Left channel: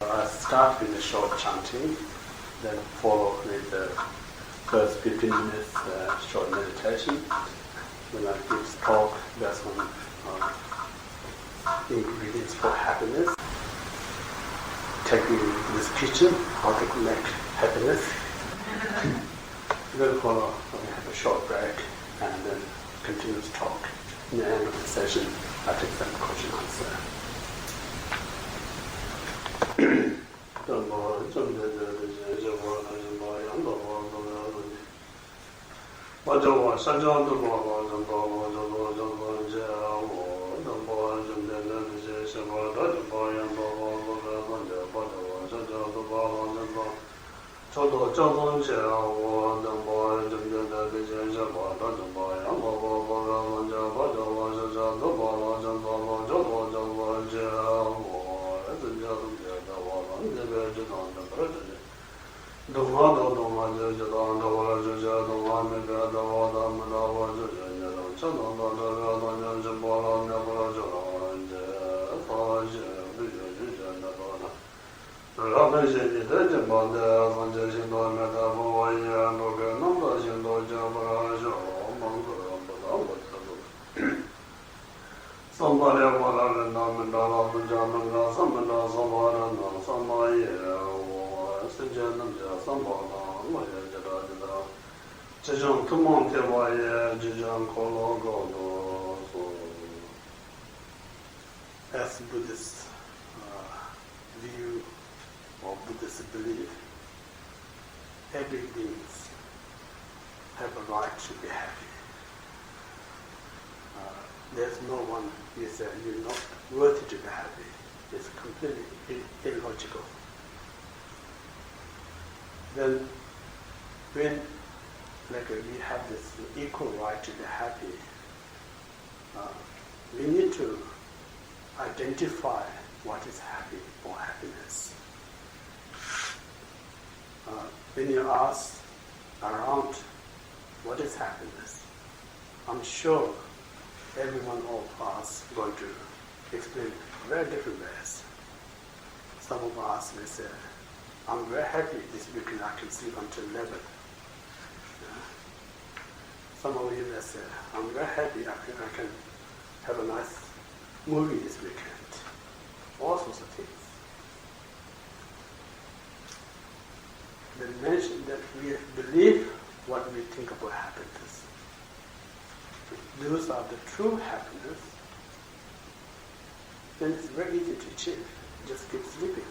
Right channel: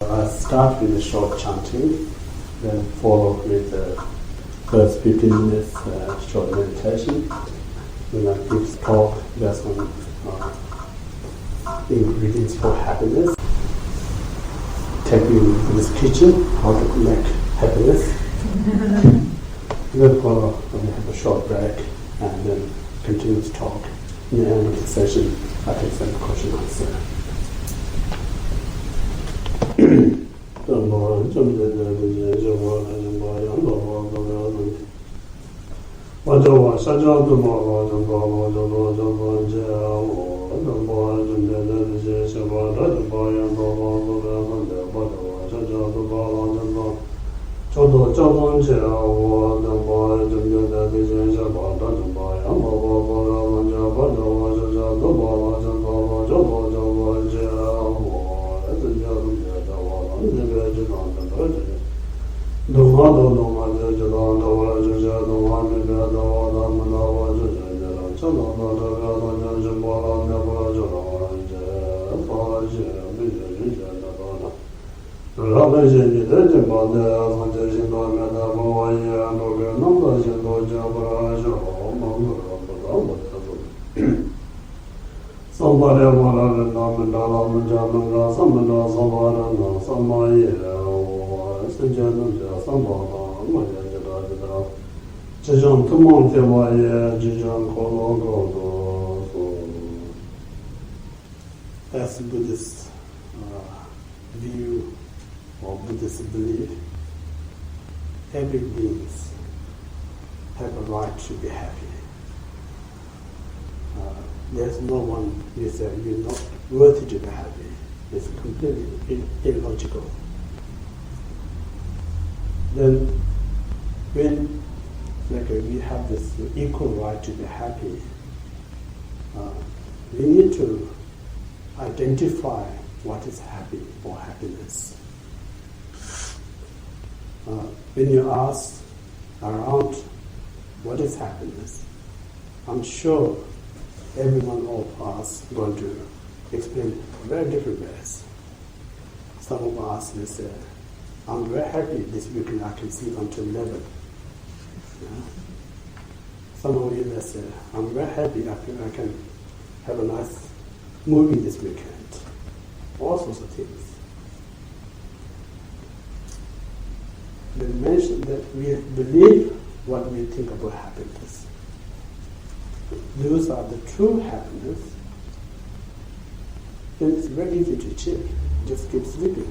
Start with the short chanting, then follow with the first 15 minutes short meditation. When I give talk, there's some ingredients for happiness. Taking you to this kitchen, how to make happiness. Then follow, we have a short break and then continuous talk. In the end of the session, I take some question answer. As Buddhist view or Buddhist belief, every being have a right to be happy. There's no one who says you're not worthy to be happy. It's completely illogical. Then when we have this equal right to be happy, we need to identify what is happy or happiness. When you ask around what is happiness, I'm sure every one of us is going to explain very different ways. Some of us will say, I'm very happy this weekend I can sleep until 11. Yeah? Some of you will say, I'm very happy I can have a nice movie this weekend. All sorts of things. They mention that we believe what we think about happiness. Those are the true happiness. Then it's very easy to achieve. Just keep sleeping,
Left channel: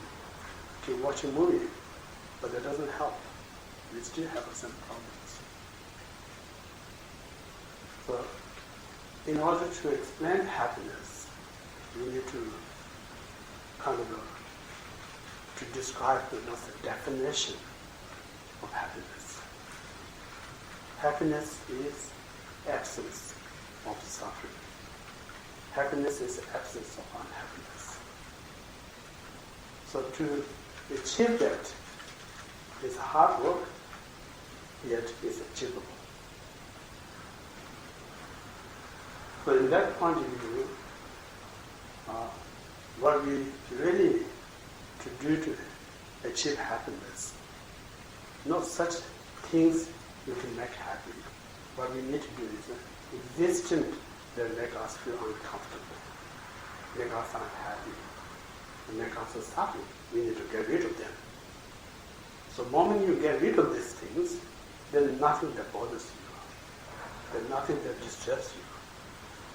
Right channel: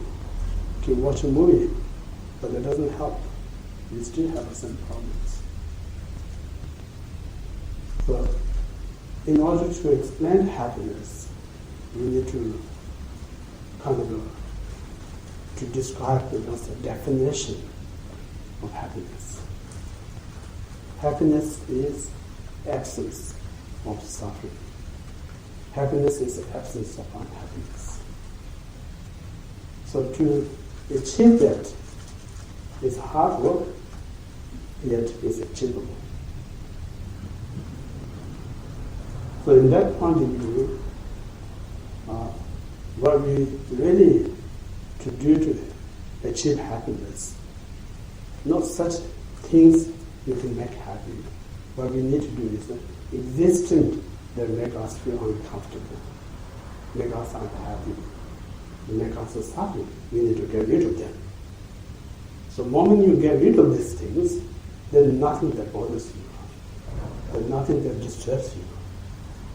keep watching movie, but that doesn't help. We still have some problems. So, in order to explain happiness, we need to to describe the definition of happiness. Happiness is absence of suffering. Happiness is the absence of unhappiness. So to achieve that is hard work, yet is achievable. So in that point of view, what we really to do to achieve happiness, not such things you can make happy. What we need to do is existent that make us feel uncomfortable, make us unhappy, make us suffer. We need to get rid of them. So the moment you get rid of these things, there's nothing that bothers you. There's nothing that disturbs you.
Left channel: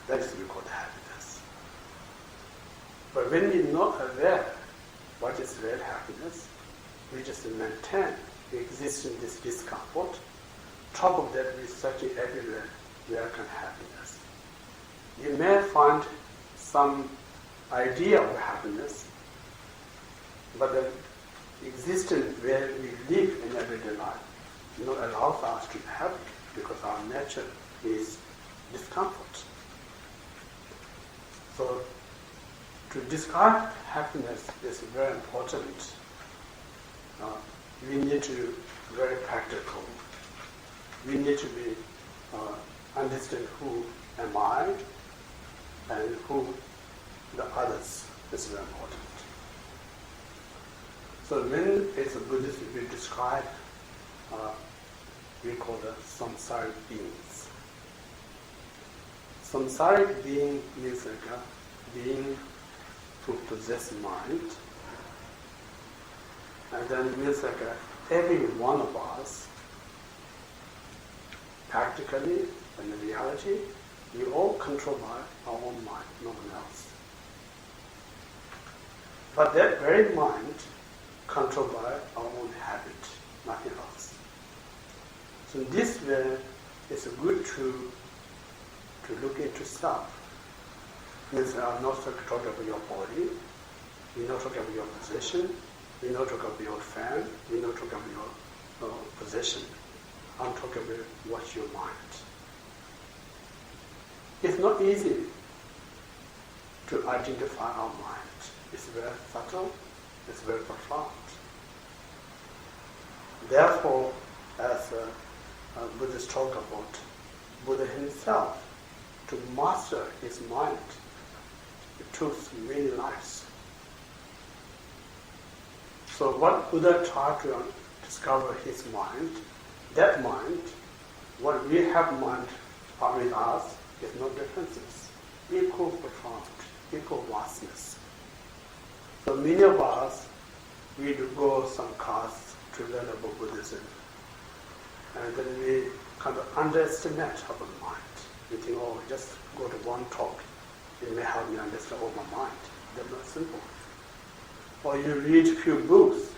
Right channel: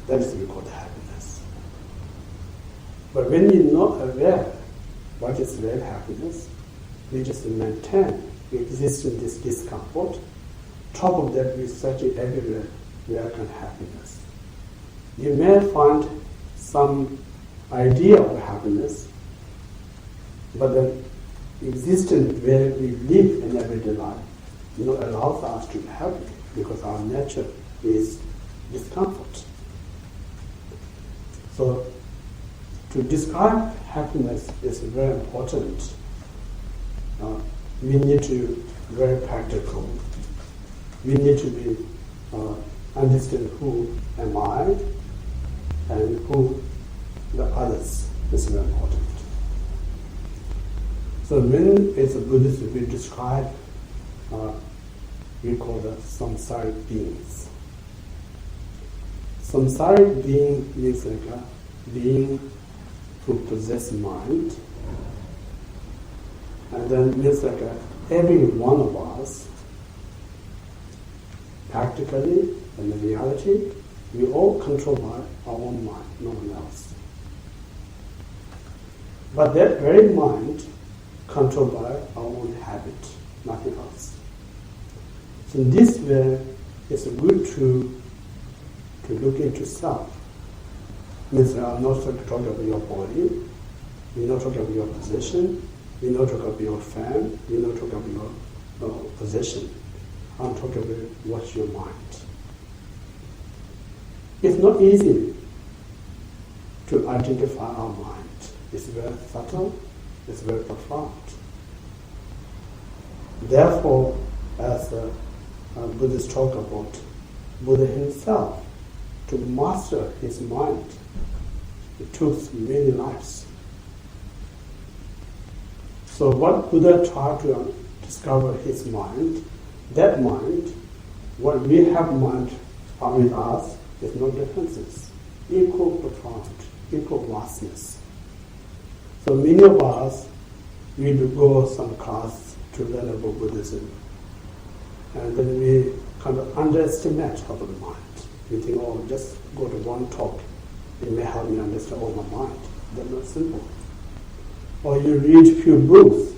That is called happiness. But when we're not aware what is real happiness, we just maintain we exist in this discomfort. Top of that, we search everywhere where can happiness. You may find some idea of happiness, but the existence where we live in everyday life, allows us to be happy because our nature is discomfort. So, to describe happiness is very important. We need to be very practical. We need to be understand who am I and who the others is very important. So when it's a Buddhist, we describe, we call the samsaric beings. Samsaric being means like a being who possess mind, and then means like every one of us, practically and in reality, we all controlled by our own mind, no one else. But that very mind controlled by our own habit, nothing else. So in this way, it's good to look into self. Means I'm not talking about your body, we're not talking about your position, we're not talking about your fan, we're not talking about your position. I'm talking about what's your mind. It's not easy to identify our mind. It's very subtle, it's very profound. Therefore, as Buddhists talk about Buddha himself, to master his mind, it took many lives. So what Buddha tried to discover his mind, that mind, what we have mind with us, is no differences, equal profound, equal vastness. So many of us, we do go some class to learn about Buddhism, and then we kind of underestimate about the mind. We think, oh, just go to one talk, it may help me understand all my mind. That's not simple. Or you read few books,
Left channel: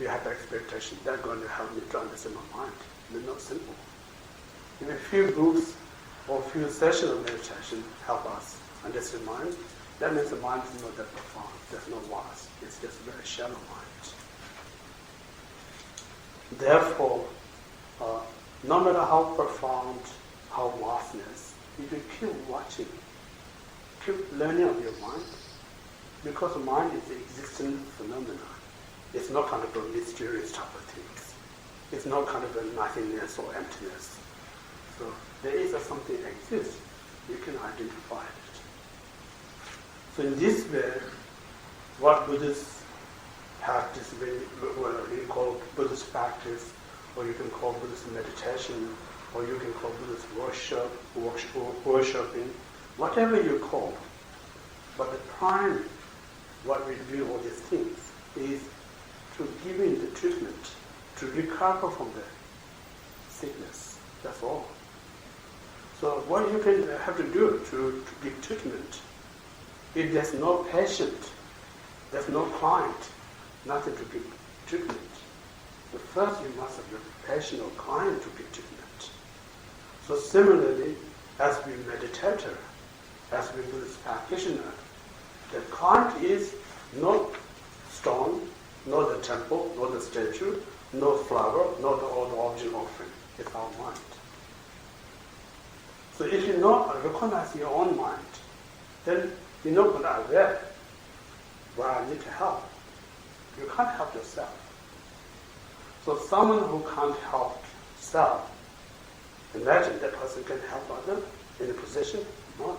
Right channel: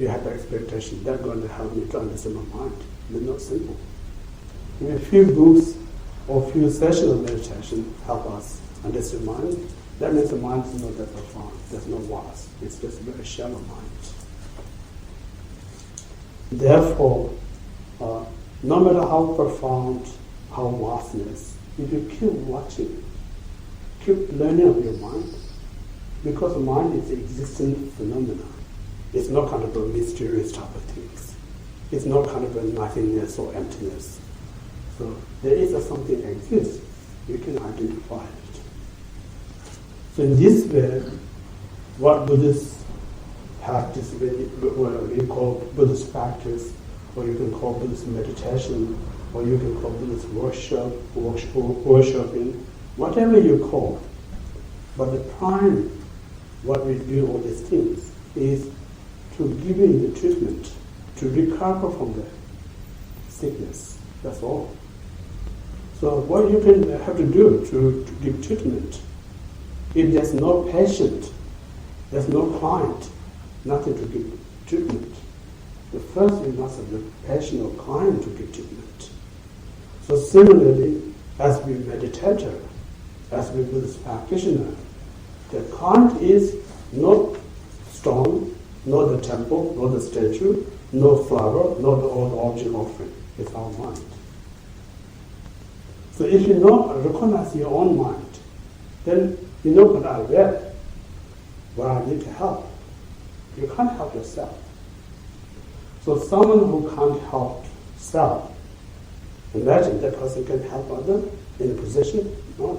you have the expectation that's going to help me to understand my mind. That's not simple. If a few books or few sessions of meditation help us understand mind, that means the mind is not that profound, there's no vast, it's just a very shallow mind. Therefore, no matter how profound, how vastness, if you keep watching, keep learning of your mind, because mind is an existent phenomenon. It's not kind of a mysterious type of things. It's not kind of a nothingness or emptiness. So there is something exists, you can identify it. So in this way, what Buddhists practice, what we call Buddhist practice, or you can call Buddhist meditation, or you can call Buddhist worshiping, whatever you call. But the prime, what we do all these things, is to give in the treatment, to recover from the sickness. That's all. So what you can have to do to give treatment, if there's no patient, there's no client, nothing to give treatment. The first you must have the patient or client to give treatment. So similarly, as we meditator, as we Buddhist practitioner, the client is not stone, not the temple, not the statue, no flower, not the old object offering. It's our mind. So if you not recognize your own mind, then you're not going to aware where I need to help. You can't help yourself. So someone who can't help self, imagine that person can help others in a position not.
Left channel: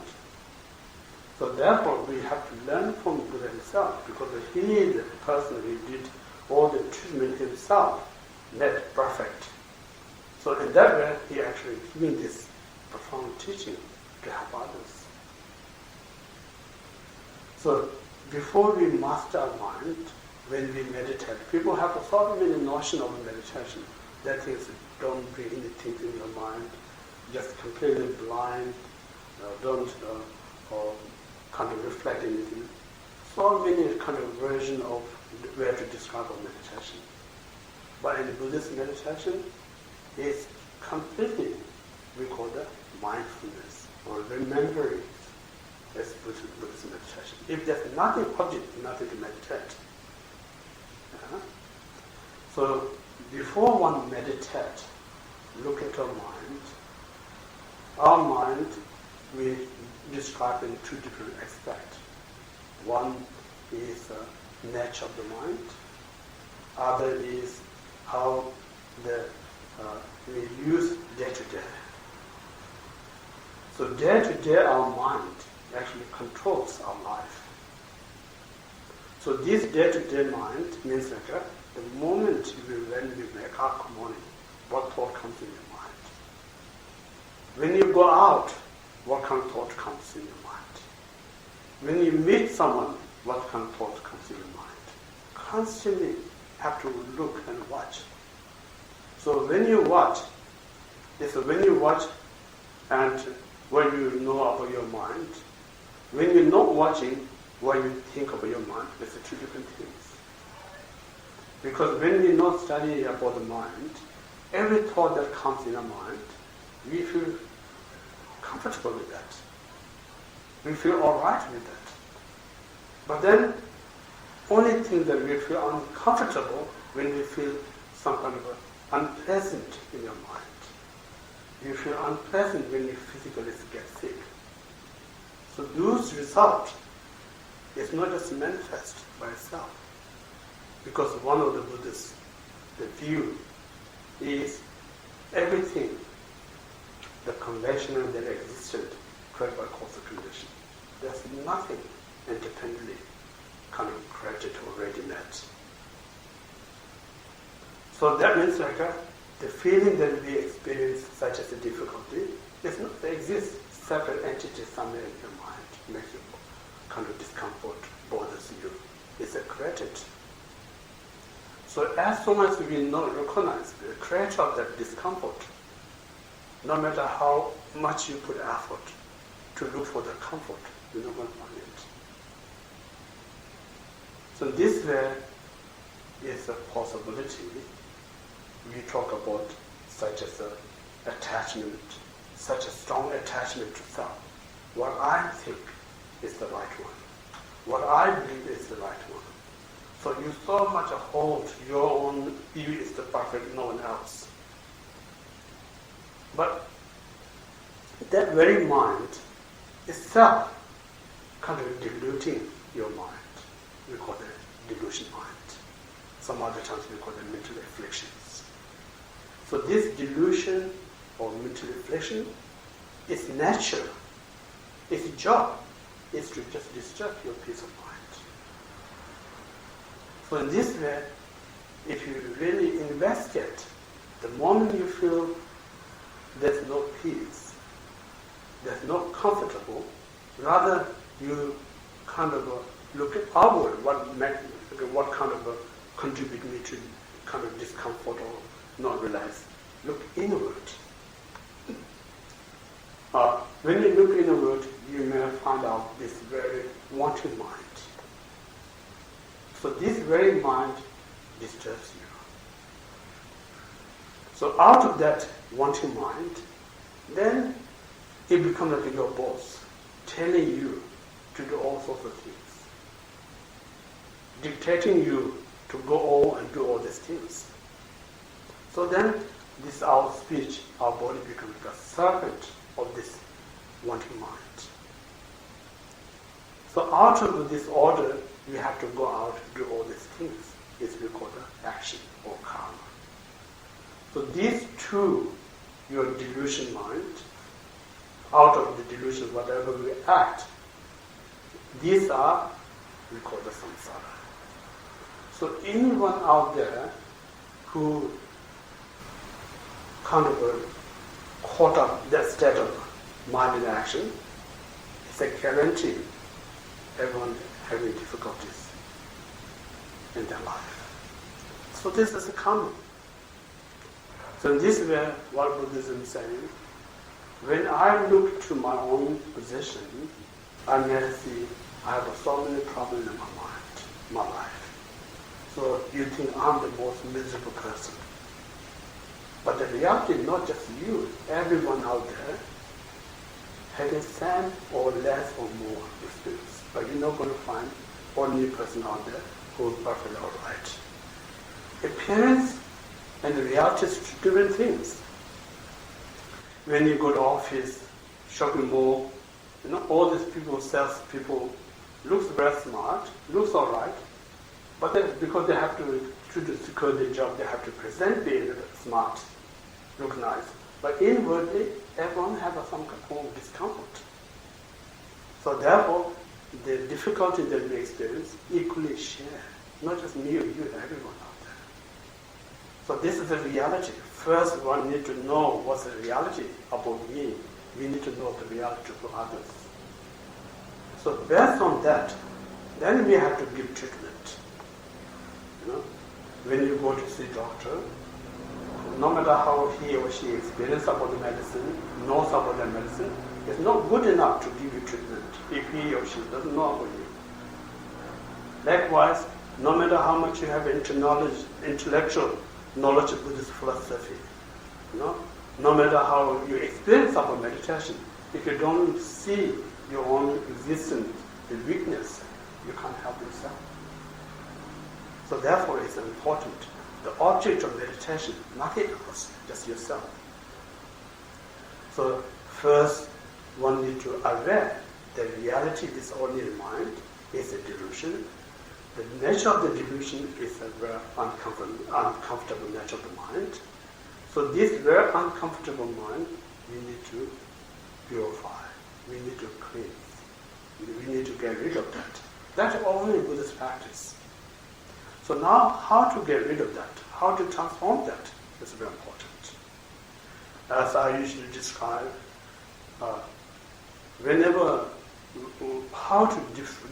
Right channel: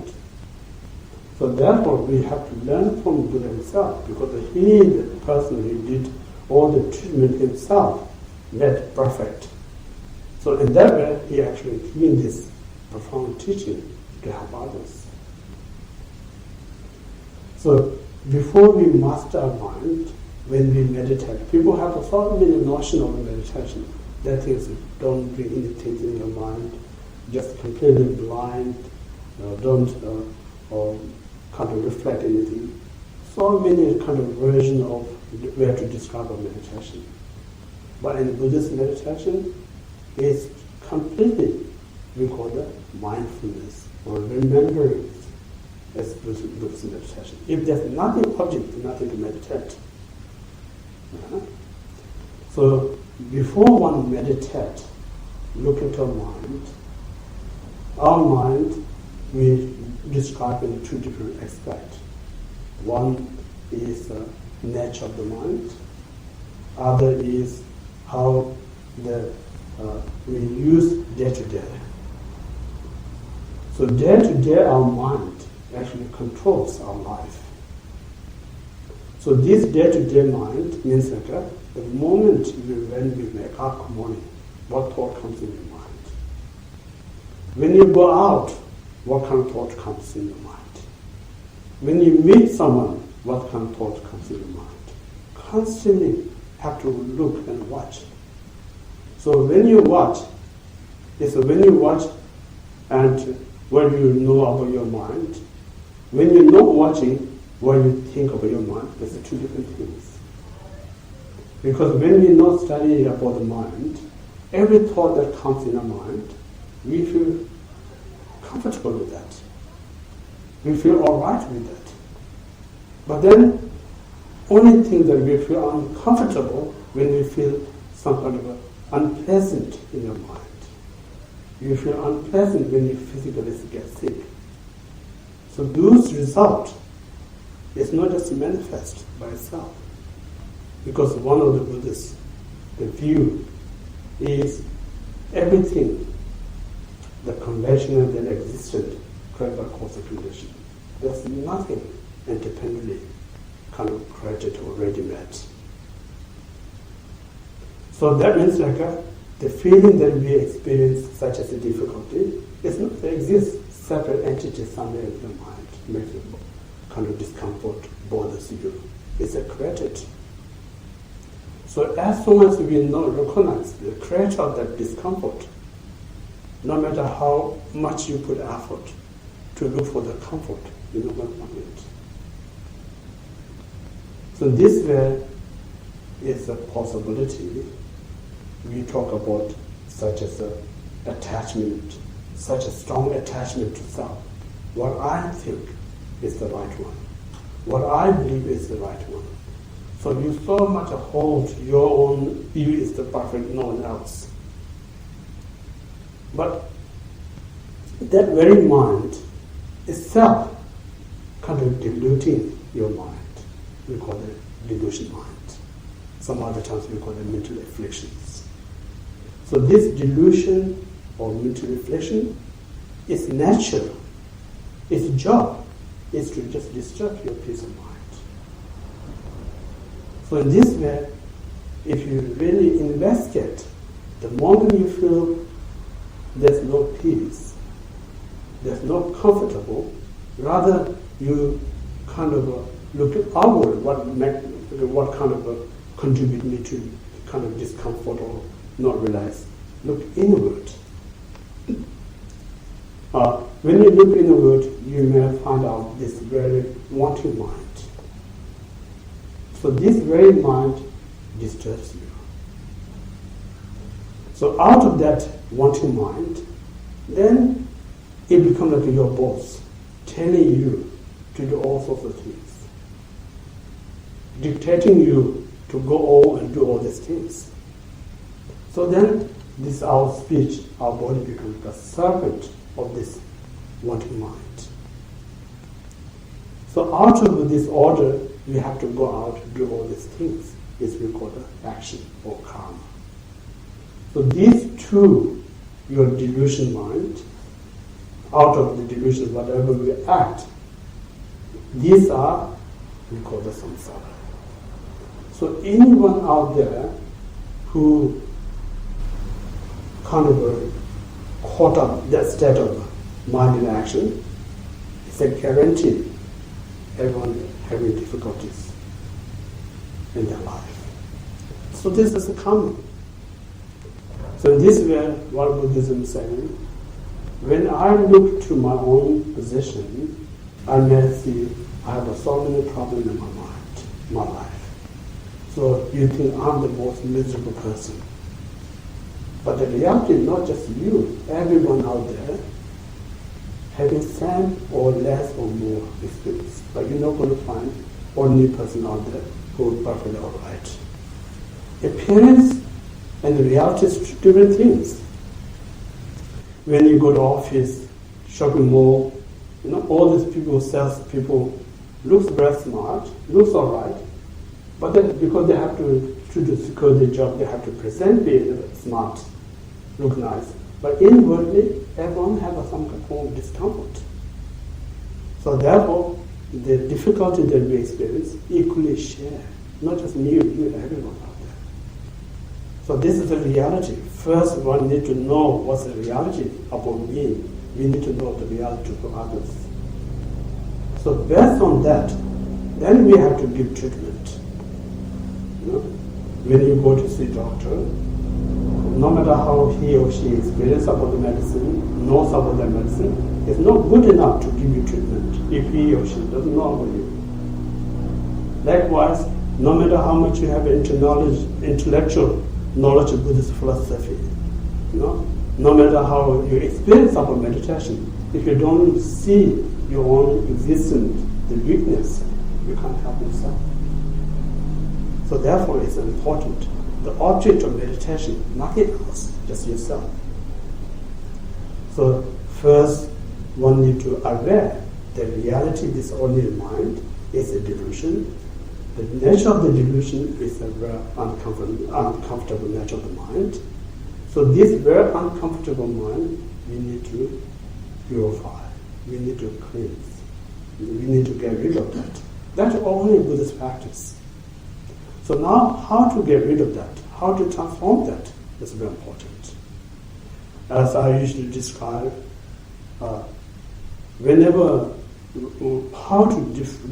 So therefore we have to learn from Buddha himself, because he is the person who did all the treatment himself, made perfect. So in that way, he actually giving this profound teaching to help others. So before we master our mind, when we meditate, people have so many notions of meditation. That is, don't bring anything in your mind, just completely blind, don't kind of reflect anything. So many kind of versions of where to describe a meditation. But in Buddhist meditation, it's completely, we call it mindfulness or remembering as Buddhist meditation. If there's nothing object, nothing to meditate. So before one meditate, look into our mind we describe in two different aspects. One is the nature of the mind. Other is how we use day to day. So day to day our mind actually controls our life. So this day-to-day mind means like the moment when you wake up morning, what thought comes in your mind? When you go out, what kind of thought comes in your mind? When you meet someone, what kind of thought comes in your mind? Constantly have to look and watch. So when you watch, and what you know about your mind. When you're not watching, what you think about your mind, there's two different things. Because when we not study about the mind, every thought that comes in our mind, we feel comfortable with that. We feel all right with that. But then, only thing that we feel uncomfortable when we feel some kind of unpleasant in your mind. You feel unpleasant when you physically get sick. So those results is not just manifest by itself. Because one of the Buddhists, the view is everything, the conventional that existed, created by cause and condition. There's nothing independently kind of created or ready-made. So that means like the feeling that we experience, such as a difficulty, does not exist separate entities somewhere in your mind, makes you kind of discomfort, bothers you. It's a created. So as long as we not recognize the creator of that discomfort, no matter how much you put effort to look for the comfort, you're not going to find it. So this way is a possibility. We talk about such as attachment, such a strong attachment to self. What I think is the right one. What I believe is the right one. So you so much hold your own view is the perfect, no one else. But that very mind itself kind of diluting your mind. We call it delusion mind. Some other times we call it mental afflictions. So this delusion or mental affliction is natural. Its job is to just disturb your peace of mind. So in this way, if you really investigate, the moment you feel there's no peace, there's no comfortable, rather you kind of look outward, what kind of contribute me to kind of discomfort or not realize. Look inward. When you look inward, you may find out this very wanting mind. So this very mind disturbs you. So out of that wanting mind, then it becomes like your boss, telling you to do all sorts of things, dictating you to go all and do all these things. So then this our speech, our body becomes like a servant of this wanting mind. So out of this order, we have to go out and do all these things. It's we call the action or karma. So these two, your delusion mind, out of the delusion, whatever we act, these are, we call the samsara. So anyone out there who kind of caught up that state of mind in action, it's a guarantee everyone having difficulties in their life. So this is common. So in this way, what Buddhism is saying, when I look to my own position, I may see I have so many problems in my mind, my life. So you think I'm the most miserable person. But the reality is not just you, everyone out there having same or less or more experience. But you're not going to find only person out there who is perfectly all right. Appearance and the reality is two different things. When you go to office, shopping mall, all these people, sales people, looks very smart, looks all right, but then because they have to secure their job, they have to present being smart, look nice. But inwardly, everyone has some form of discomfort. So therefore, the difficulty that we experience equally share, not just me or you, everyone out there. So this is the reality. First, one need to know what's the reality about me. We need to know the reality for others. So based on that, then we have to give treatment. You know, when you go to see a doctor, no matter how he or she experiences about the medicine, knows about the medicine, it's not good enough to give you treatment if he or she doesn't know about you. Likewise, no matter how much you have intellectual knowledge of Buddhist philosophy, no matter how you experience about meditation, if you don't see your own existence, the weakness, you can't help yourself. So therefore it's important. The object of meditation, nothing else, just yourself. So first, one need to aware that reality, this ordinary mind, is a delusion. The nature of the delusion is a very uncomfortable nature of the mind. So this very uncomfortable mind, we need to purify. We need to cleanse. We need to get rid of that. That's only Buddhist practice. So now, how to get rid of that? How to transform that is very important. As I usually describe, how to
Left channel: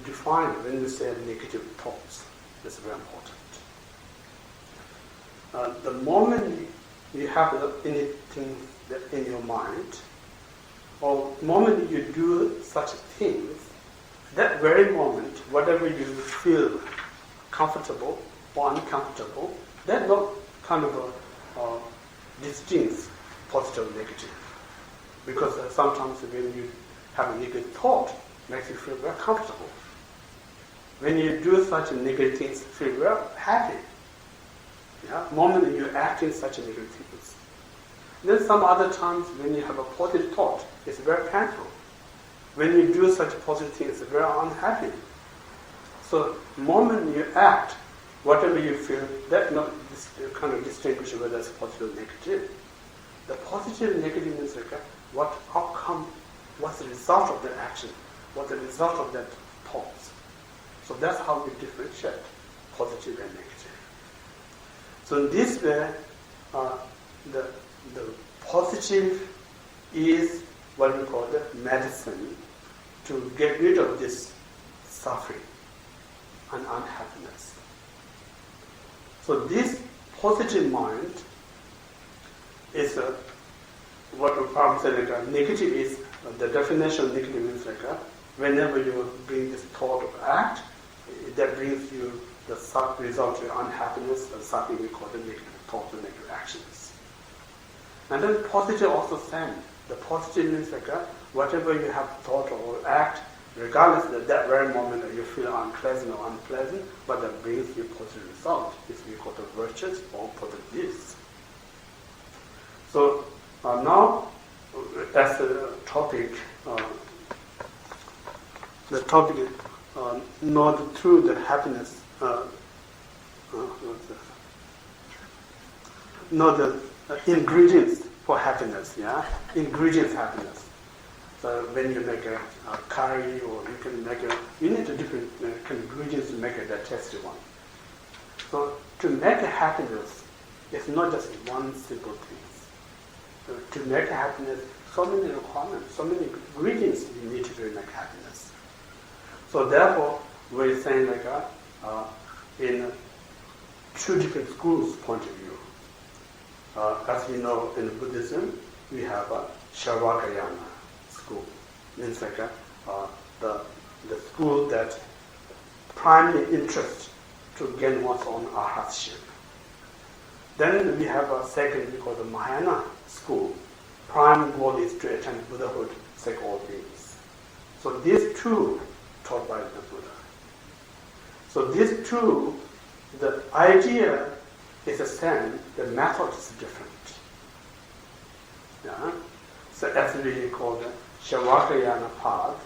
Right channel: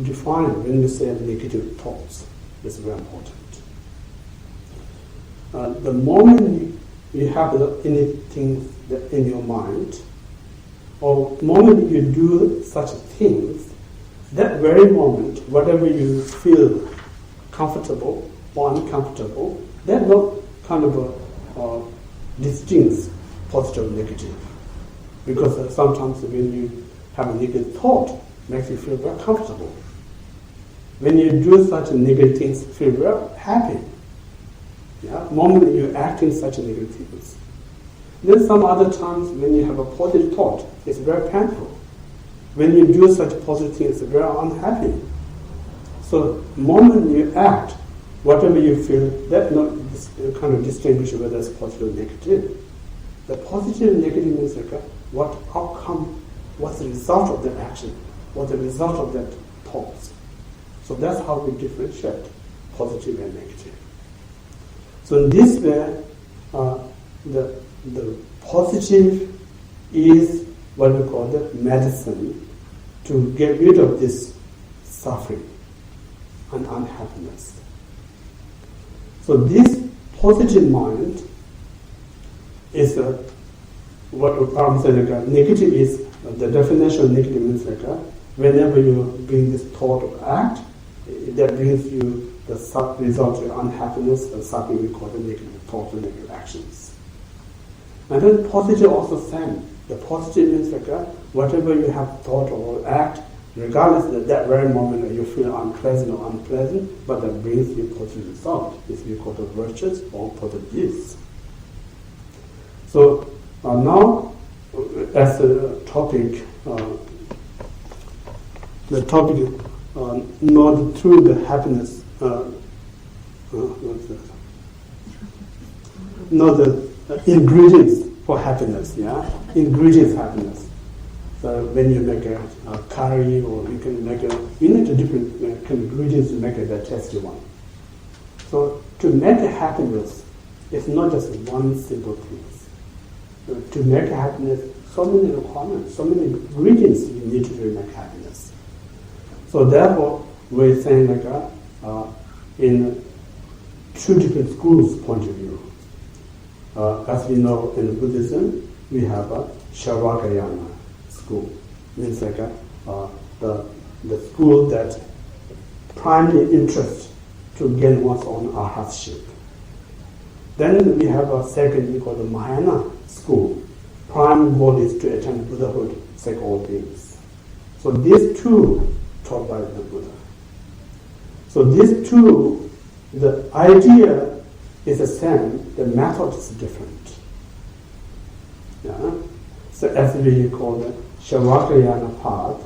define when we say negative thoughts is very important. The moment you have anything in your mind, or the moment you do such things, that very moment, whatever you feel comfortable or uncomfortable, that not kind of distinct positive and negative. Because sometimes when you have a negative thought, it makes you feel very comfortable. When you do such negative things, feel very happy. Yeah, moment you act in such negative things. Then some other times when you have a positive thought, it's very painful. When you do such positive things, it's very unhappy. So the moment you act, whatever you feel, that not kind of distinguish whether it's positive or negative. The positive and negative means like what outcome, what's the result of that action, what's the result of that thought. So that's how we differentiate positive and negative. So in this way, the positive is what we call the medicine to get rid of this suffering and unhappiness. So this positive mind is what I'm saying, like negative is, the definition of negative means like whenever you bring this thought or act, that brings you the result of unhappiness, and something we call the negative thoughts or negative actions. And then positive also same. The positive means like whatever you have thought or act, regardless of that very moment you feel unpleasant or unpleasant, but that brings you positive result. This we call the virtues or positive deeds. So now, as a topic, know the true the happiness. Know the ingredients for happiness. Yeah, ingredients happiness. So when you make a curry, or you can make you need a different ingredients to make a tasty one. So to make a happiness, it's not just one simple thing. To make a happiness, so many requirements, so many ingredients you need to make happiness. So therefore, we're saying like in two different schools' point of view. As we know in Buddhism, we have a Shavakayana school. Means like the school that primary interest to gain one's own arhatship. Then we have a second we call the Mahayana school. Prime goal is to attain Buddhahood, sake all things. So these two taught by the Buddha. So these two, the idea is the same, the method is different. Yeah? So as we call the Shavakayana path,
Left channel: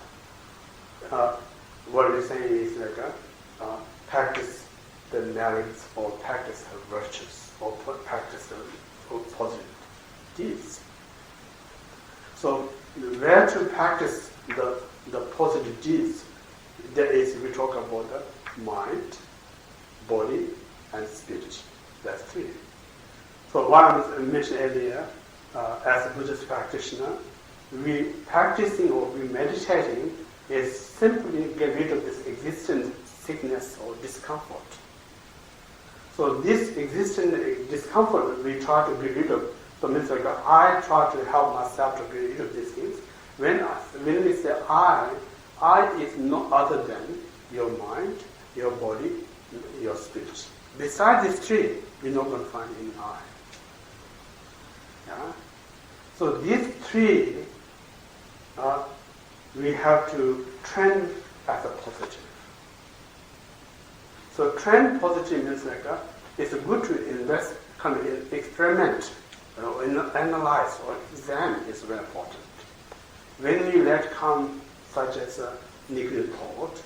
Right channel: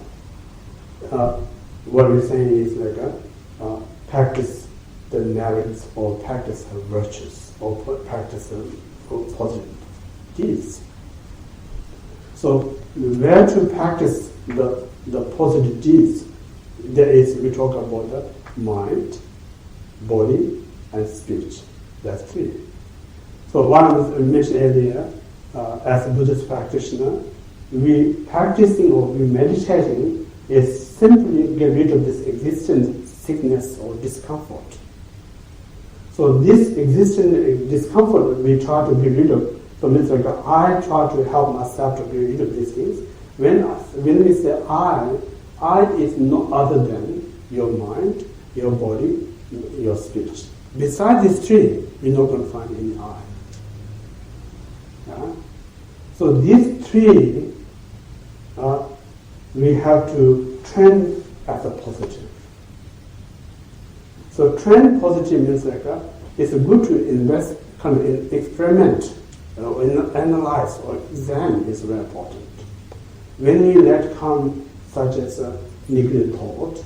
what we're saying is like practice the merits or practice the virtues or practice the positive deeds. So where to practice the positive deeds There is, we talk about the mind, body, and speech. That's three. So one I mentioned earlier, as a Buddhist practitioner, we practicing or we meditating is simply get rid of this existent sickness or discomfort. So this existent discomfort we try to get rid of. So means like I try to help myself to get rid of these things. When we say I is no other than your mind, your body, your speech. Besides these three, you're not going to find any I. Yeah? So these three, we have to trend as a positive. So trend positive means like it's good to invest, kind of experiment, analyze or examine is very important. When we let come such as a negative thought,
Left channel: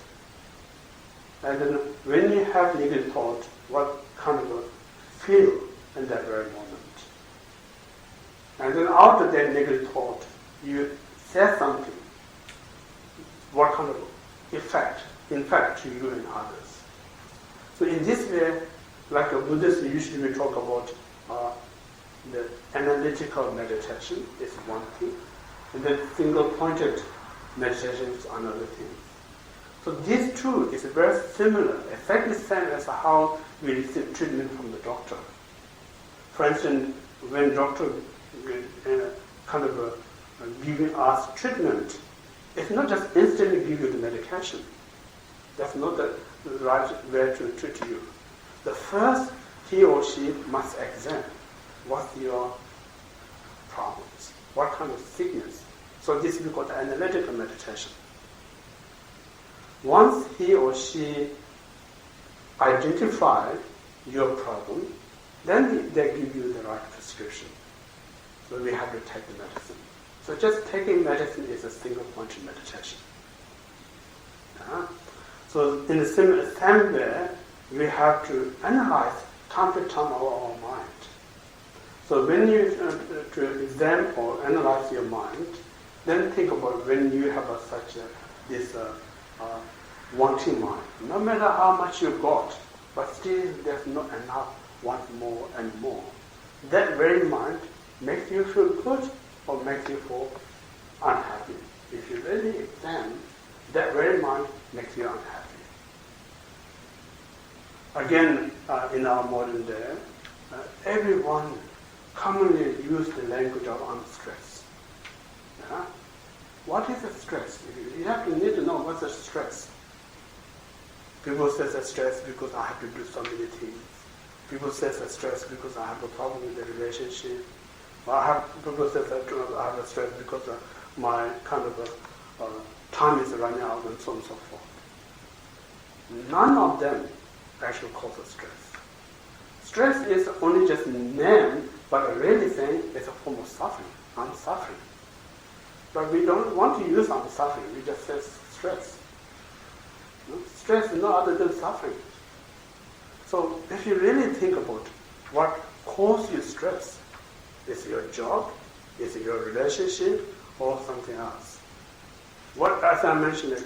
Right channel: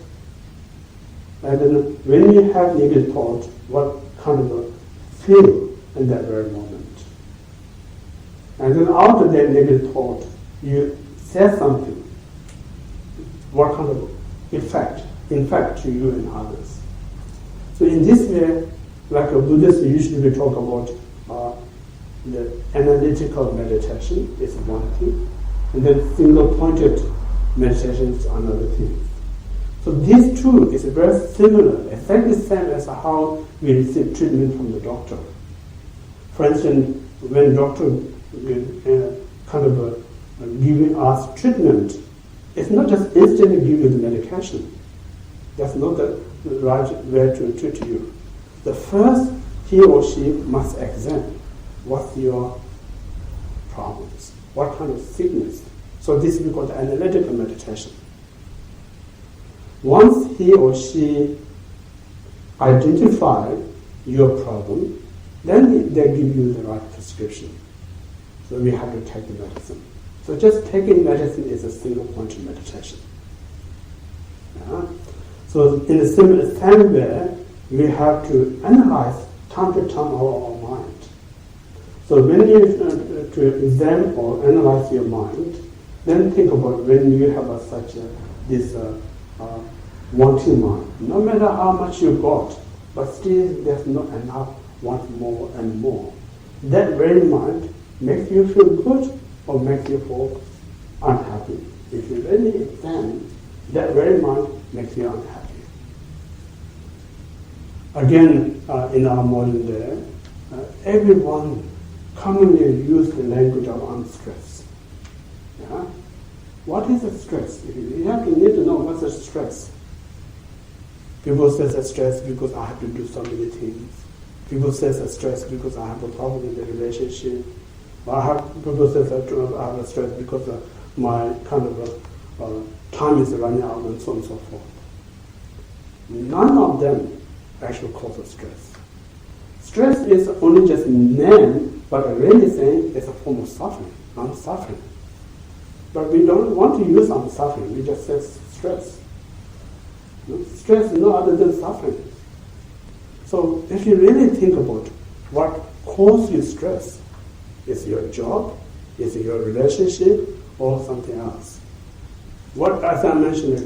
and then when you have negative thought, what kind of a feel in that very moment? And then out of that negative thought, you say something. What kind of effect to you and others? So in this way, like a Buddhist, usually we talk about the analytical meditation is one thing, and then single-pointed meditation is another thing. So these two is very similar, exactly the same as how we receive treatment from the doctor. For instance, when doctor giving us treatment, it's not just instantly give you the medication. That's not the right way to treat you. The first, he or she must examine what's your problems, what kind of sickness. So this is called analytical meditation. Once he or she identify your problem, then they give you the right prescription. So we have to take the medicine. So just taking medicine is a single-pointed meditation. Yeah? So in the same way, we have to analyze time to time our mind. So when you to examine or analyze your mind, then think about when you have this wanting mind. No matter how much you got, but still there's not enough, want more and more. That very mind makes you feel good or makes you feel unhappy. If you really examine, that very mind makes you unhappy. Again, in our modern day, everyone commonly uses the language of I'm stressed. Yeah? What is a stress? You have to need to know what's a stress. People say it's stress because I have to do so many things. People say it's stress because I have a problem in the relationship. People say I have a stress because my kind of time is running out and so on and so forth. None of them actually causes stress. Stress is only just name, but really saying it's a form of suffering. I'm suffering. But we don't want to use I'm suffering. We just say stress. Stress is no other than suffering. So if you really think about what causes you stress, is your job, is it your relationship, or something else? What, as I mentioned,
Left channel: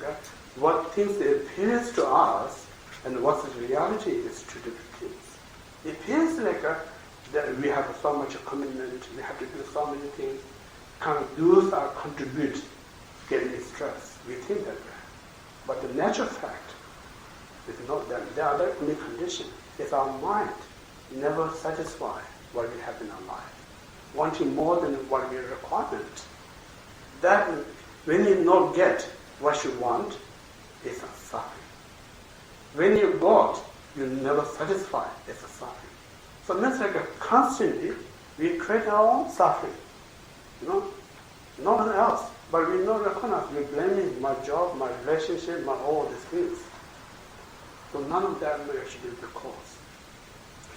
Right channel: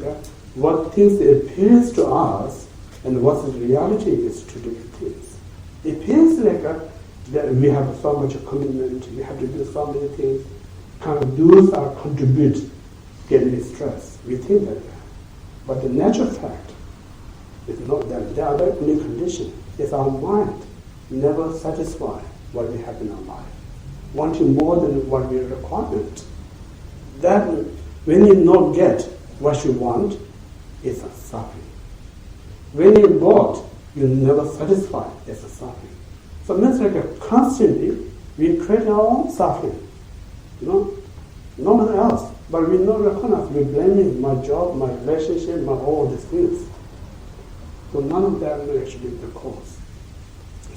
what things appears to us and what the reality is two different things. It appears like that we have so much commitment, we have to do so many things, kind of those are contribute getting stress. We think that way. But the natural fact is not that. They are the only condition. It's our mind never satisfy what we have in our life, wanting more than what we require. That when you not get what you want, it's a suffering. When you got, you never satisfy, it's a suffering. So it means like constantly we create our own suffering. No one else. But we not recognize, we're blaming my job, my relationship, my all these things. So none of them will actually be the cause.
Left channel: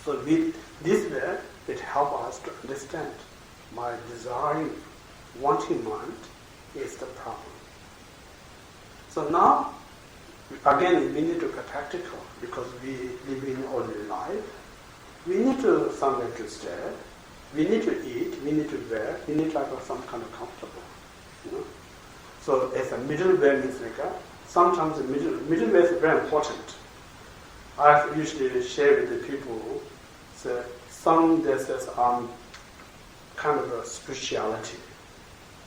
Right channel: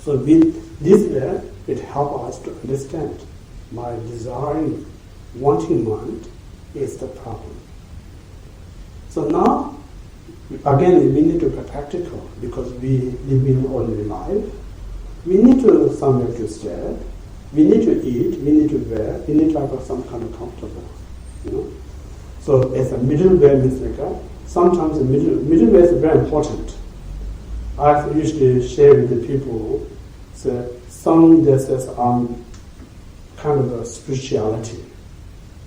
So this way, it helps us to understand my desiring, wanting mind is the problem. So now, again, we need to be practical because we live in ordinary life. We need to somewhere to stay. We need to eat. We need to wear. We need to have some kind of comfortable. So as a middle way means like sometimes the middle way is very important. I usually share with the people, so some there's kind of a spirituality.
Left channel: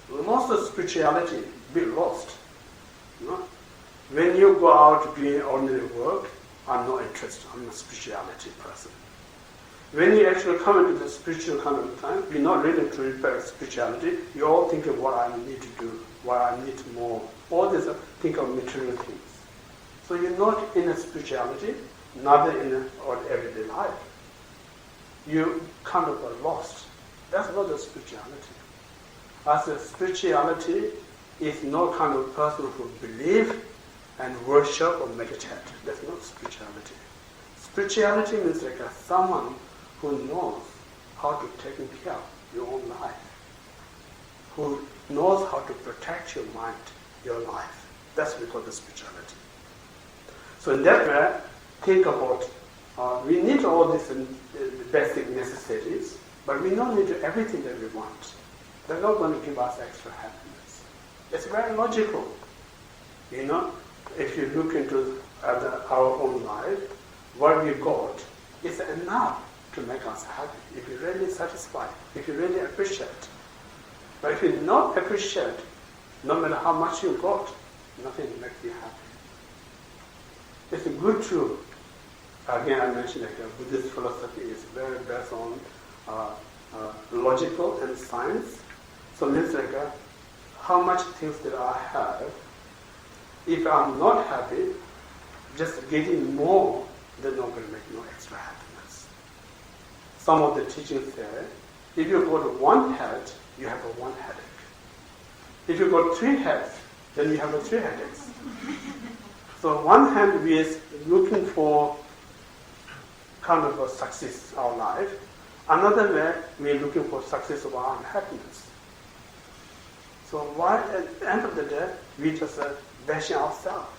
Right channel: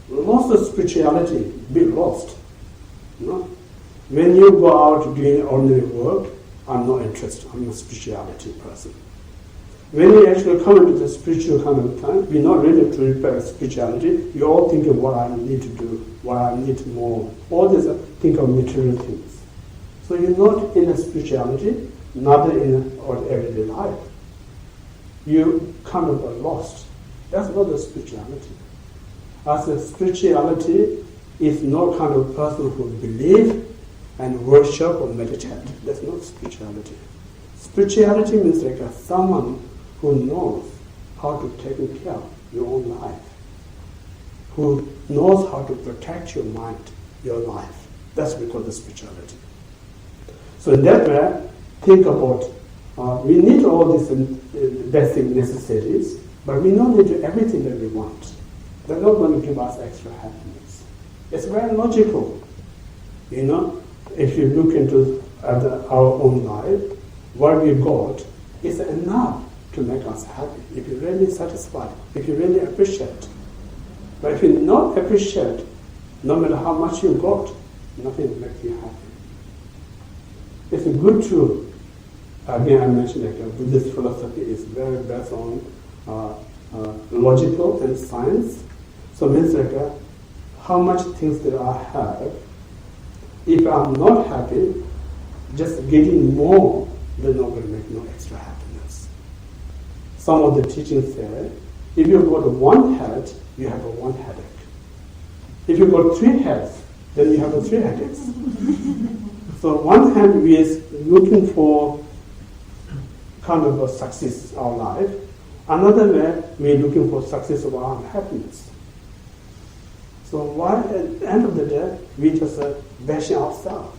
Lost of spirituality, be lost. You know? When you go out doing ordinary work, I'm not interested. I'm a spirituality person. When you actually come into the spiritual kind of time, you're not ready to repair spirituality. You all think of what I need to do, what I need more. All this think of material things. So you're not in a spirituality, neither in our everyday life. You kind of are lost. That's not a spirituality. As a spirituality is not kind of person who believe and worship or meditate. That's not spirituality. Spirituality means like someone who knows how to take care of your own life, who knows how to protect your mind, your life. That's what we call the spirituality. So in that way, think about, we need all these basic necessities, but we don't need everything that we want. They're not going to give us extra happiness. It's very logical. You know, if you look into our own life, what we got is enough to make us happy, if you're really satisfied, if you really appreciate. But if you not appreciate, no matter how much you got, nothing makes you happy. It's good to, again I mentioned like Buddhist philosophy is very based on logical and science. So it means like how much things that I have, if I'm not happy, just getting more, they're not going to make no extra happiness. Some of the teachings say, if you got one head, you have one headache. If you got 3 heads, then you have 3 headaches. So one hand we is looking for kind of a success in our life. Another way, we are looking for success of our happiness. So why, at the end of the day, we just bashing ourselves.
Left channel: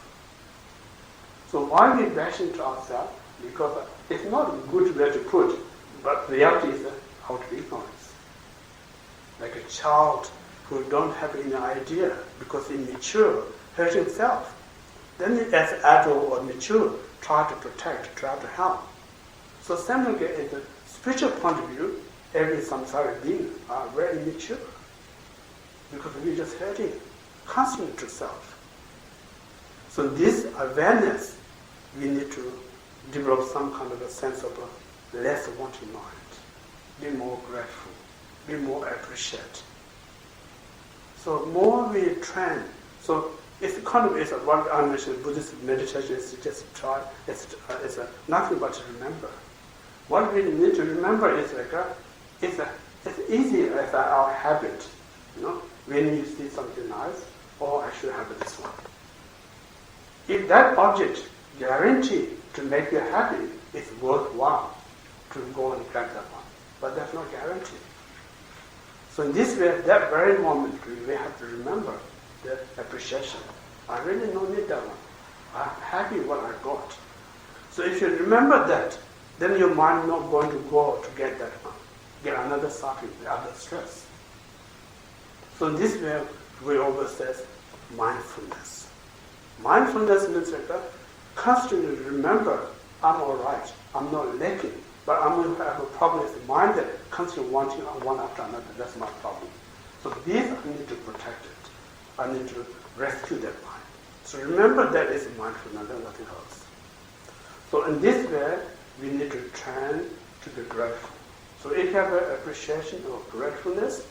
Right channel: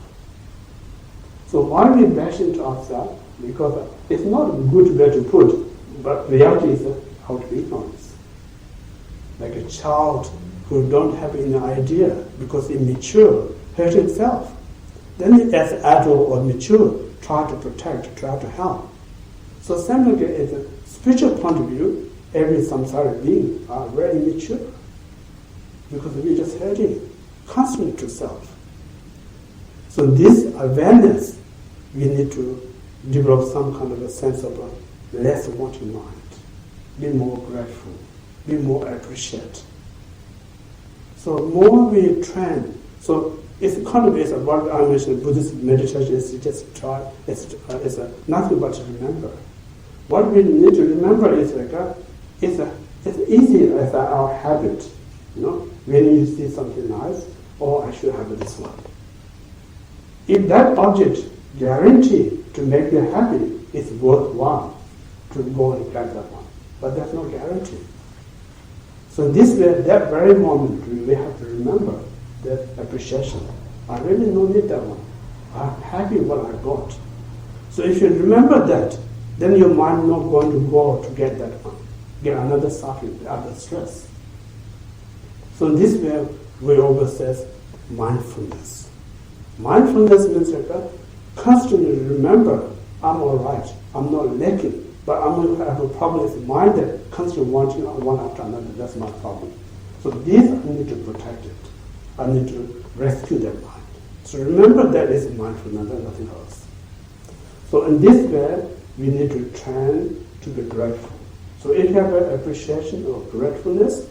So why we bashing to ourselves? Because it's not a good way to put, but reality is out of ignorance. Like a child who don't have any idea because immature, hurt himself. Then as adult or mature, try to protect, try to help. So similarly, as a spiritual point of view, every samsaric being are very immature because we're just hurting constantly to self. So this awareness, we need to develop some kind of a sense of a less wanting mind. Be more grateful, be more appreciate. So more we train, so it's kind of is what I mentioned. Buddhist meditation is just try. It's nothing but to remember. What we need to remember is like it's easy as our habit. You know, when you see something nice, oh, I should have this one. If that object guaranteed to make you happy, it's worthwhile to go and grab that one. But that's not guaranteed. So in this way, that very moment, we have to remember the appreciation. I really don't need that one. I'm happy what I got. So if you remember that, then your mind not going to go to get that one, get another suffering, other stress. So in this way, we always say mindfulness. Mindfulness means like constantly remember, I'm all right, I'm not lacking, but I'm going to have a problem with mind that constantly wanting one after another. That's my problem. So this, I need to protect it. I need to rescue that mind. So remember that is mindfulness and nothing else. So in this way, we need to train to be grateful. So if you have an appreciation or gratefulness,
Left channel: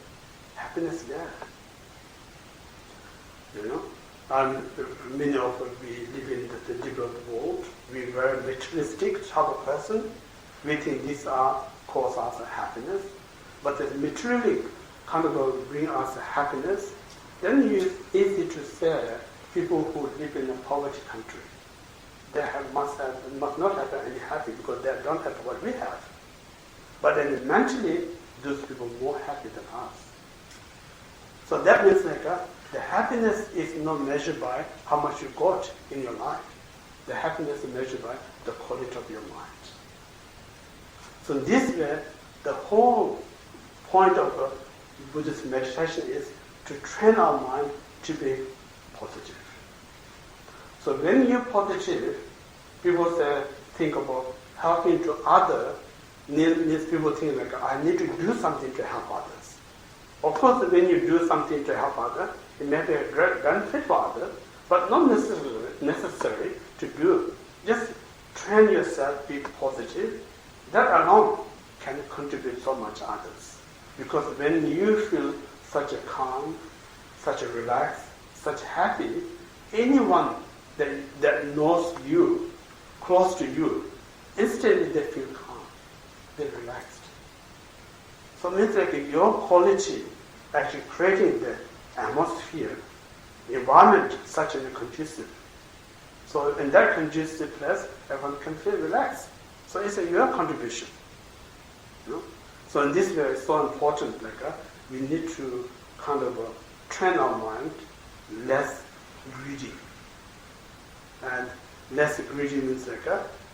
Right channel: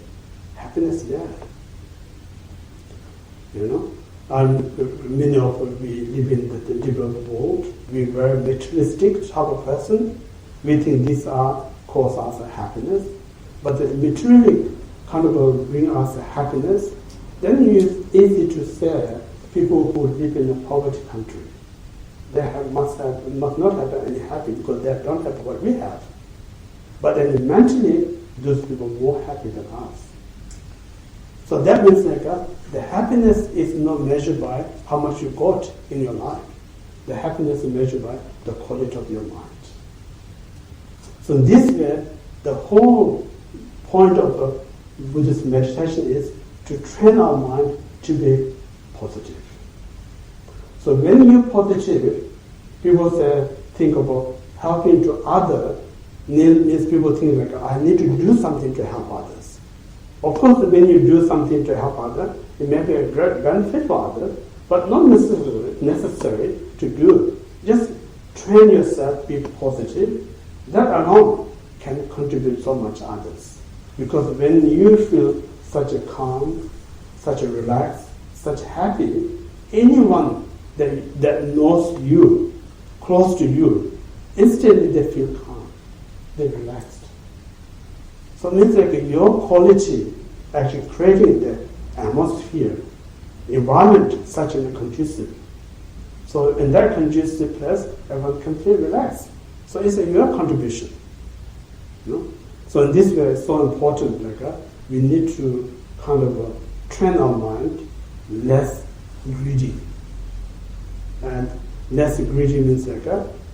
happiness there. You know? And many of us, we live in the developed world. We're very materialistic type of person. We think these are cause us happiness. But the material kind of bring us happiness. Then it's easy to say people who live in a poverty country, they must not have any happy because they don't have what we have. But then mentally, those people are more happy than us. So that means like the happiness is not measured by how much you got in your life. The happiness is measured by the quality of your mind. So in this way, the whole point of Buddhist meditation is to train our mind to be positive. So when you're positive, people say, think about helping to others, means people think like, I need to do something to help others. Of course, when you do something to help others, it may be a great benefit for others, but not necessary to do. Just train yourself, be positive. That alone can contribute so much to others. Because when you feel such a calm, such a relaxed, such happy, anyone that knows you, close to you, instantly they feel calm, they're relaxed. So it means like your quality actually creating the atmosphere, environment such a conducive. So in that conducive place, everyone can feel relaxed. So it's your contribution. You know? So in this way, it's so important. We need to kind of train our mind less greedy. And less greedy means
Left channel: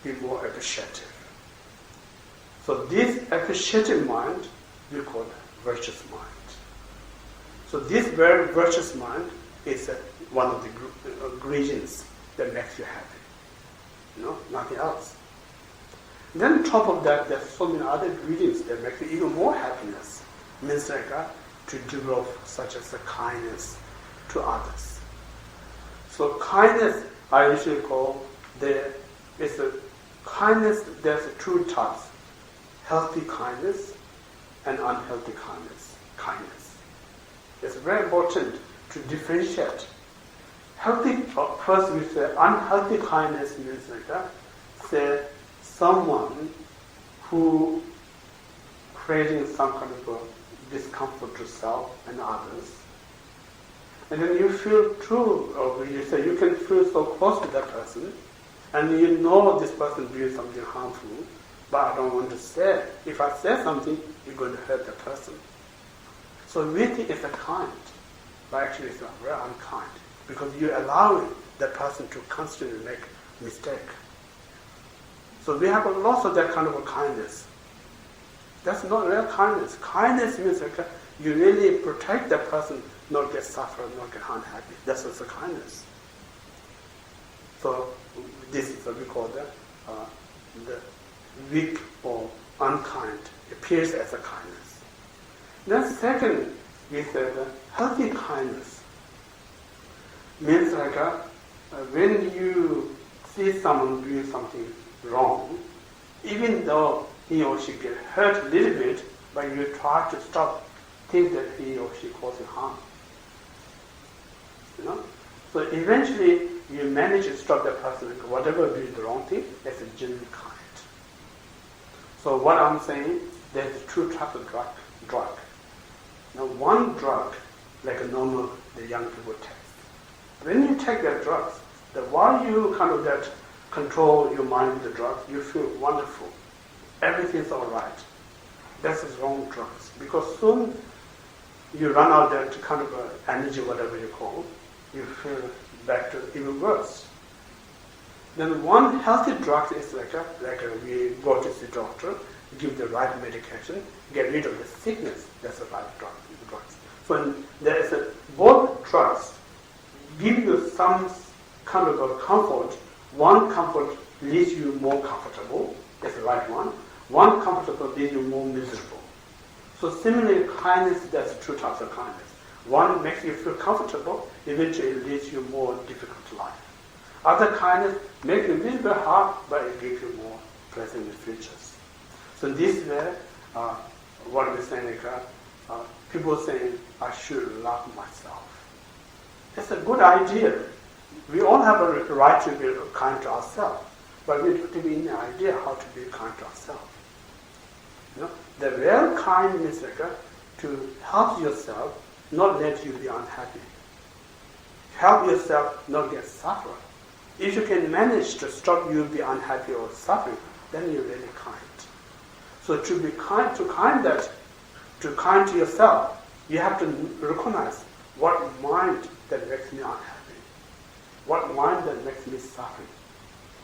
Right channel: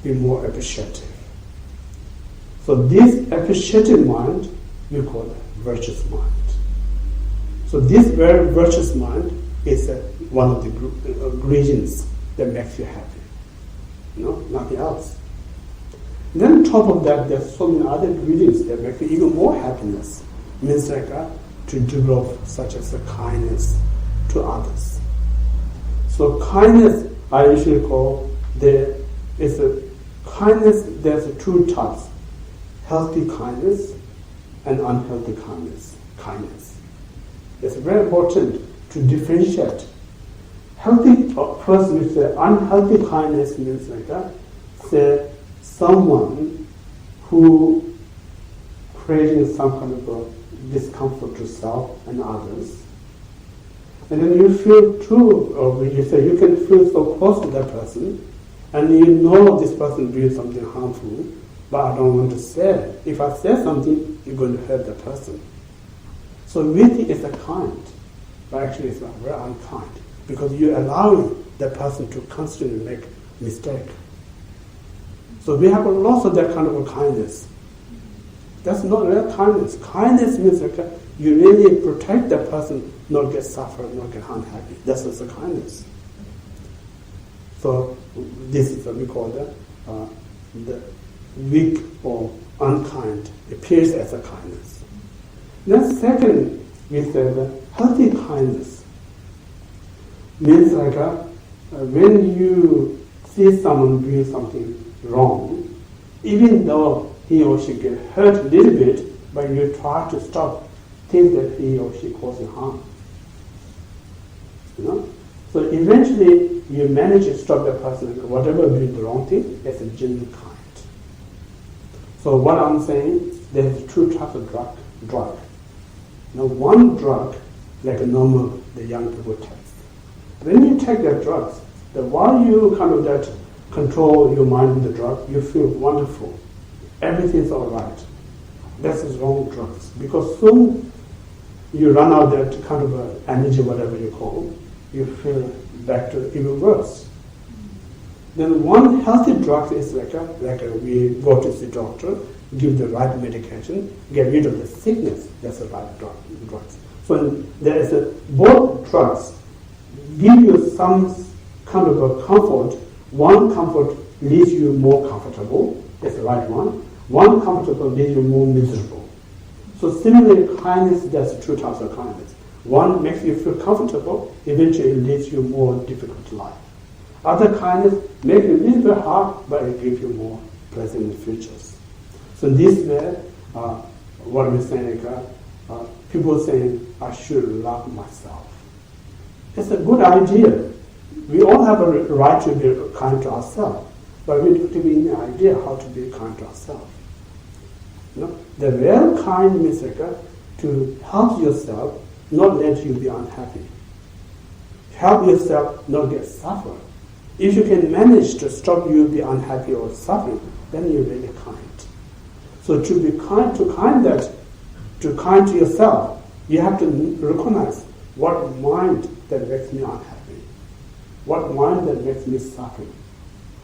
be more appreciative. So this appreciative mind we call virtuous mind. So this very virtuous mind is one of the ingredients that makes you happy. Nothing else. Then on top of that, there's so many other ingredients that make you even more happiness. Means to develop such as a kindness to others. So kindness, I usually call kindness. There's two types: healthy kindness and unhealthy kindness. It's very important to differentiate. Healthy, first we say unhealthy kindness means say someone who creating some kind of a discomfort to self and others. And then you feel too, or you say you can feel so close to that person, and you know this person doing something harmful, but I don't want to say it. If I say something, you're going to hurt the person. So we think it's a kind, but actually it's very unkind, because you're allowing that person to constantly make mistake. So we have lots of that kind of a kindness. That's not real kindness. Kindness means you really protect that person, not get suffer, not get unhappy. That's also kindness. So this is what we call the weak or unkind. It appears as a kindness. Then second, we say the healthy kindness. Means when you see someone doing something wrong, even though he or she get hurt a little bit, but you try to stop, think that he or she causing harm. So eventually you manage to stop that person, whatever doing the wrong thing, that's a genuine kind. So what I'm saying, there's two types of drug. Now one drug, like a normal the young people take. When you take that drugs, while you kind of that control your mind with the drug, you feel wonderful. Everything's all right. That's the wrong drugs. Because soon you run out that kind of energy, whatever you call, you feel back to even worse. Then one healthy drug is we go to the doctor, give the right medication, get rid of the sickness. That's the right drugs. So there is both drugs give you some kind of a comfort. One comfort leaves you more comfortable. That's the right one. One comfortable leaves you more miserable. So similarly, kindness, there's two types of kindness. One makes you feel comfortable, eventually it leads you more difficult life. Other kindness makes you a little bit hard, but it gives you more pleasant futures. So this way, what we're saying, people saying, I should love myself. It's a good idea. We all have a right to be kind to ourselves, but we don't have any idea how to be kind to ourselves. The real kind means to help yourself, not let you be unhappy. Help yourself not get suffer. If you can manage to stop you be unhappy or suffering, then you're really kind. So to be kind to yourself, you have to recognize what mind that makes me unhappy, what mind that makes me suffering,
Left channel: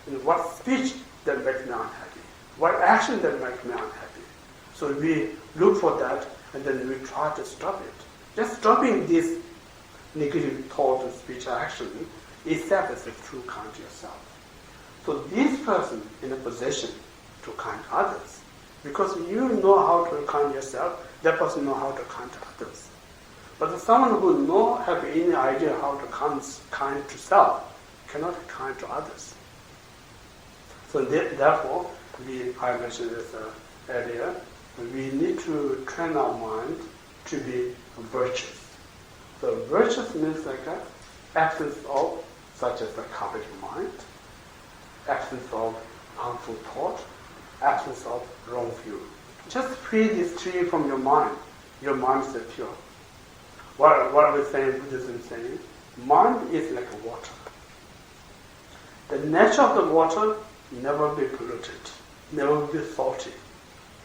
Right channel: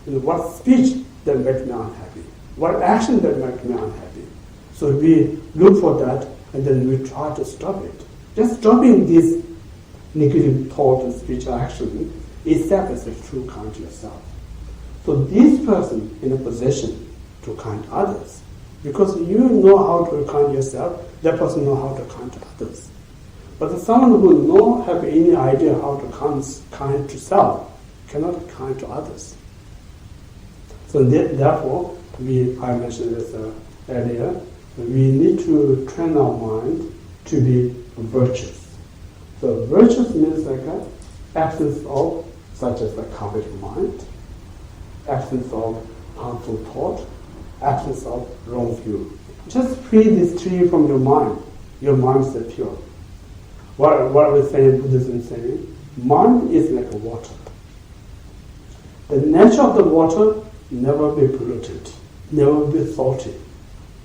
and what speech that makes me unhappy, what action that makes me unhappy. So we look for that, and then we try to stop it. Just stopping this negative thought and speech action itself is a true kind to yourself. So this person in a position to kind others, because you know how to kind yourself, that person know how to kind to others. But someone who no have any idea how to kind to self cannot be kind to others. So therefore, I mentioned this earlier, we need to train our mind to be virtuous. So virtuous means like an absence of such as a covetous mind, absence of harmful thought, absence of wrong view. Just free these three from your mind. Your mind is pure. What we say in Buddhism saying, mind is like a water. The nature of the water never be polluted, never be salty.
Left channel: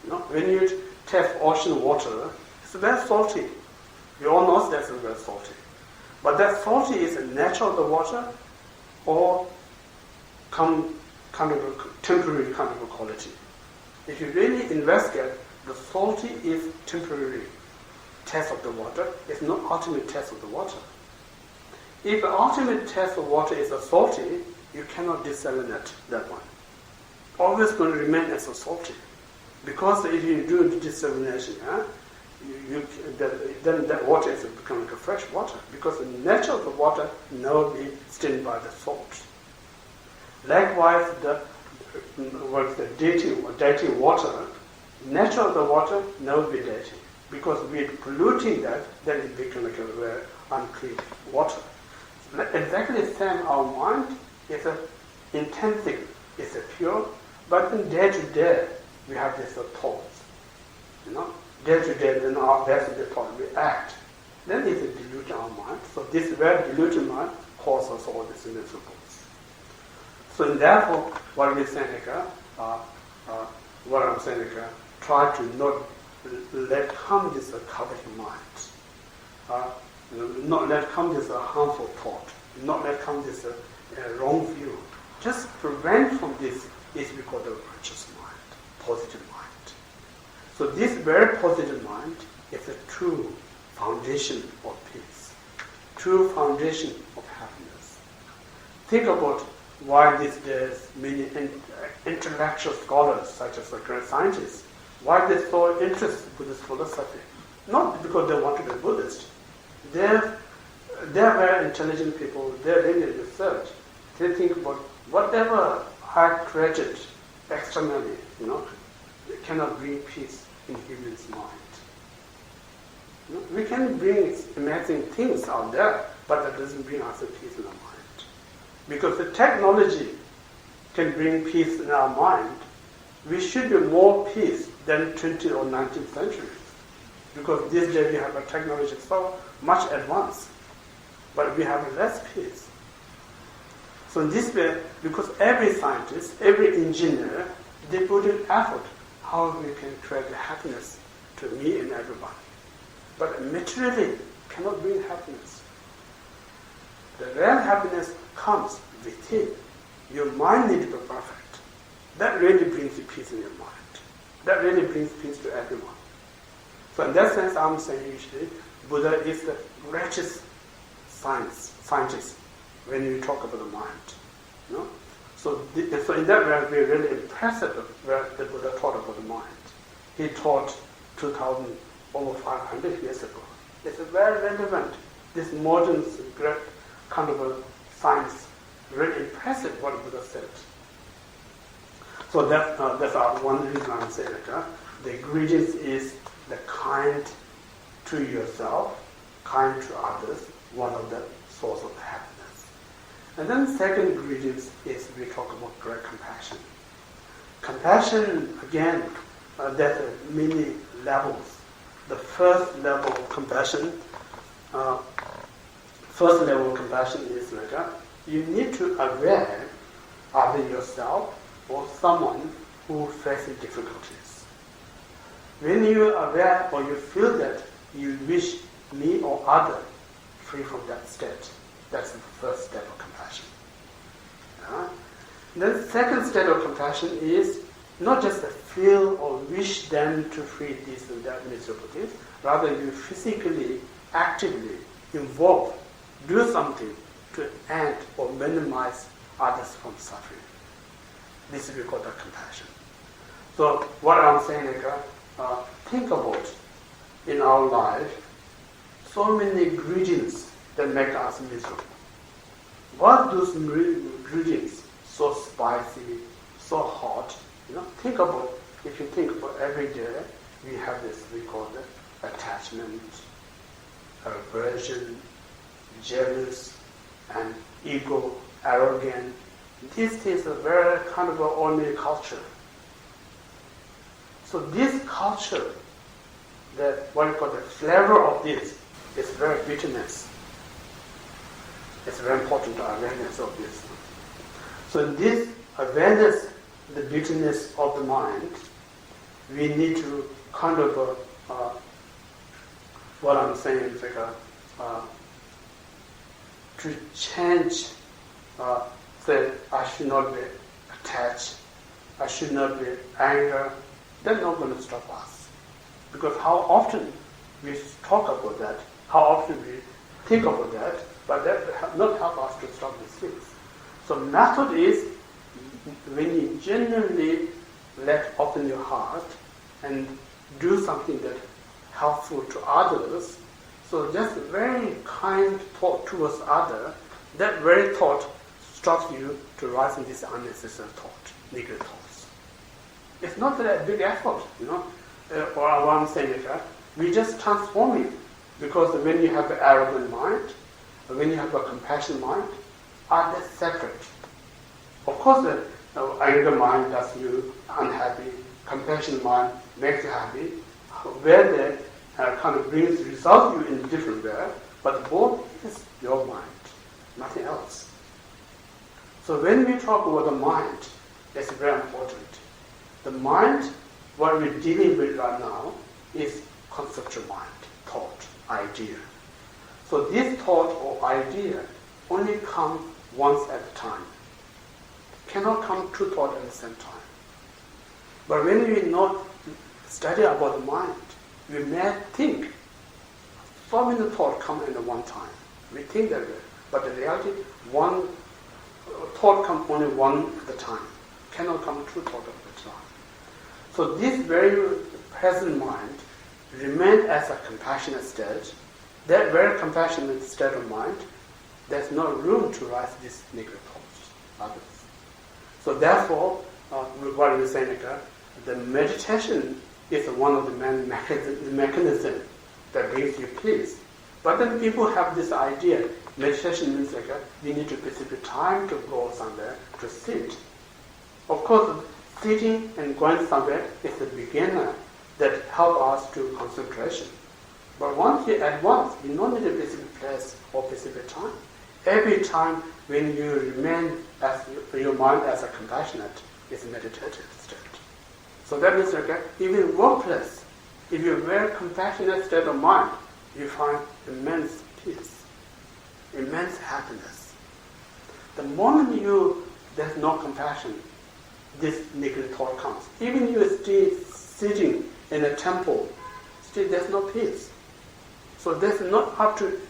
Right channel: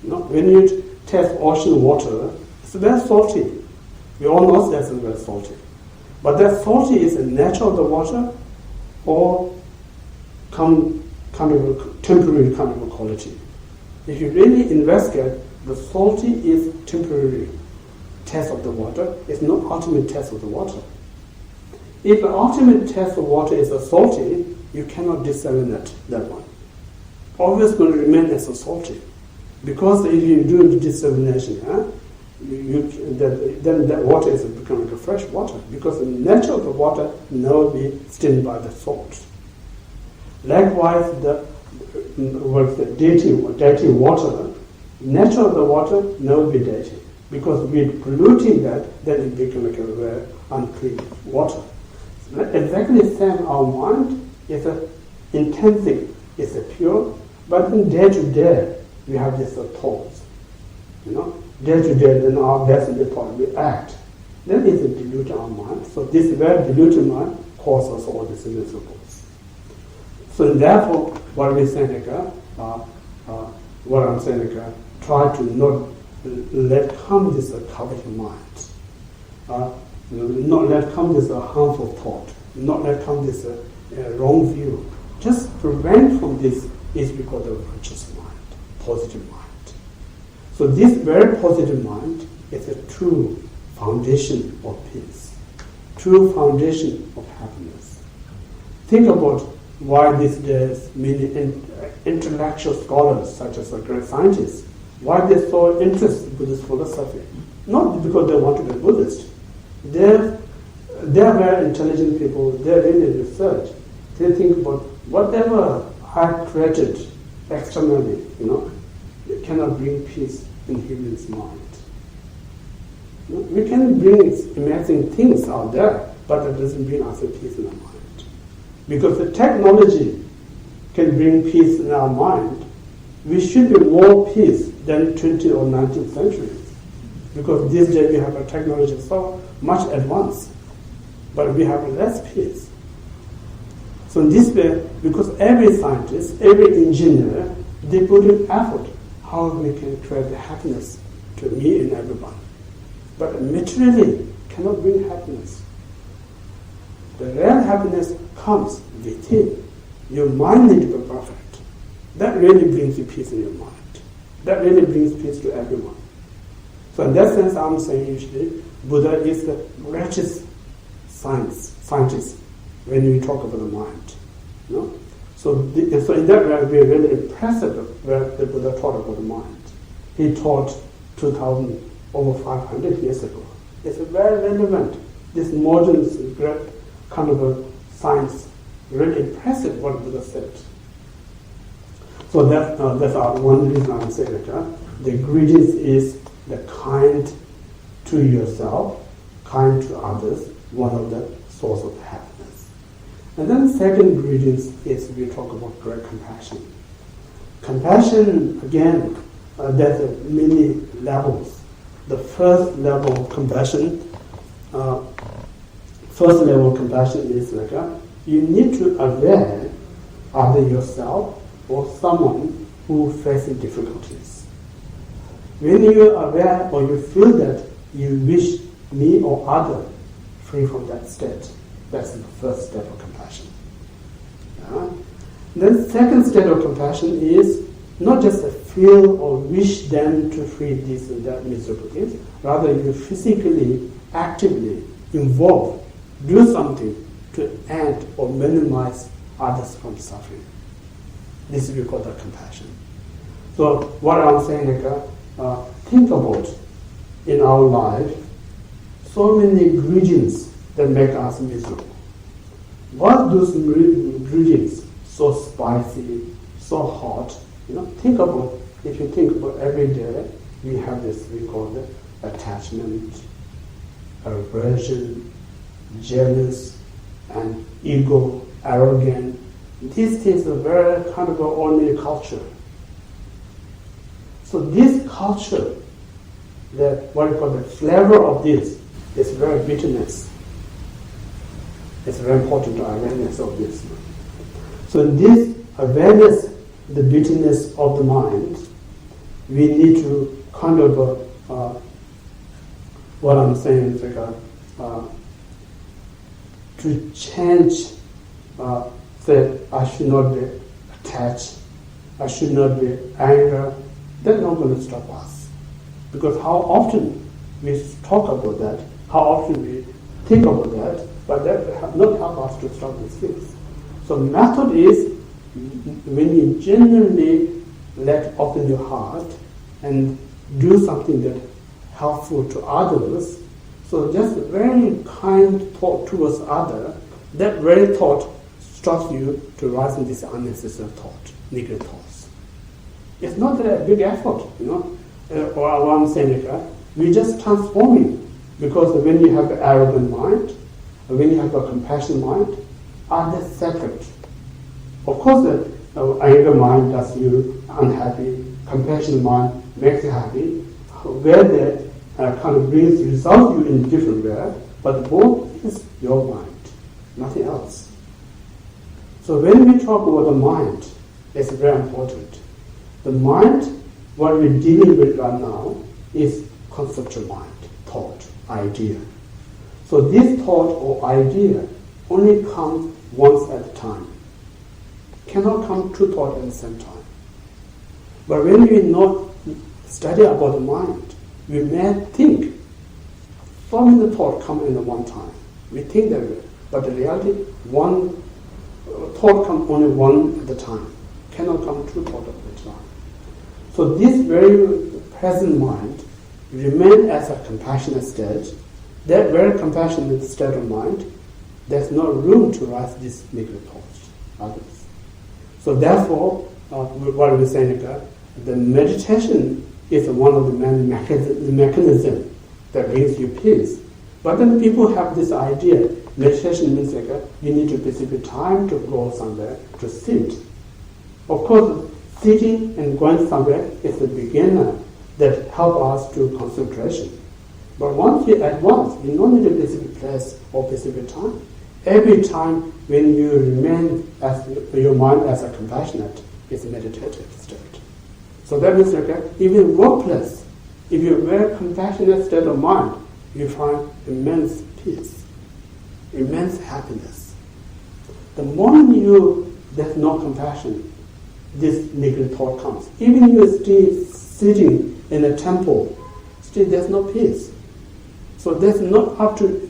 When you taste ocean water, it's very salty. We all know that's very salty. But that salty is the nature of the water or kind of a temporary kind of a quality. If you really investigate, the salty is temporary taste of the water. It's not ultimate taste of the water. If the ultimate taste of water is a salty, you cannot desalinate that one. Always going to remain as a salty. Because if you do the desalination, then that water is becoming like a fresh water. Because the nature of the water never be stained by the salt. Likewise, the dirty water, nature of the water never be dirty. Because we're polluting that, then it becomes like a very unclean water. So exactly the same, our mind is intrinsic, it's pure, but in day to day, we have these thoughts. Day to day, then our best thought, we act. Then it's dilute our mind. So this very diluted mind causes all these miserable. So therefore, what we're saying, try to not let come this covetous mind, not let come this harmful thought, not let come this wrong view. Just prevent from this is because of virtuous mind, positive mind. So this very positive mind is a true foundation of peace, true foundation of happiness. Think about why these days many intellectual scholars, such as great scientists, why they're so interested in Buddhist philosophy. Not because they want to be Buddhist. They're very intelligent people, they're really research. They think about whatever I created externally, it cannot bring peace in human's mind. We can bring amazing things out there, but that doesn't bring us a peace in our mind. Because the technology can bring peace in our mind, we should be more peace than 20th or 19th centuries. Because these days we have a technology so much advanced, but we have less peace. So in this way, because every scientist, every engineer, they put in effort how we can create happiness to me and everyone. But materially cannot bring happiness. The real happiness comes within. Your mind needs to be perfect. That really brings you peace in your mind. That really brings peace to everyone. So in that sense, I'm saying usually Buddha is the greatest scientist when you talk about the mind. So in that way, we are really impressed where the Buddha taught about the mind. He taught 2,000, over 500 years ago. It's very relevant. This modern great kind of a science, really impressive what Buddha said. So that's one reason I'm saying that the ingredients is the kind to yourself, kind to others, one of the source of happiness. And then second ingredient is we talk about great compassion. Compassion, again, there's many levels. The first level of compassion is like you need to aware either yourself or someone who faces difficulties. When you are aware or you feel that you wish me or other free from that state, that's the first step of compassion. Then second step of compassion is not just feel or wish them to free this or that miserable things, rather you physically, actively involve, do something to end or minimize others from suffering. This we call the compassion. So what I'm saying, think about in our life, so many ingredients that make us miserable. What those ingredients so spicy, so hot? Think about, if you think about every day, we have this, we call it attachment, aversion, jealous, and ego, arrogant. These things are very kind of ordinary culture. So this culture, what we call the flavor of this, is very bitterness. It's very important to awareness of this. So this awareness, the bitterness of the mind, we need to kind of, what I'm saying is to change, that I should not be attached, I should not be angry. That's not going to stop us. Because how often we talk about that, how often we think about that, but that will not help us to stop these things. So method is when you genuinely let open your heart and do something that helpful to others. So just very kind thought towards others, that very thought stops you to rise in this unnecessary thought, negative thoughts. It's not a big effort, or what I'm saying, we just transforming. Because when you have an arrogant mind, when you have a compassionate mind, are they separate? Of course, the anger mind does you unhappy, compassionate mind makes you happy, where they kind of brings result you in different way, but both is your mind, nothing else. So when we talk about the mind, it's very important. The mind, what we're dealing with right now, is conceptual mind, thought, idea. So this thought or idea only comes once at a time. Cannot come two thoughts at the same time. But when we not study about the mind, we may think so many thoughts come in at one time. We think that way, but in reality, one thought comes only one at a time. Cannot come two thoughts at a time. So this very present mind remain as a compassionate state. That very compassionate state of mind, there's no room to rise these negative thoughts, others. So therefore, what we're saying, the meditation is one of the main mechanisms that brings you peace. But then people have this idea, meditation means you need to specific time to go somewhere to sit. Of course, sitting and going somewhere is the beginner that help us to concentration. But once you don't need a specific place or specific time. Every time when you remain as your mind as a compassionate, it's a meditative state. So that means even workplace, if you're very compassionate state of mind, you find immense peace, immense happiness. The moment there's no compassion, this negative thought comes. Even you still sitting in a temple, still there's no peace. So that's not up to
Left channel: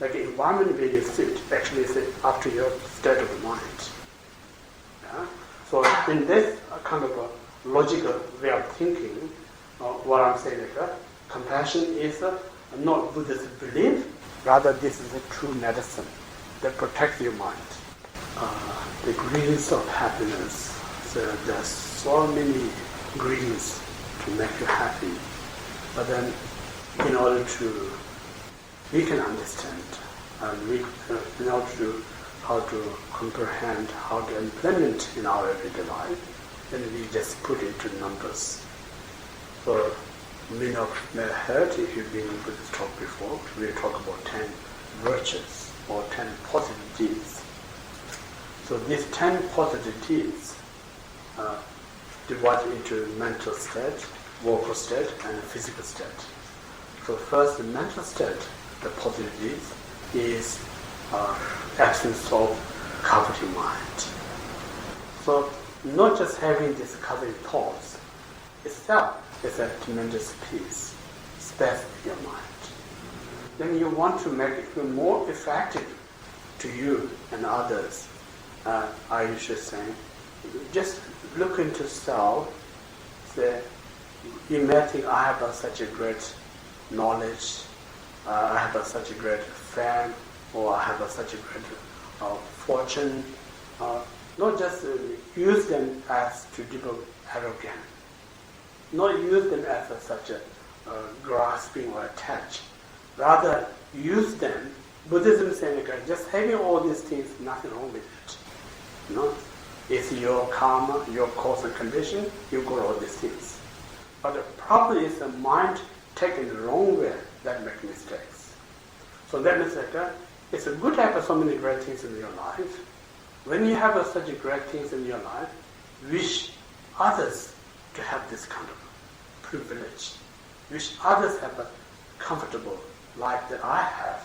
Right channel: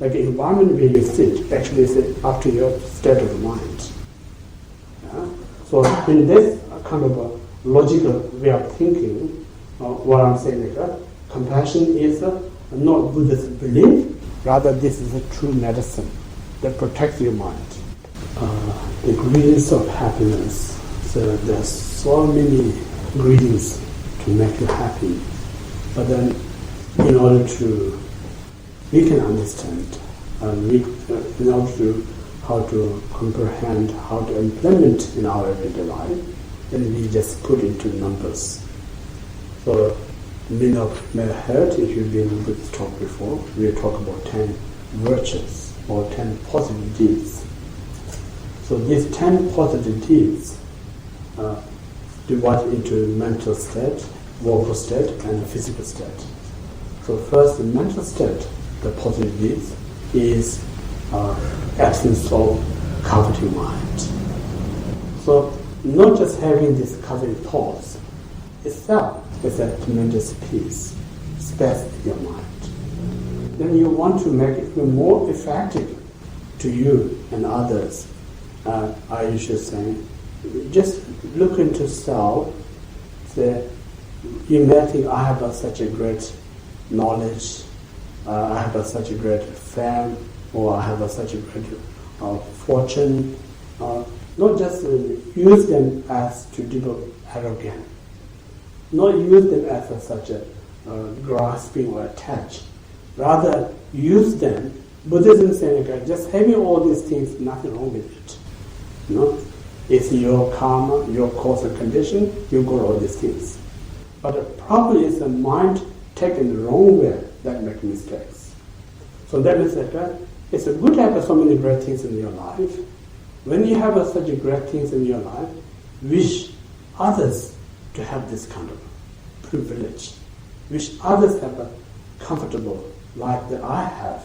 like environment where you sit. Actually, it's up to your state of mind. Yeah? So in this kind of a logical way of thinking, what I'm saying compassion is not Buddhist belief. Rather, this is a true medicine that protects your mind. The ingredients of happiness. So there's so many ingredients to make you happy, but then in order to we can understand and in order to how to comprehend, how to implement in our everyday life, then we just put into numbers. So many of you may have heard, if you've been in Buddhist talk before, we talk about 10 virtues or 10 positive deeds. So these 10 positive deeds divided into mental state, vocal state, and physical state. So first, the mental state, the positive deeds, is absence of coveting mind. So not just having these coveting thoughts itself is a tremendous peace, space in your mind. Then you want to make it even more effective. to you and others, I usually say, just look into self. Say, you may think, I have such a great knowledge, I have such a great fame, or I have such a great fortune. Not just use them as to develop arrogance. Not use them as such a grasping or attach. Rather, use them. Buddhism saying, okay, just having all these things, nothing wrong with it. You know, it's your karma, your cause and condition. You got all these things. But the problem is the mind taken the wrong way that makes mistakes. So that means that it's a good to have so many great things in your life. When you have such great things in your life, wish others to have this kind of privilege. Wish others have a comfortable life that I have.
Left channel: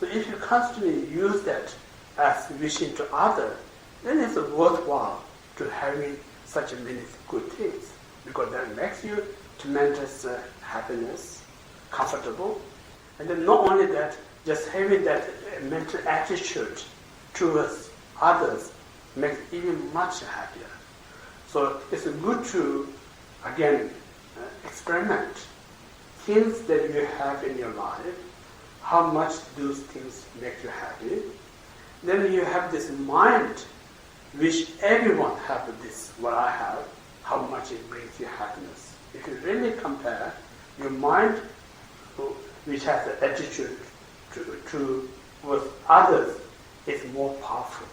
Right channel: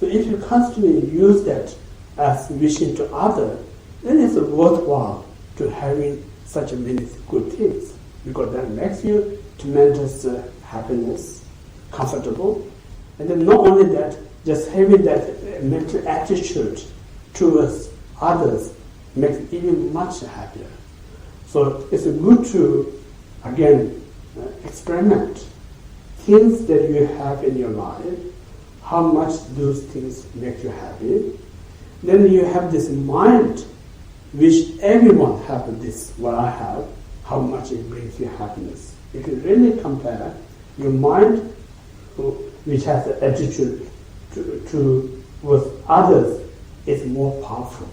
So if you constantly use that as wishing to others, then it's worthwhile to having such many good things, because that makes you tremendous happiness, comfortable, and then not only that, just having that mental attitude towards others makes it even much happier. So it's good to, again, experiment things that you have in your life, how much those things make you happy. Then you have this mind, which everyone have this, what I have, how much it brings you happiness. If you really compare, your mind, which has the attitude with others, is more powerful.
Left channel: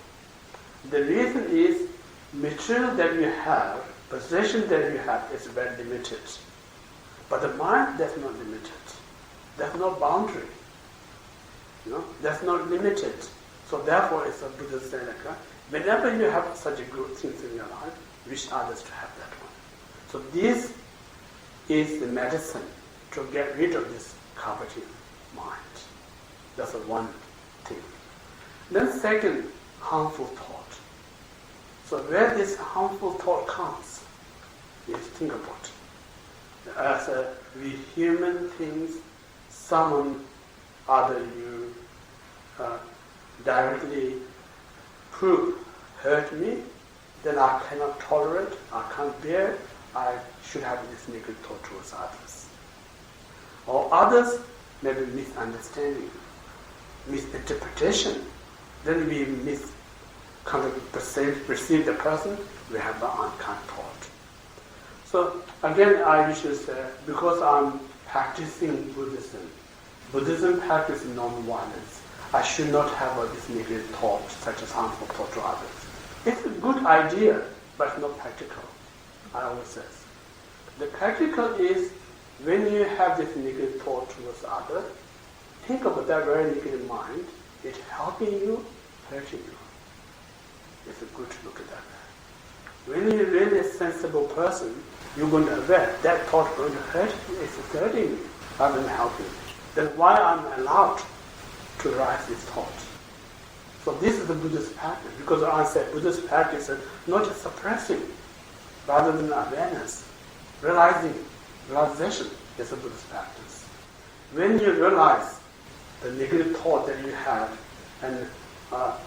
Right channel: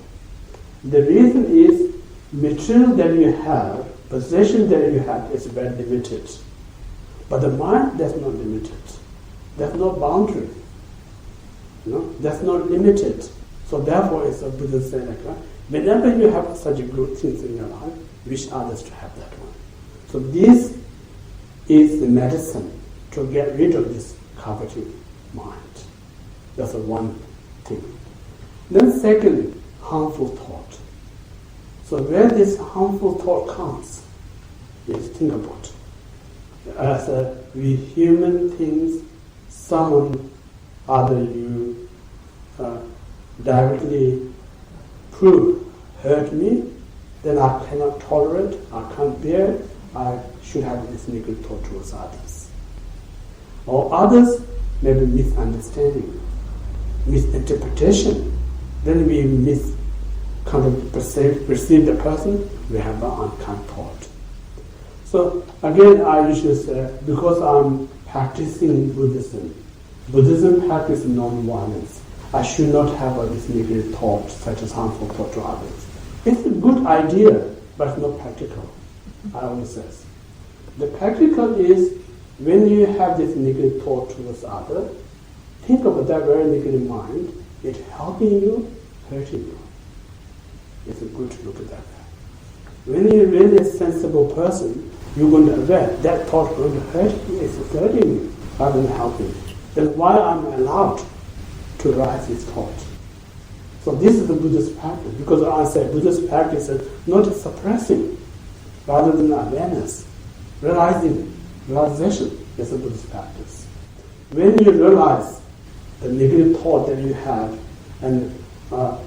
The reason is, material that you have, possession that you have is very limited. But the mind, that's not limited. There's no boundary. You know, that's not limited. So therefore, it's a Buddhist saying, whenever you have such good things in your life, wish others to have that one. So this is the medicine to get rid of this coveting mind. That's one thing. Then second, harmful thought. So where this harmful thought comes, is think about it. As we human things, someone other you directly prove hurt me, then I cannot tolerate, I can't bear, I should have this negative thought towards others. Or others may be misunderstanding, misinterpretation, then we perceive the person, we have an unkind thought. So again, I usually say, because I'm practicing Buddhism, Buddhism practices non-violence, I should not have this negative thought, such as harmful thought to others. It's a good idea, but it's not practical, I always say. The practical is, when you have this negative thought towards others, think about that very negative mind, it's helping you, hurting you. It's good to look at that. When you're really a sensible person, you're going to aware that thought is going to hurt you, it's hurting you, rather than helping you. Then why I'm allowed to rise this thought? So this is the Buddhist practice, because I say Buddhist practice is not just suppressing, rather than awareness. Realization is a Buddhist practice. When you realize the negative thought that you have and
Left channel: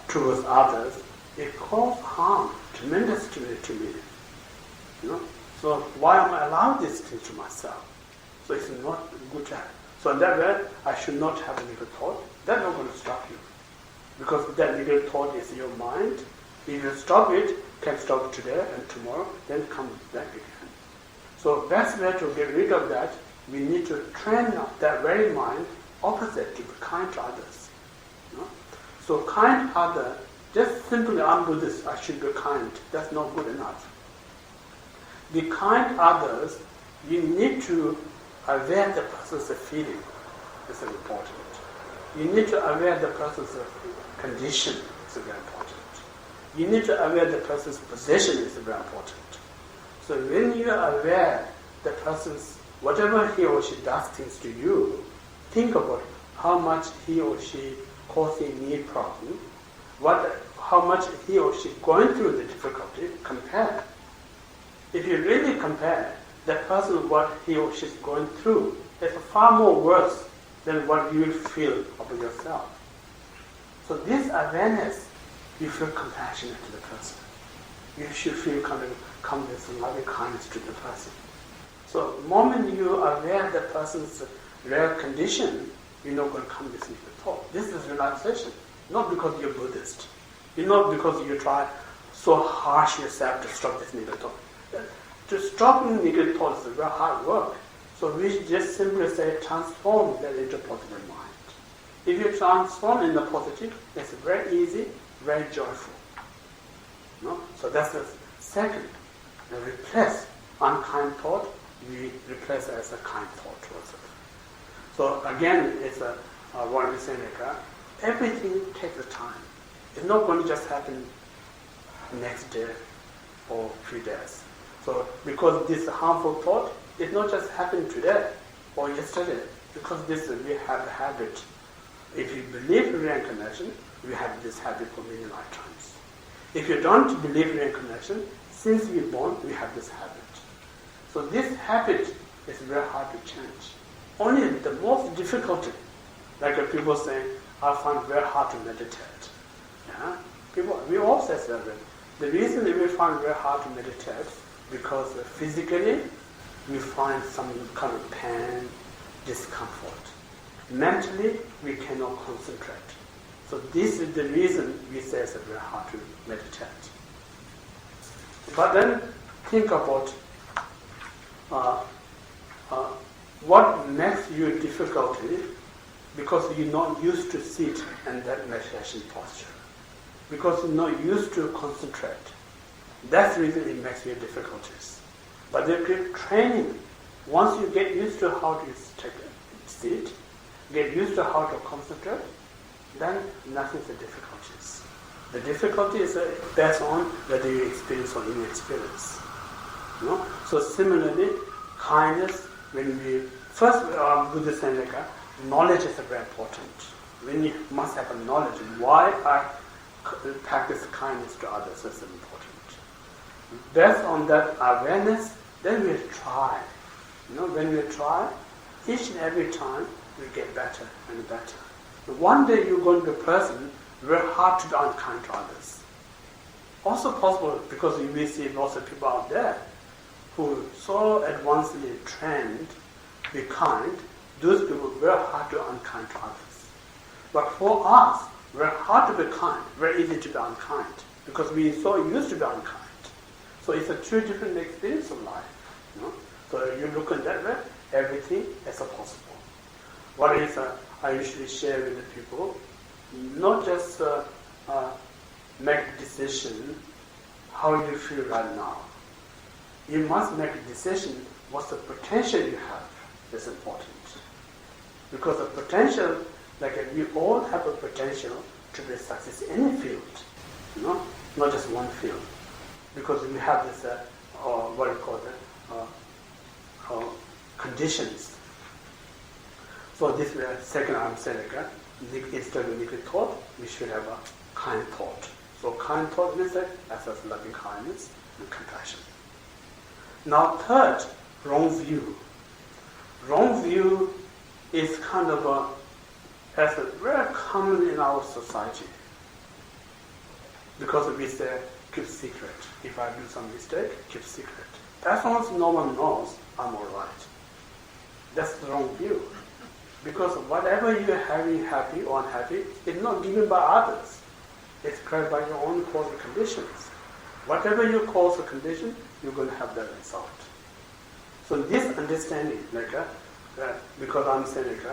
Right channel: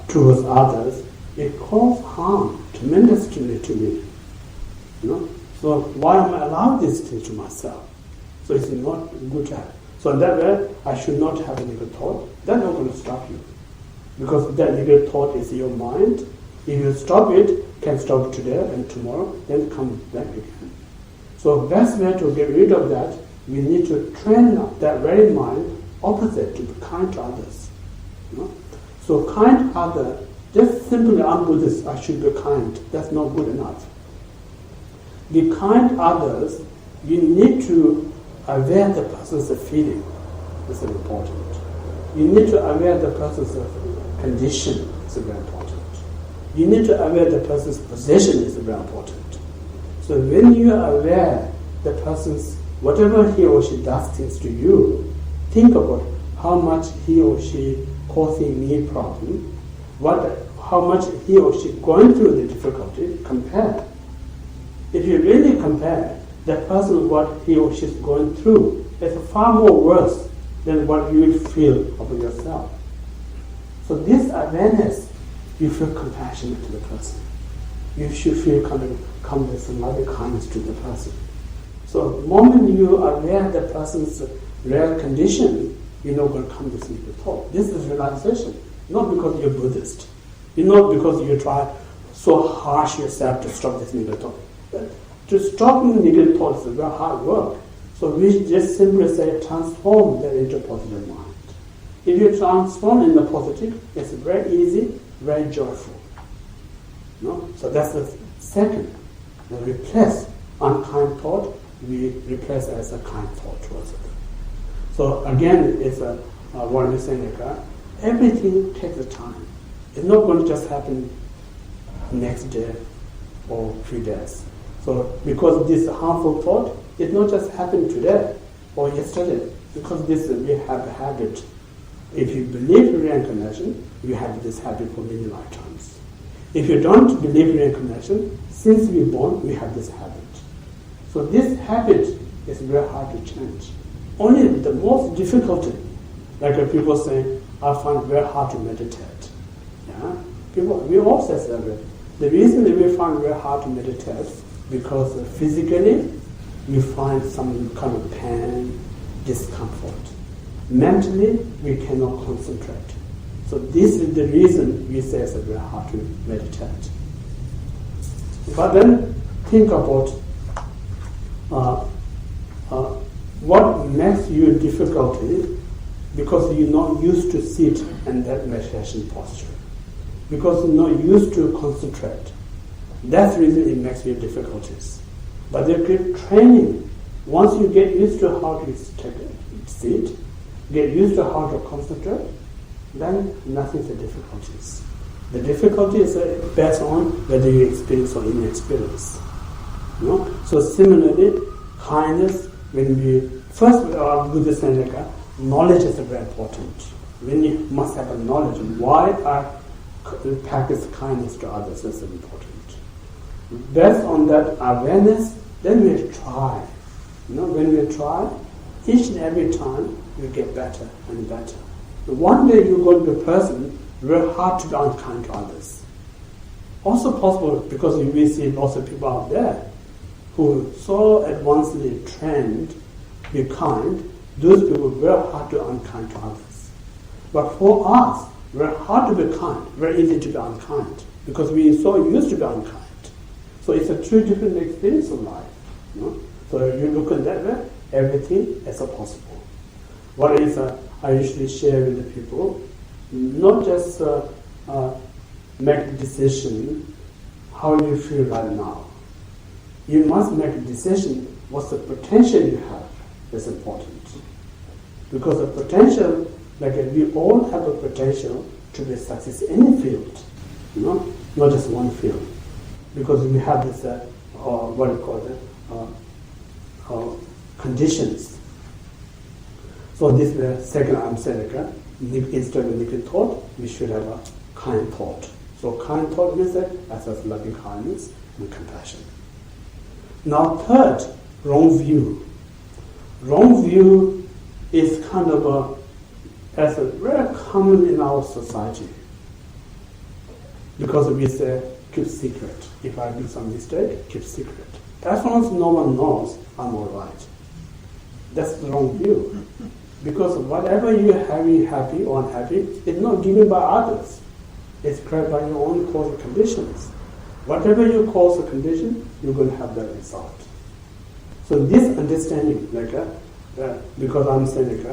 towards others, it causes harm tremendously to me. You know? So why am I allowed these things to myself? So it's not good to have. So in that way, I should not have a negative thought. That's not going to stop you. Because that negative thought is your mind. If you stop it, can stop today and tomorrow, then come back again. So best way to get rid of that, we need to train that very mind opposite, to be kind to others. You know? So kind to others, just simply I'm Buddhist, I should be kind. That's not good enough. Be kind to others, you need to aware the person's feeling. This is important. You need to aware the person's condition. It's very important. You need to aware the person's position. Is very important. So when you are aware the person's, whatever he or she does things to you, think about how much he or she causing me problem, how much he or she going through the difficulty, compare. If you really compare, the person, what he or she is going through, is far more worse than what you will feel about yourself. So this awareness, you feel compassionate to the person. You should feel come with some loving kindness to the person. So the moment you are aware of the person's real condition, you're not going to come with negative thought. This is realization, not because you're Buddhist. You're not because you try so harsh yourself to stop this negative thought. To stop negative thoughts is very hard work. So we just simply say transform that into positive mind. If you transform in the positive, it's very easy, very joyful. No? So that's the second. And replace unkind thought, we replace as a kind thought towards it. So again, it's what we say like everything takes a time. It's not going to just happen next day or 3 days. So because this harmful thought, it not just happened today or yesterday. Because this we have a habit. If you believe in reincarnation, you have this habit for many lifetimes. If you don't believe in reincarnation, since we're born, we have this habit. So this habit is very hard to change. Only the most difficulty, like people say, I find it very hard to meditate. Yeah? We all say that. The reason that we find it very hard to meditate because physically we find some kind of pain, discomfort. Mentally, we cannot concentrate. So this is the reason we say it's very hard to meditate. But then think about what makes you difficulty because you're not used to sit in that meditation posture. Because you're not used to concentrate. That's the reason it makes you difficulties. But they keep training. Once you get used to how to sit, get used to how to concentrate, then nothing's the difficulties. The difficulty is based on whether you experience or inexperience. You know? So similarly, kindness, when we first Buddhist Seneca, knowledge is very important. When you must have a knowledge why I practice kindness to others, that's important. Based on that awareness, then we try. You know, when we try, each and every time we get better and better. One day you're going to be a person very hard to be unkind to others. Also possible because we see lots of people out there who so advancedly trained to be kind, those people are very hard to be unkind to others. But for us, very hard to be kind, very easy to be unkind because we are so used to be unkind. So it's a two different experience of life. You know? So you look at that way, everything is possible. What is I usually share with the people, not just make a decision how you feel right now. You must make a decision what's the potential you have is important. Because the potential, like we all have a potential to be success in any field, you know, not just one field. Because we have this, what do you call it, conditions. So this way, second I'm saying, instead of negative thought, we should have a kind thought. So kind thought means that as loving kindness and compassion. Now third, wrong view. Wrong view is kind of as a very common in our society. Because we say, keep secret. If I do some mistake, keep secret. As long as no one knows, I'm all right. That's the wrong view. Because whatever you're having happy or unhappy, it's not given by others. It's created by your own causal conditions. Whatever you cause a condition, you're going to have that result. So this understanding, because I'm saying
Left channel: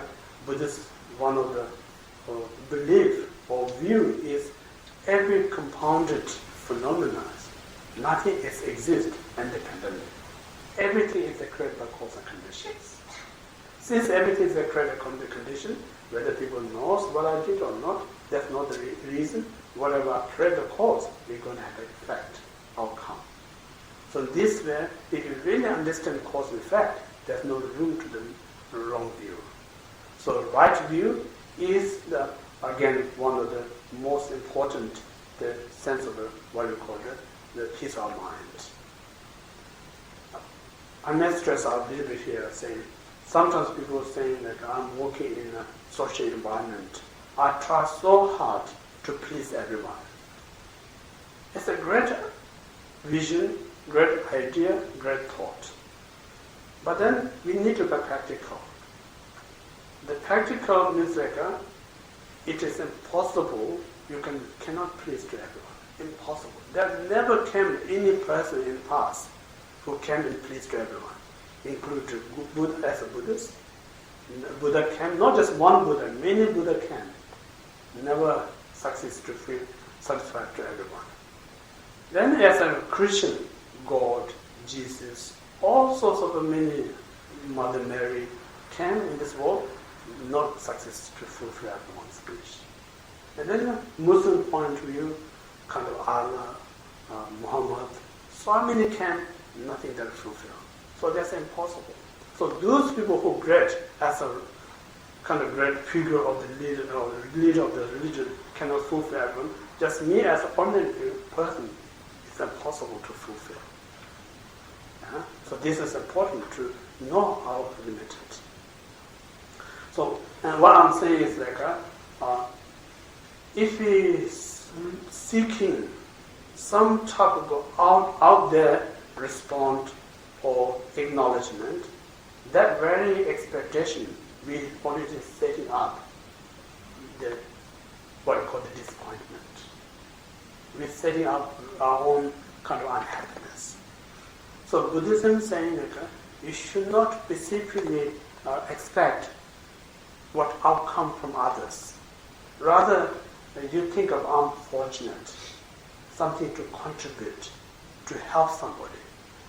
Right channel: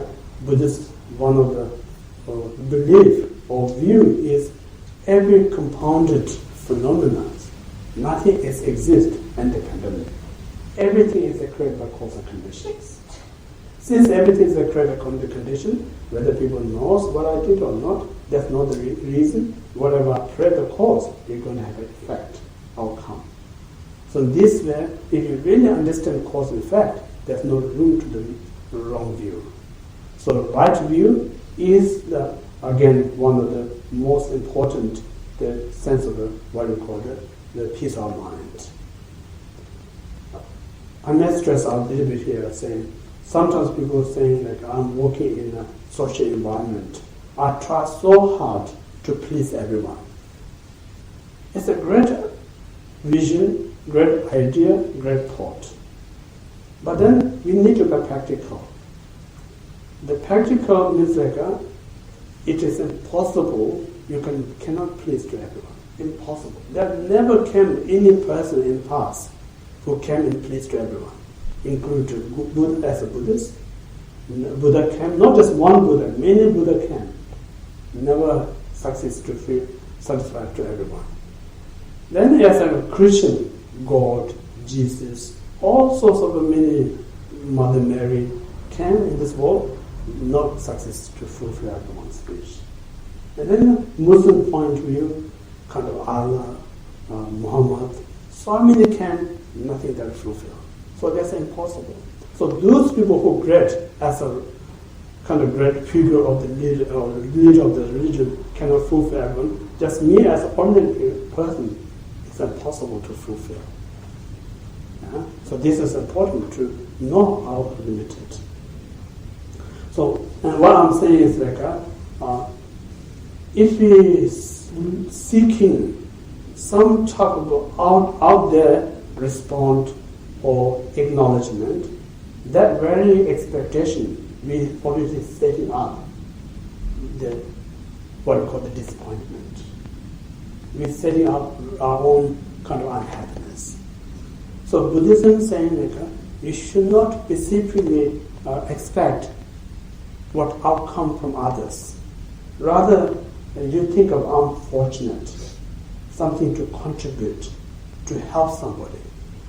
Buddhist, one of the belief or view is every compounded phenomena, nothing exists independently. Everything is created by causal conditions. Since everything is created by the condition, whether people knows what I did or not, that's not the reason. Whatever I create the cause, we're going to have an effect, outcome. So this way, if you really understand cause and effect, there's no room to the wrong view. So right view is again one of the most important, the sense of what you call the peace of mind. I may stress out a little bit here, saying sometimes people are saying I'm working in a social environment, I try so hard to please everyone. It's a great vision, great idea, great thought. But then we need to be practical. The practical means like it is impossible, you cannot please to everyone. Impossible. There never came any person in the past who came and pleased to everyone, including Buddha as a Buddhist. Buddha came, not just one Buddha, many Buddha came. Never succeeds to feel satisfied to everyone. Then as a Christian, God, Jesus, all sorts of many, Mother Mary came in this world, not success to fulfill everyone's wish. And then Muslim point of view, kind of Allah, Muhammad, so many came, nothing that fulfill. So that's impossible. So those people who great as a kind of great figure of the leader or leader of the religion cannot fulfill everyone. Just me as an ordinary person, it's impossible to fulfill. Yeah? So this is important to know how limited. So and what I'm saying is like, if we seeking some type of out there response or acknowledgement, that very expectation we already setting up the what we call the disappointment. We're setting up our own kind of unhappiness. So Buddhism is saying that you should not specifically expect what outcome from others. Rather, you think of unfortunate, something to contribute, to help somebody.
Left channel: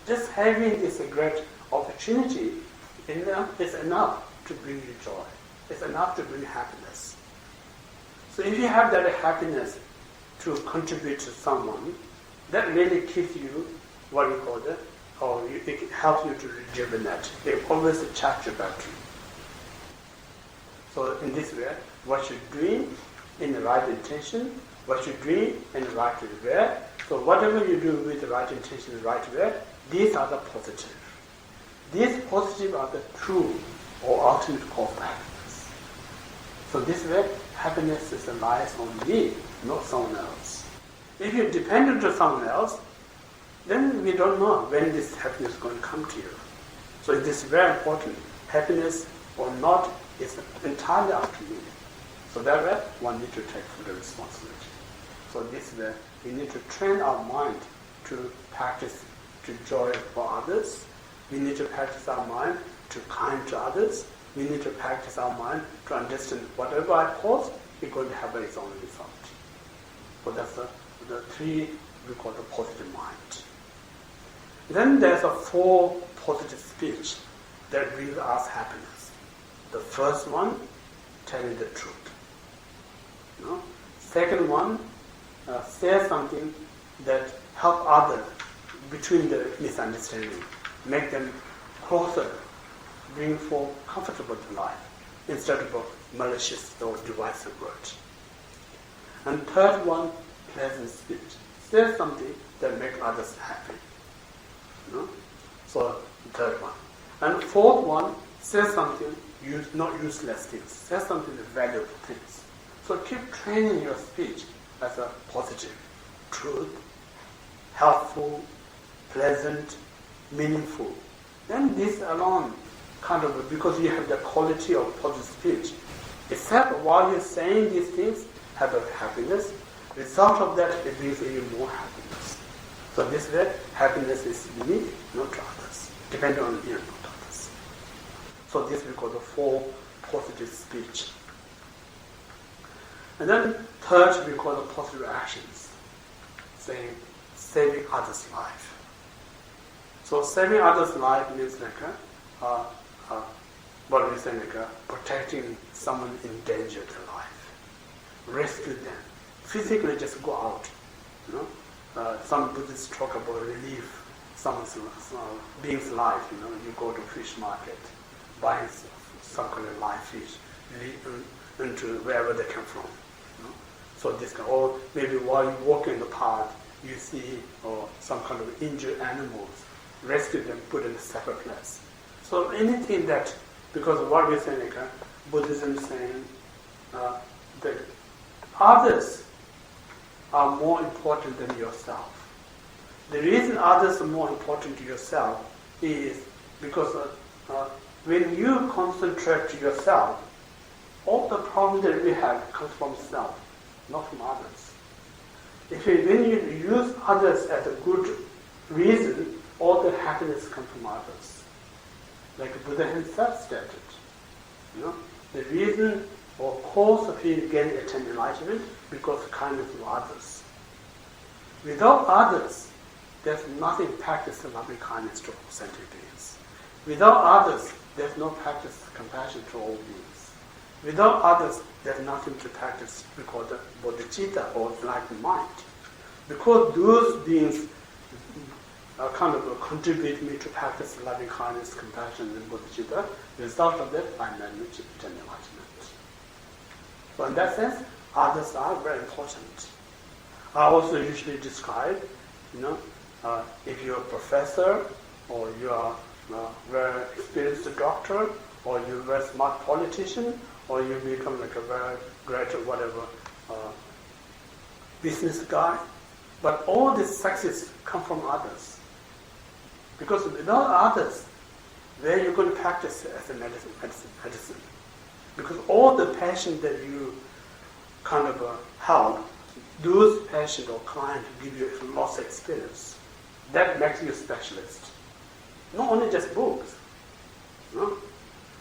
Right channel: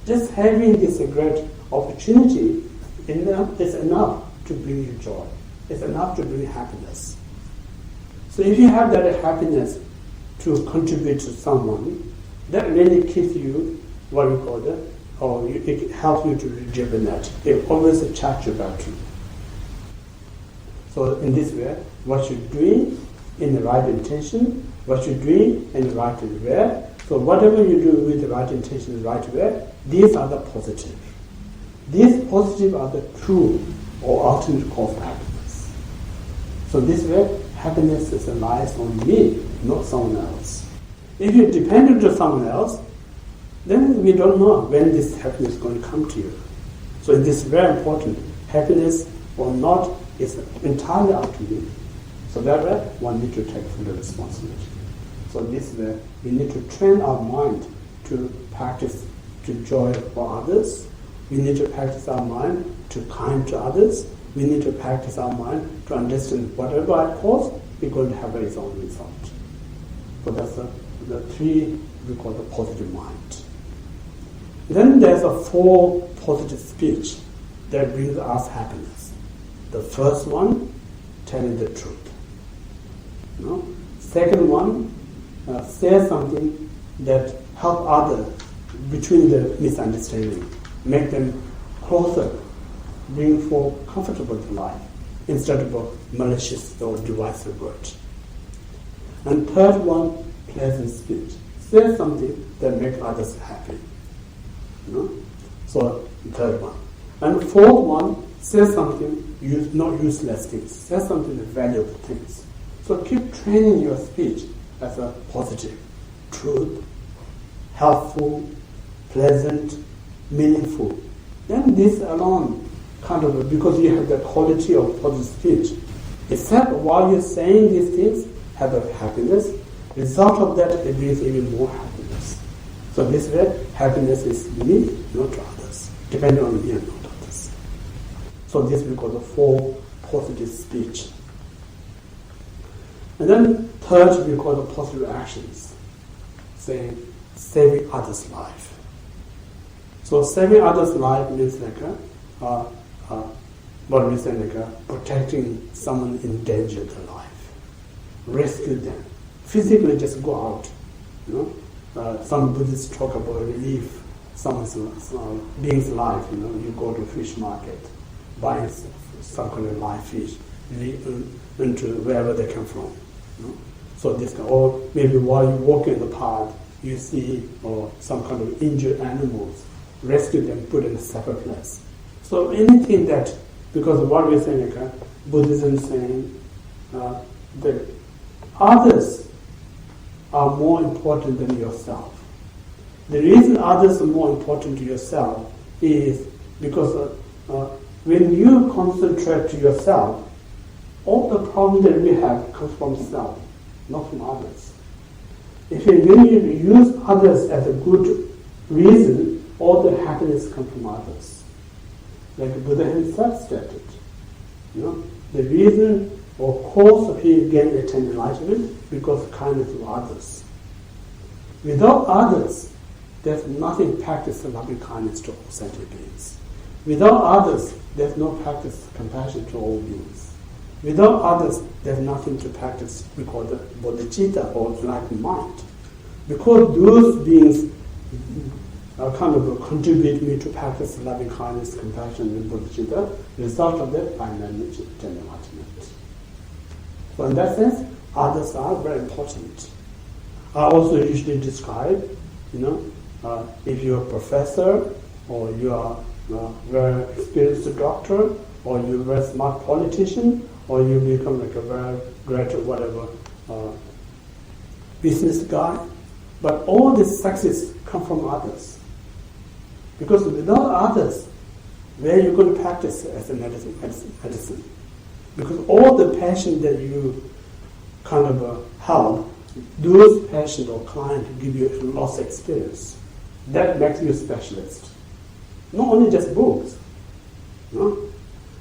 Just having this great opportunity is enough to bring you joy. It's enough to bring happiness. So if you have that happiness to contribute to someone, that really keeps you, what you call that, or it helps you to rejuvenate. It always charge your battery. So in this way, what you're doing in the right intention, what you're doing in the right way, so whatever you do with the right intention and the right way, these are the positive. These positive are the true or ultimate cause of happiness. So this way, happiness lies on me, not someone else. If you depend on someone else, then we don't know when this happiness is going to come to you. So it is very important. Happiness or not is entirely up to me. So that way, one needs to take full responsibility. So this way, we need to train our mind to practice to joy for others. We need to practice our mind to kind to others. We need to practice our mind to understand whatever I cause, it's going to have its own result. So that's the three we call the positive mind. Then there's a 4 positive speech that brings us happiness. The first one, telling the truth. Second one, say something that help others between the misunderstanding, make them closer, bring for comfortable life instead of a malicious or divisive word. And third one, pleasant speech. Say something that make others happy. So third one. And fourth one, say something, not useless things. Say something valuable things. So keep training your speech as a positive, truth, helpful, pleasant, meaningful. Then this alone kind of, because you have the quality of positive speech, except while you're saying these things, have a happiness, result of that, it brings even more happiness. So this way, happiness is me, not others, depending on me and not others. So this we call the 4 positive speech. And then third, we call the positive actions, saying saving others' life. So saving others' life means like what we say like protecting someone in danger to life, rescue them, physically just go out. Some Buddhists talk about relief someone's being's life. You go to fish market, buy some kind of live fish, into wherever they come from. So this can, or maybe while you walk in the park, you see some kind of injured animals, rescue them, put in a separate place. So anything that, because of what we're saying, Buddhism is saying, that others are more important than yourself. The reason others are more important to yourself is because when you concentrate to yourself, all the problems that we have comes from self, not from others. When you use others as a good reason, all the happiness comes from others. Like Buddha himself stated, the reason or cause of his getting attained enlightenment because of kindness of others. Without others, there's nothing practice of loving kindness to all sentient beings. Without others, there's no practice of compassion to all beings. Without others, there's nothing to practice because the bodhicitta or enlightened mind. Because those beings contribute me to practice loving kindness, compassion, and bodhicitta, the result of that, I manage to attain enlightenment. So in that sense, others are very important. I also usually describe, if you're a professor, or you are a very experienced doctor, or you're a very smart politician, or you become like a very great business guy, but all this success come from others. Because without others, where are you going to practice as a medicine? Because all the passion that you help, those patient or client give you a lost experience. That makes you a specialist. Not only just books.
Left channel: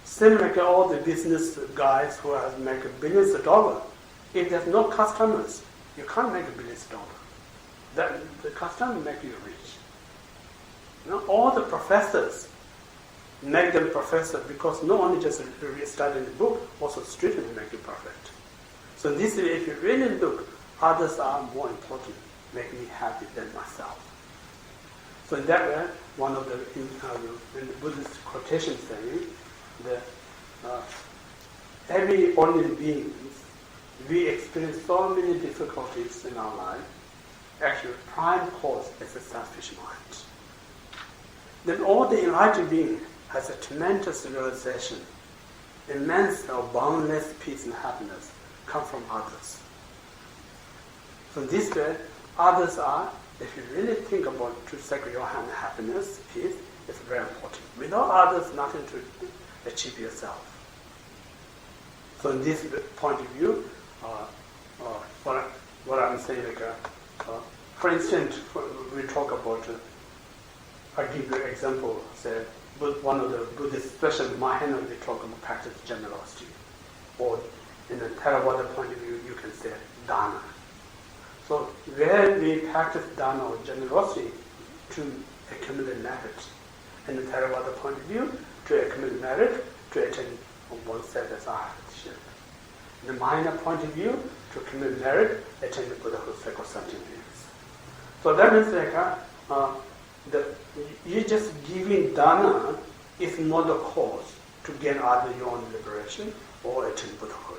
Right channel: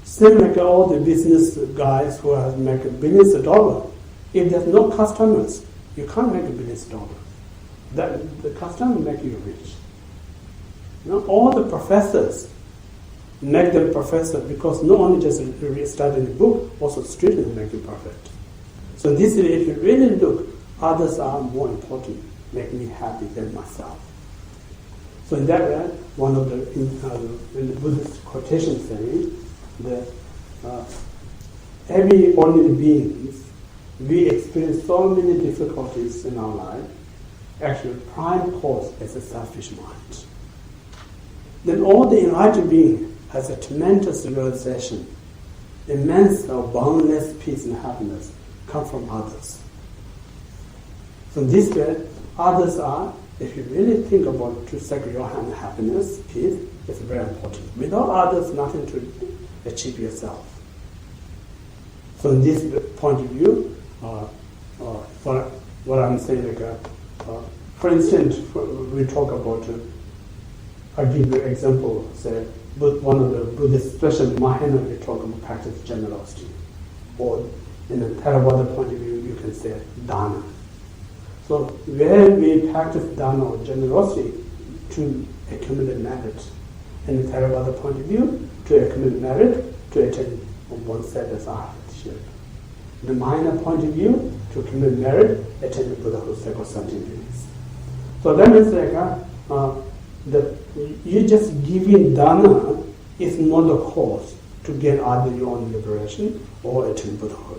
Same like all the business guys who have make billions of dollars. If there's no customers, you can't make $1 billion. The customer make you rich. All the professors make them professor because not only just studying the book, also students make you perfect. So this is, if you really look, others are more important, make me happy than myself. So in that way, one of in the Buddhist quotation saying that every ordinary beings, we experience so many difficulties in our life. Actually, prime cause is a selfish mind. Then all the enlightened being has a tremendous realization, immense or boundless peace and happiness come from others. So this way, others are, if you really think about to secure your happiness, peace, it's very important. Without others, nothing to achieve yourself. So in this point of view, what I'm saying, for instance, we talk about, I give you an example, say, one of the Buddhist, especially Mahayana, we talk about practice generosity. Or in a Theravada point of view, you can say dana. So where we practice dana or generosity to accumulate merit. In the Theravada point of view, to accumulate merit, to attain oneself as arhatship. In the Mahayana point of view, to accumulate merit, attain the Buddhahood cycle sentient beings. So that means that you just giving dana is not the cause to get either your own liberation or attain Buddhahood.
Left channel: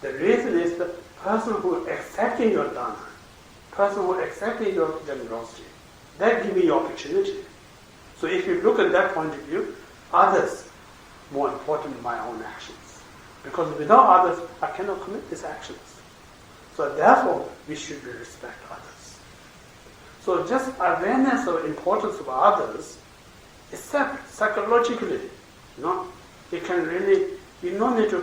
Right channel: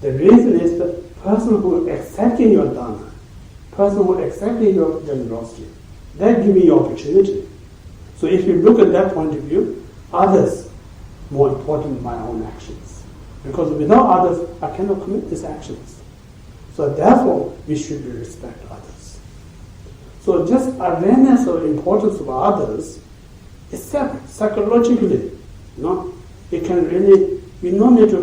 The reason is the person who accepting your dana, person who accepting your generosity, that give you opportunity. So if you look at that point of view, others more important than my own actions. Because without others, I cannot commit these actions. So therefore, we should respect others. So just awareness of the importance of others is separate, psychologically. It can really, we don't need to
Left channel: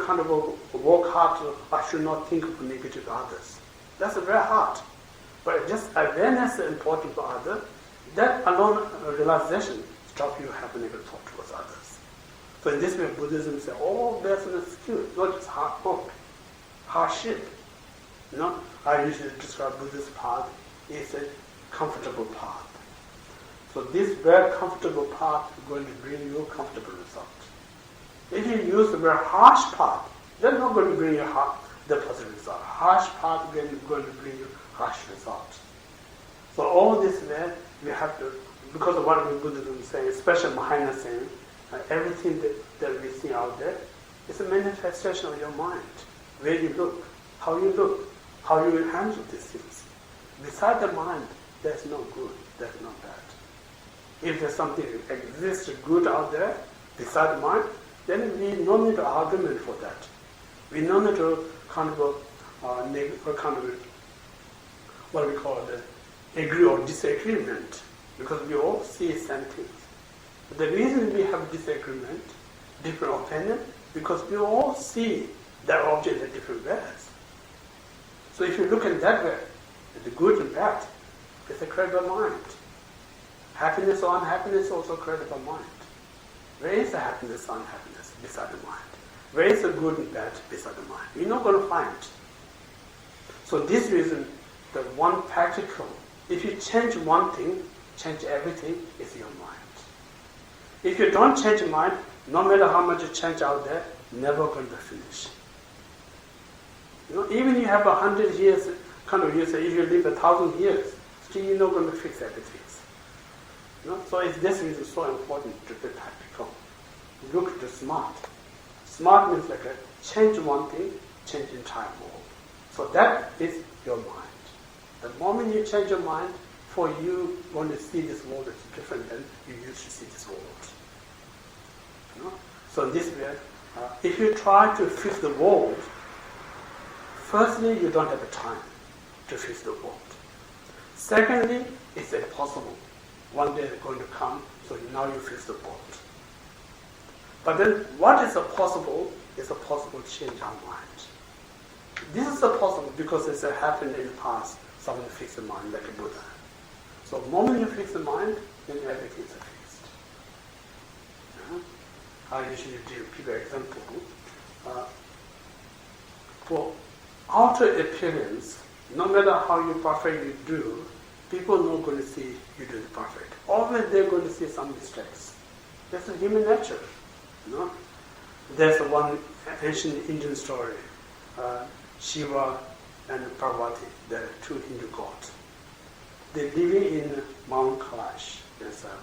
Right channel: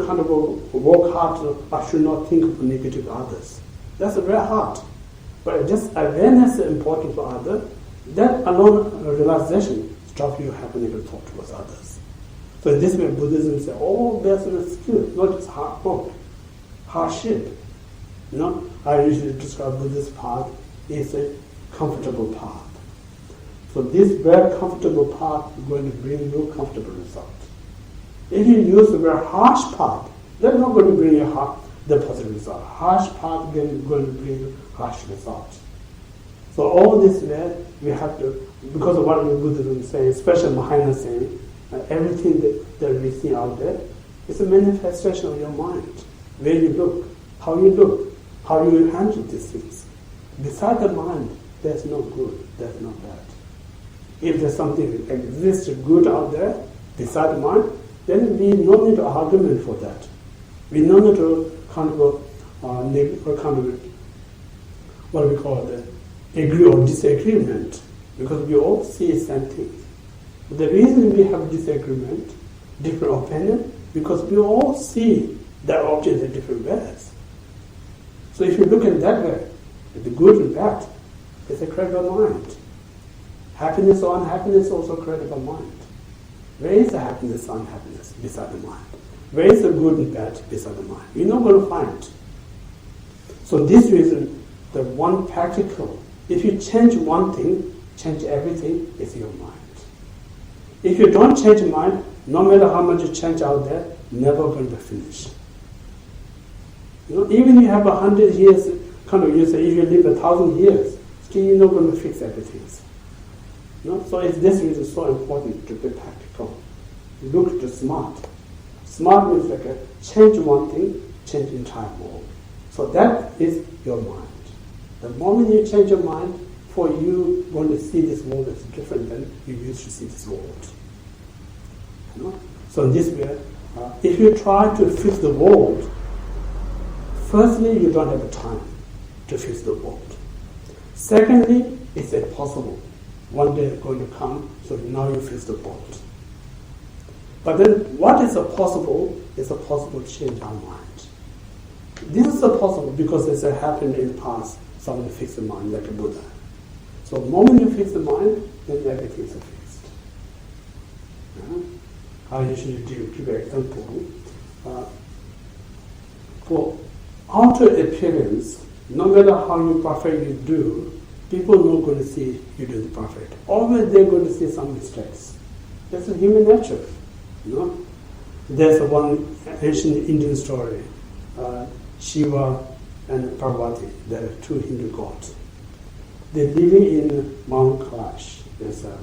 work hard, I should not think of negative others. That's very hard. But just awareness of the importance of others, that alone realization stops you having negative thought towards others. So in this way, Buddhism says, all there's an excuse, not just hard work, hardship. I usually describe Buddhist path is a comfortable path. So this very comfortable path is going to bring you comfortable result. If you use a very harsh path, that's not going to bring you the positive result. Harsh path is going to bring you harsh result. So all this way, we have to, because of what Buddhism is saying, especially Mahayana saying, everything that we see out there is a manifestation of your mind. Where you look, how you handle these things. Beside the mind, there's no good, there's no bad. If there's something that exists good out there, beside the mind, then we don't need an argument for that. We don't need to kind of what we call the agree or disagreement, because we all see the same thing. The reason we have disagreement, different opinion, because we all see that object in different ways. So if you look at that way, the good and bad, it's a created by mind. Happiness or unhappiness is also created by mind. Where is the happiness or unhappiness? Beside the mind. Where is the good and bad? Beside the mind. You're not going to find. So this reason, the one practical, if you change one thing, change everything, is your mind. If you don't change your mind, no matter how much you change out there, never going to finish. Even you have 100 years, you say if you live 1,000 years, still you're not going to fix everything. So it's this reason so important to be practical. Look to smart. Smart means change one thing, change the entire world. So that is your mind. The moment you change your mind, for you going to see this world as different than you used to see this world. So this way, if you try to fix the world, firstly, you don't have the time to fix the world. Secondly, it's impossible. One day it's going to come, so now you fix the world. But then what is possible is a possible change our mind. This is possible because it's happened in the past. Someone fixed the mind like a Buddha. So the moment you fix the mind, then everything is fixed. I usually give an example. For outer appearance, no matter how you perfectly do, people are not going to see you do the perfect. Always they're going to see some mistakes. That's a human nature. There's one ancient Indian story. Shiva and Parvati, they're two Hindu gods. They're living in Mount Kailash, there's a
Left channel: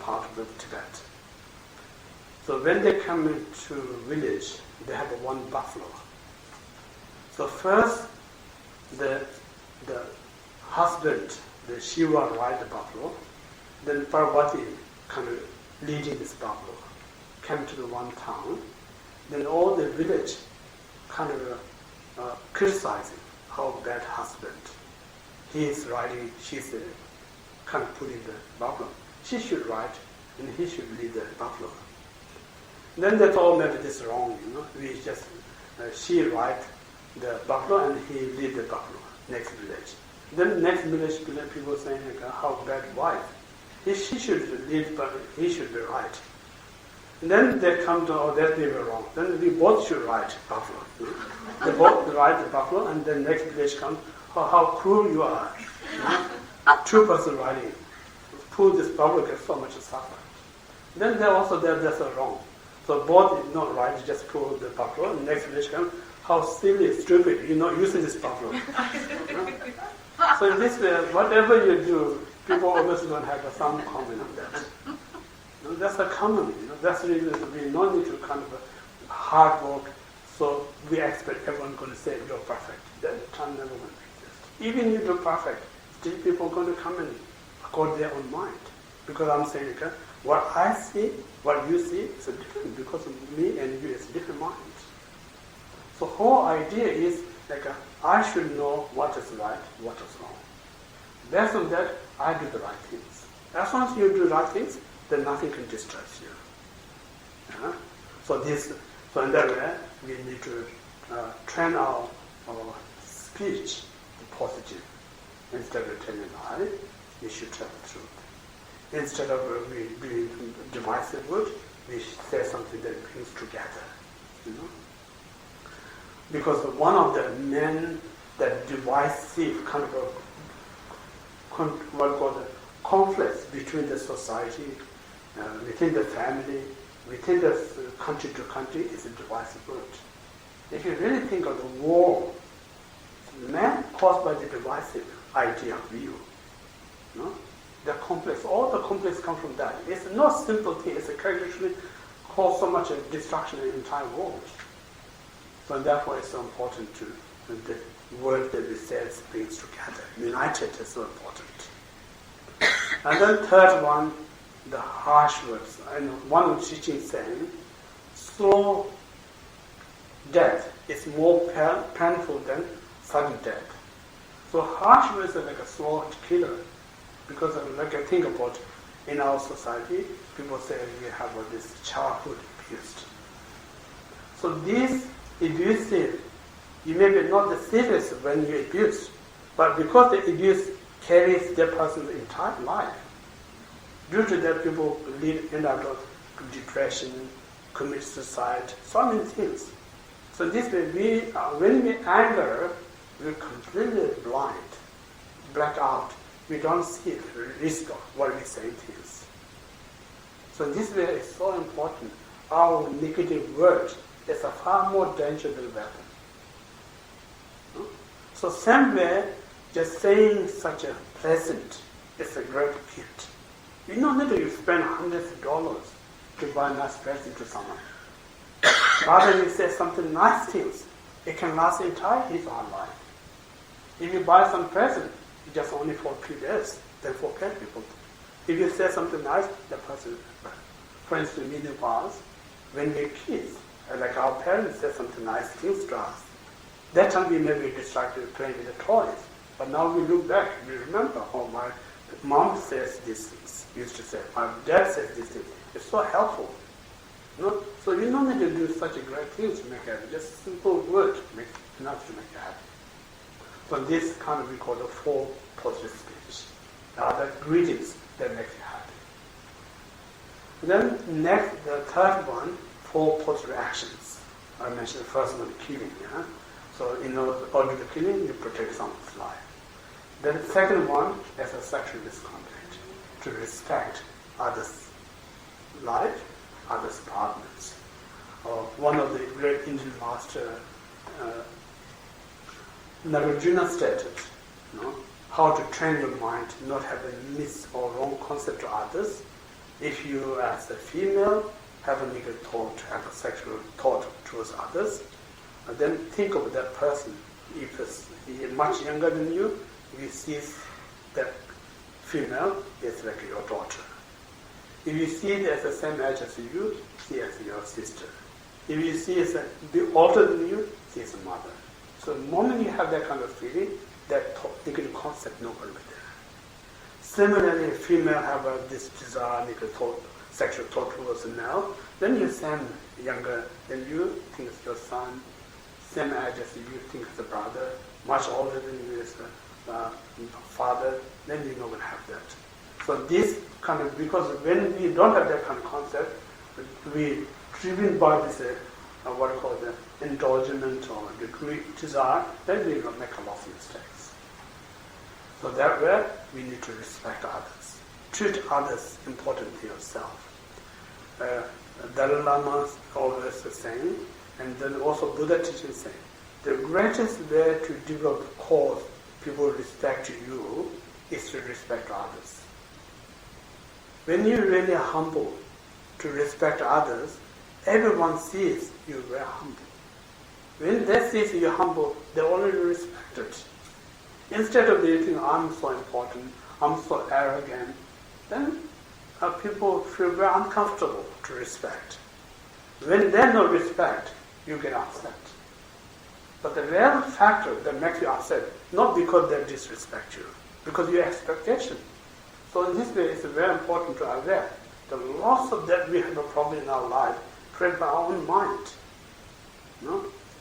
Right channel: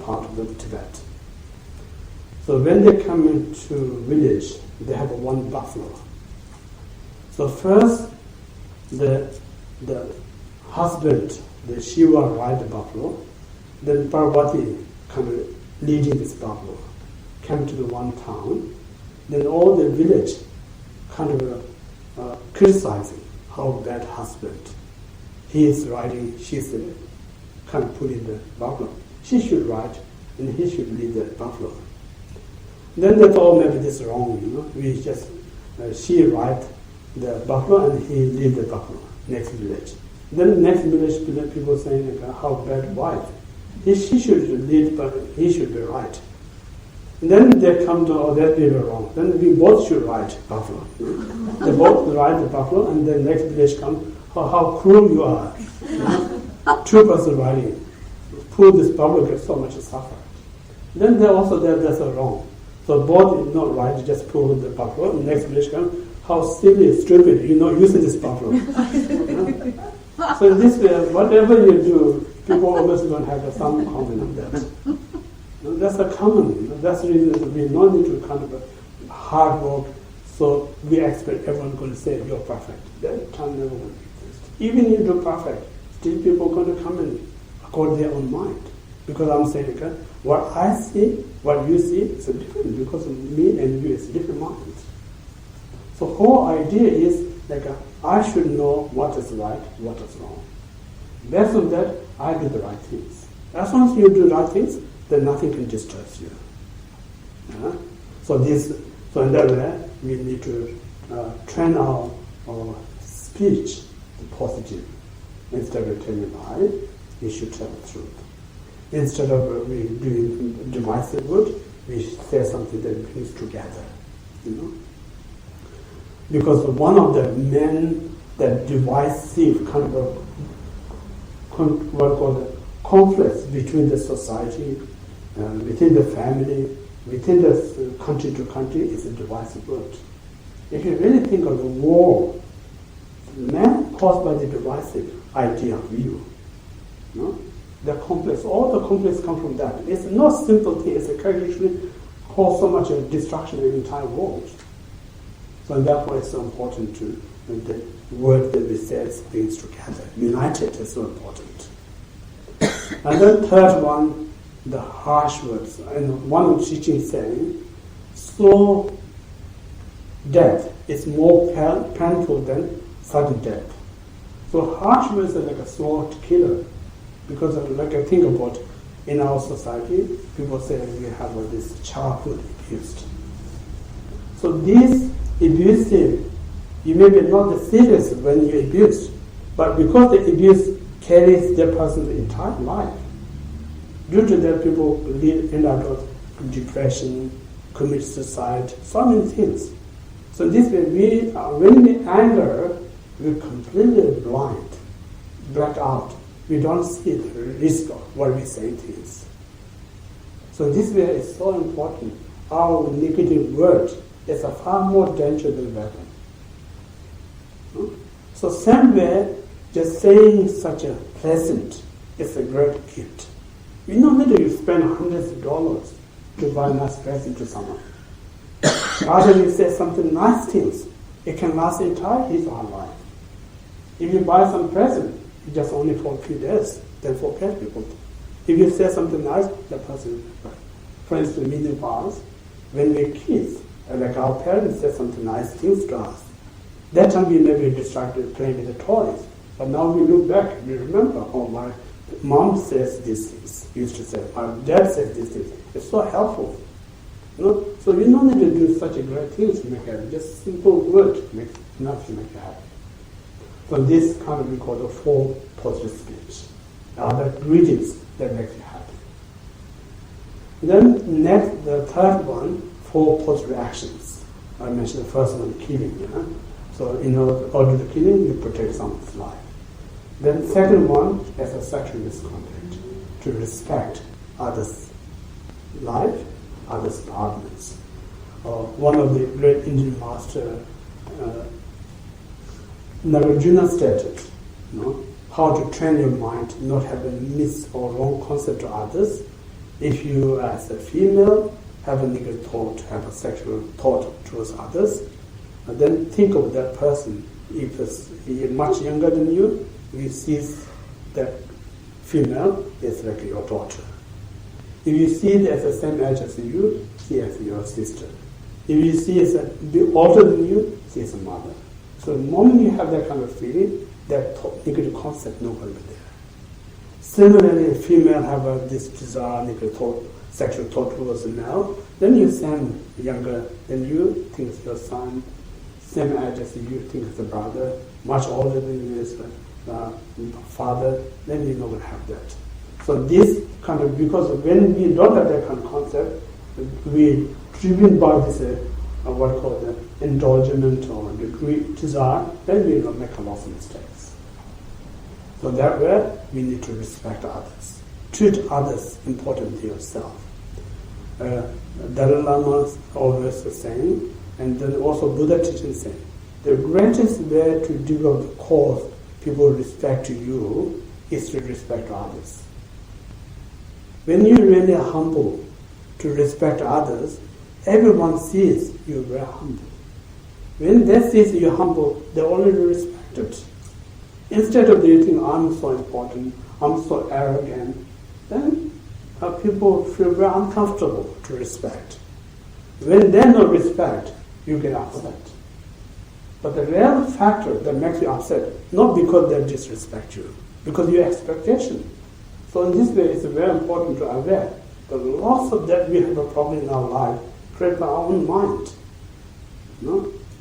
part of Tibet. So when they come into village, they have one buffalo. So first, the husband, the Shiva, ride the buffalo. Then Parvati leading this buffalo, came to the one town. Then all the village criticizing how bad husband. He is riding, she's pulling the buffalo. She should ride, and he should lead the buffalo. Then they thought maybe this is wrong, We just she ride the buffalo and he lead the buffalo next village. Then next village people saying how bad wife. She should lead, but he should be right. And then they come to that we were wrong. Then we both should ride buffalo. They both ride the buffalo, and then next village come. How cruel you are! Two person riding, pull this buffalo gets so much suffer. Then they also that's wrong. So both is not right, just pull the buffalo, and next village come, how silly, stupid, you're not using this buffalo. So in this way, whatever you do, people always going to have some comment on that. That's a common, that's the reason we don't need to hard work, so we expect everyone going to say you're perfect. That time never going to exist. Even you do perfect, still people going to come in according to their own mind. Because I'm saying, what I see, what you see is different, because me and you is different minds. So whole idea is I should know what is right, what is wrong. Based on that, I do the right things. As long as you do the right things, then nothing can distress you. So in that way, we need to train our speech to positive. Instead of telling a lie, we should tell the truth. Instead of we doing divisive word, we say something that brings together. Because one of the main that divisive conflicts between the society, within the family, within the country to country is a divisive word. If you really think of the war, man caused by the divisive idea of view. The complex, all the complex come from that. It's not simple thing, it's a characteristic cause so much destruction in the entire world. So therefore it's so important to the word that we say brings together. United is so important. And then third one, the harsh words. And one of the teaching saying, so death is more painful than sudden death. So hardship is like a slow killer, because like I think about in our society, people say we have this childhood abused. So this abusive, you may be not the serious when you abuse, but because the abuse carries that person's entire life. Due to that, people end up with depression, commit suicide, so many things. So this way, when we anger, we're completely blind, black out. We don't see the risk of what we say things. So this way is so important. Our negative word is a far more dangerous than weapon. So same way, just saying such a pleasant is a great gift. You don't need to spend hundreds of dollars to buy a nice present to someone. Rather you say something nice things, it can last entire his or her life. If you buy some present, it's just only for a few days, then forget people. If you say something nice, the person, for instance, many of us, when we're kids, like our parents say something nice things to us, that time we may be distracted playing with the toys. But now we look back, we remember, oh, my mom says these things, used to say, my dad says these things. It's so helpful. So you don't need to do such a great thing to make it. Just simple words make enough to make it happen. So this kind of we call the 4 positive speech. The greetings that make you happy. Then next, the third one, 4 positive actions. I mentioned the first one, killing. Yeah? So in order to killing, you protect someone's life. Then the second one is a sexual misconduct, to respect others' life, others' partners. One of the great Indian master, Nagarjuna stated, how to train your mind not have a mis or wrong concept to others. If you, as a female, have a negative thought, have a sexual thought towards others, then think of that person. If he is much younger than you see that female is like your daughter. If you see it as the same age as you, see as your sister. If you see it as a bit older than you, see as a mother. So the moment you have that kind of feeling, that negative concept no longer there. Similarly, if female have this desire, negative thought, sexual thought towards a male, then you same younger than you, think it's your son, same age as you, think it's a brother, much older than you is a father, then you're not going to have that. So this kind of, because when we don't have that kind of concept, we driven by this what called the indulgence or the desire, then we will make a lot of mistakes. So that way, we need to respect others. Treat others important to yourself. Dalai Lama always saying, and then also Buddha teaching saying, the greatest way to develop the cause people respect you is to respect others. When you're really humble to respect others, everyone sees you're very humble. When they see you're humble, they already respect it. Instead of they think, I'm so important, I'm so arrogant, then people feel very uncomfortable to respect. When they no respect, you get upset. But the real factor that makes you upset, not because they disrespect you, because your expectation. So in this way, it's very important to aware the loss of that we have a problem in our life created by our own mind.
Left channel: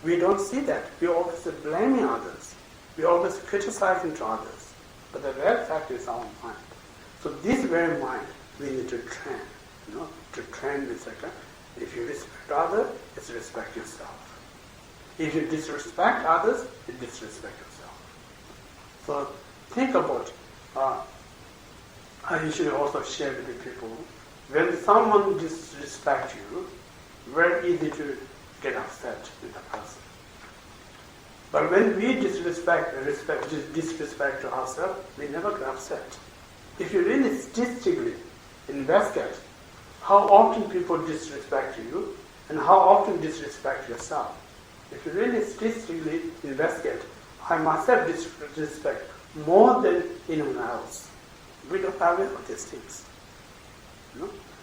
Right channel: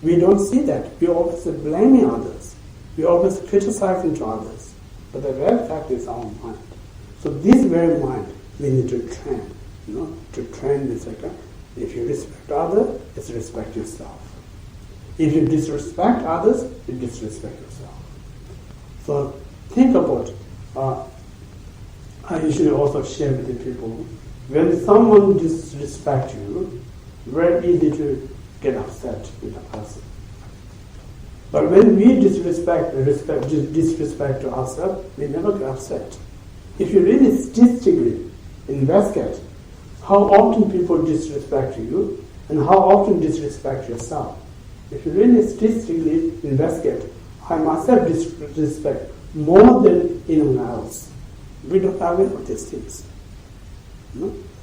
We don't see that. We always blaming others. We always criticizing to others. But the real fact is our mind. So this very mind we need to train. To train is like if you respect others, it's respect yourself. If you disrespect others, you disrespect yourself. So think about, I usually also share with the people, when someone disrespects you, very easy to get upset with the person. But when we disrespect to ourselves, we never get upset. If you really statistically investigate how often people disrespect you and how often disrespect yourself, if you really statistically investigate, I myself disrespect more than anyone else. We don't aware of these things.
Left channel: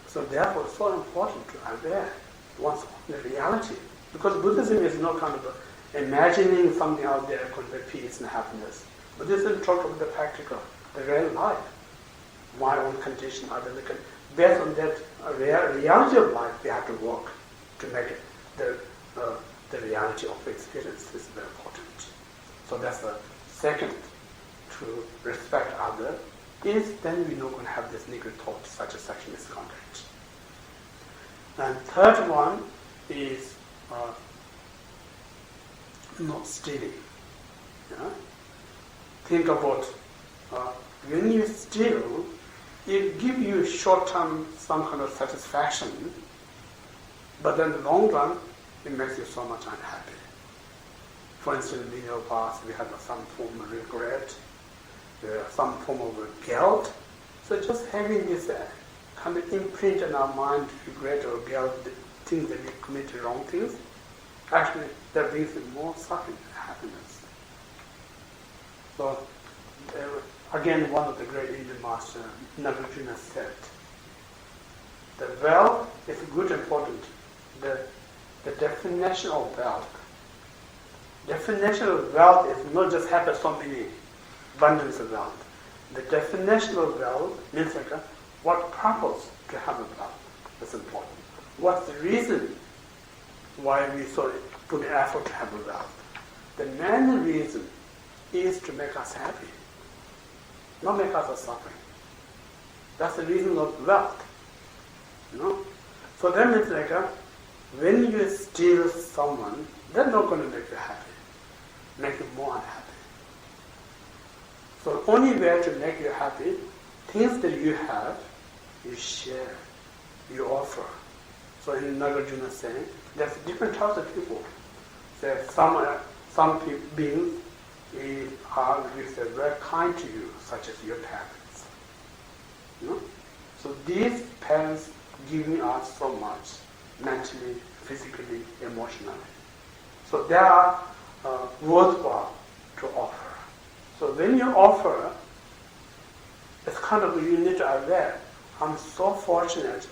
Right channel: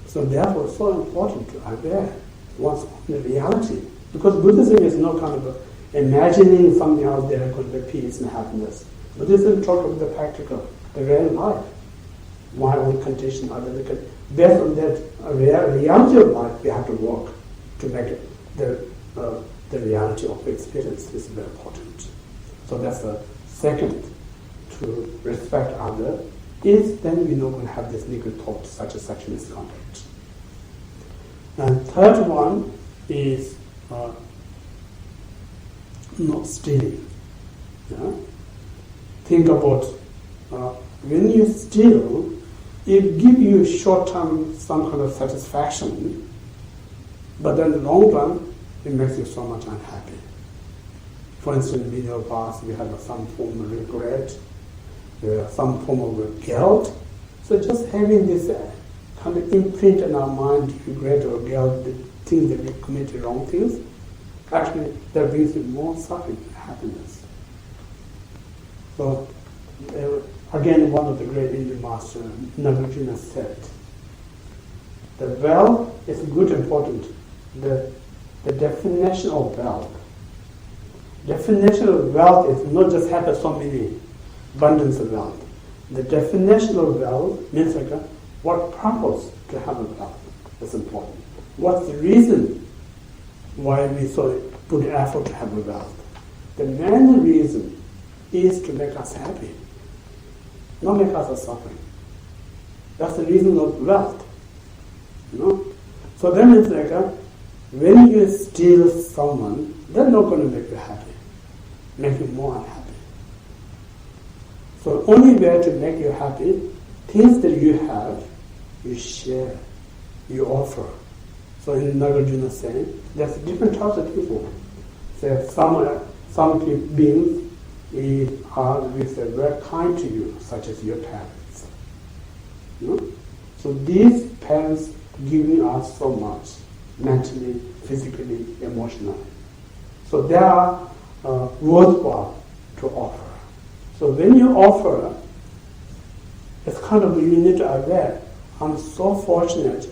So therefore, it's so important to aware one's own reality Because Buddhism is not kind of imagining something out there going to be peace and happiness. Buddhism talks about the practical, the real life. My own condition, based on that reality of life, we have to work to make it the reality of experience is very important. So that's the second, to respect others, is then we're not going to have this negative thought, such as sexual misconduct. And third one is not stealing. Yeah? Think about when you steal, it gives you short-term some kind of satisfaction, but then in the long run, it makes you so much unhappy. For instance, in our past, we had some form of regret, some form of guilt. So just having this kind of imprint in our mind, regret or guilt, the things that we committed wrong things, actually that brings you more suffering than happiness. So again, one of the great Indian masters, Nagarjuna, said, the wealth is good and important. The definition of wealth. Definition of wealth is not just having so many abundance of wealth. The definition of wealth means like what purpose to have a wealth. That's important. What's the reason why we put effort to have a wealth? The main reason is to make us happy, not make us suffering. That's the reason of wealth. So that means like when you steal someone, they're not going to make you happy, make you more unhappy. So only way to make you happy, things that you have, you share, you offer. So in Nagarjuna saying, there's different types of people. So some beings are very kind to you, such as your parents. So these parents giving us so much, mentally, physically, emotionally. So they are worthwhile to offer. So when you offer, it's kind of you need to aware, I'm so fortunate,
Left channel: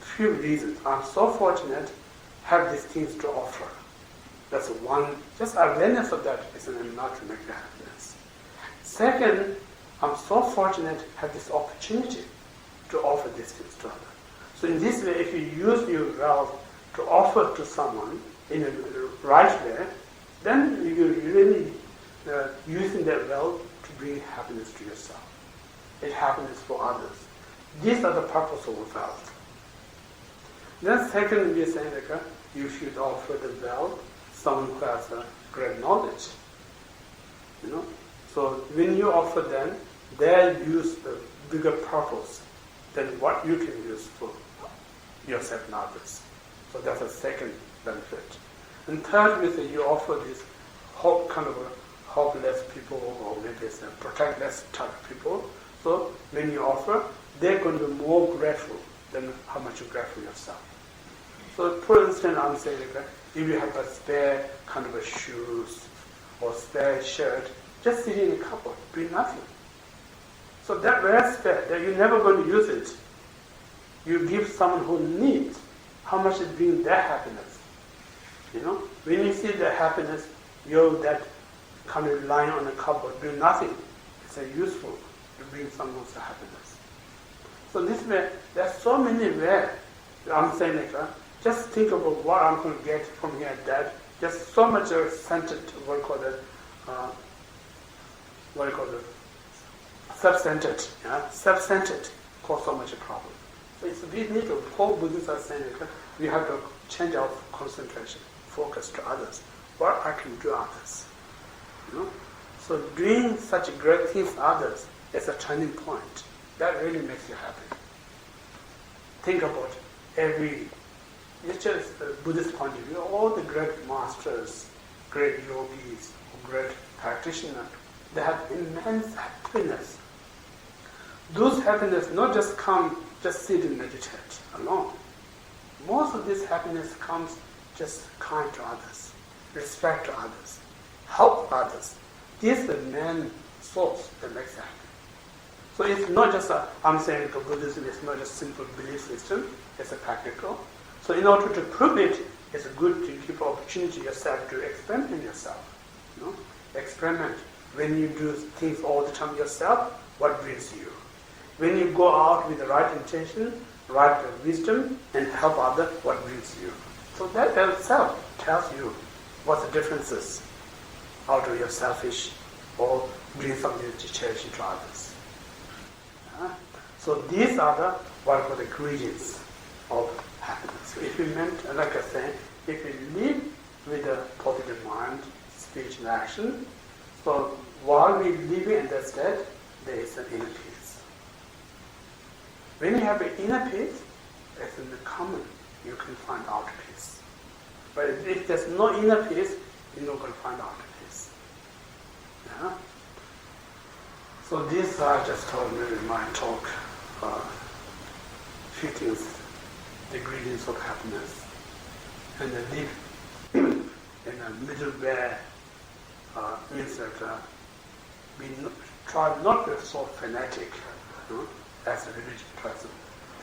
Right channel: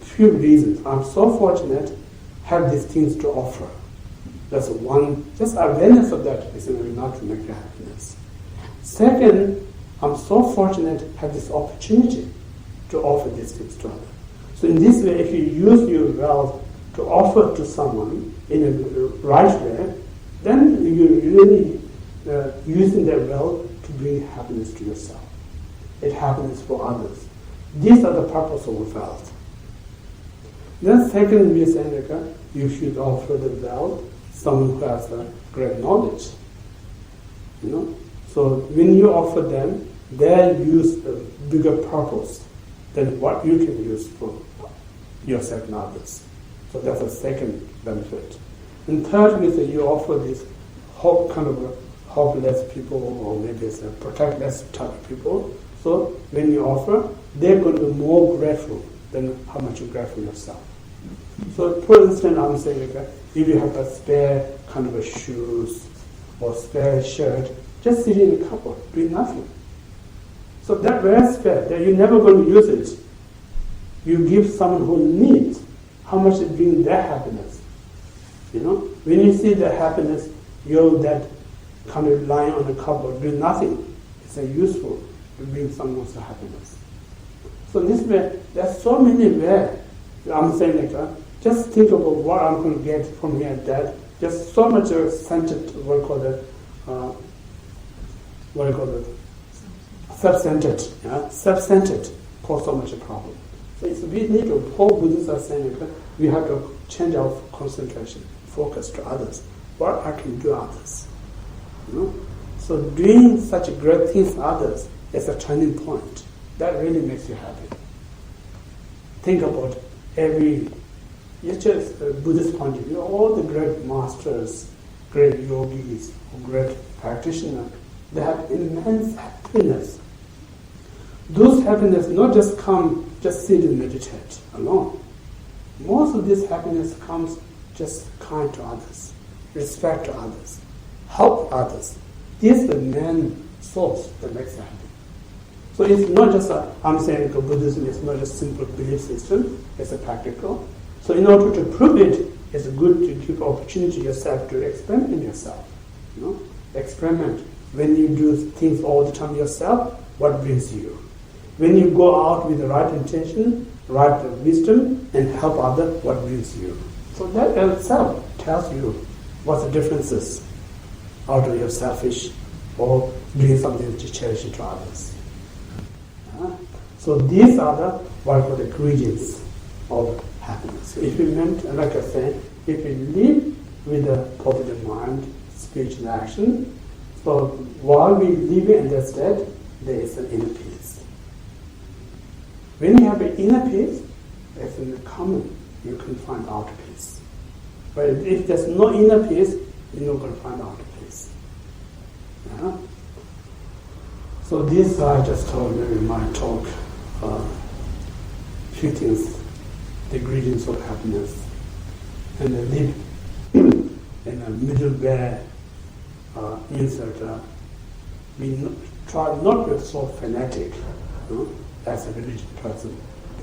few reasons. I'm so fortunate have these things to offer. That's one, just awareness of that is enough to make you happiness. Second, I'm so fortunate to have this opportunity to offer these things to others. So in this way, if you use your wealth to offer to someone in a right way, then you're really using that wealth to bring happiness to yourself. It's happiness for others. These are the purpose of wealth. Then second, we are saying like, you should offer the wealth someone who has great knowledge. So when you offer them, they use a bigger purpose than what you can use for yourself and others. So that's a second benefit. And third, we say you offer this hopeless people, or maybe it's a protectless type of people. So when you offer, they're going to be more grateful than how much you're grateful yourself. So for instance, I'm saying like, if you have a spare kind of a shoes or spare shirt, just sit in a cupboard, doing nothing. So that very spare, that you're never going to use it, you give someone who needs, how much it brings their happiness. When you see their happiness, you're that kind of lying on a cupboard doing nothing. It's useful to bring someone's happiness. So this way, there's so many ways. I'm saying like, just think about what I'm going to get from here and that. Just so much centered, self-centered. Yeah? Self-centered cause so much a problem. So we need to, whole Buddhists are saying that we have to change our concentration, focus to others. What I can do others. So doing such great things for others is a turning point. That really makes you happy. Think about it's just a Buddhist point of view, all the great masters, great yogis, great practitioners, they have immense happiness. Those happiness not just come, just sit and meditate alone. Most of this happiness comes just kind to others, respect to others, help others. This is the main source that makes you happy. So it's not just I'm saying Buddhism is not just simple belief system, it's a practical. So in order to prove it, it's good to give opportunity yourself to experiment yourself. You know, experiment. When you do things all the time yourself, what brings you? When you go out with the right intention, right wisdom, and help others, what brings you? So that itself tells you what the differences out of your selfish or doing something to cherish to others. So these are the what I call the ingredients of happiness. So if you meant, like I said, if you live with a positive mind, speech and action, so while we live in that state, there is an inner peace. When you have an inner peace, it's in the common, you can find outer peace. But if there's no inner peace, you're not going to find outer peace. Yeah? So this I just told you in my talk, few things, the ingredients of happiness, and then live in a middle way means that we try not to be so fanatic, you know, as a religious person.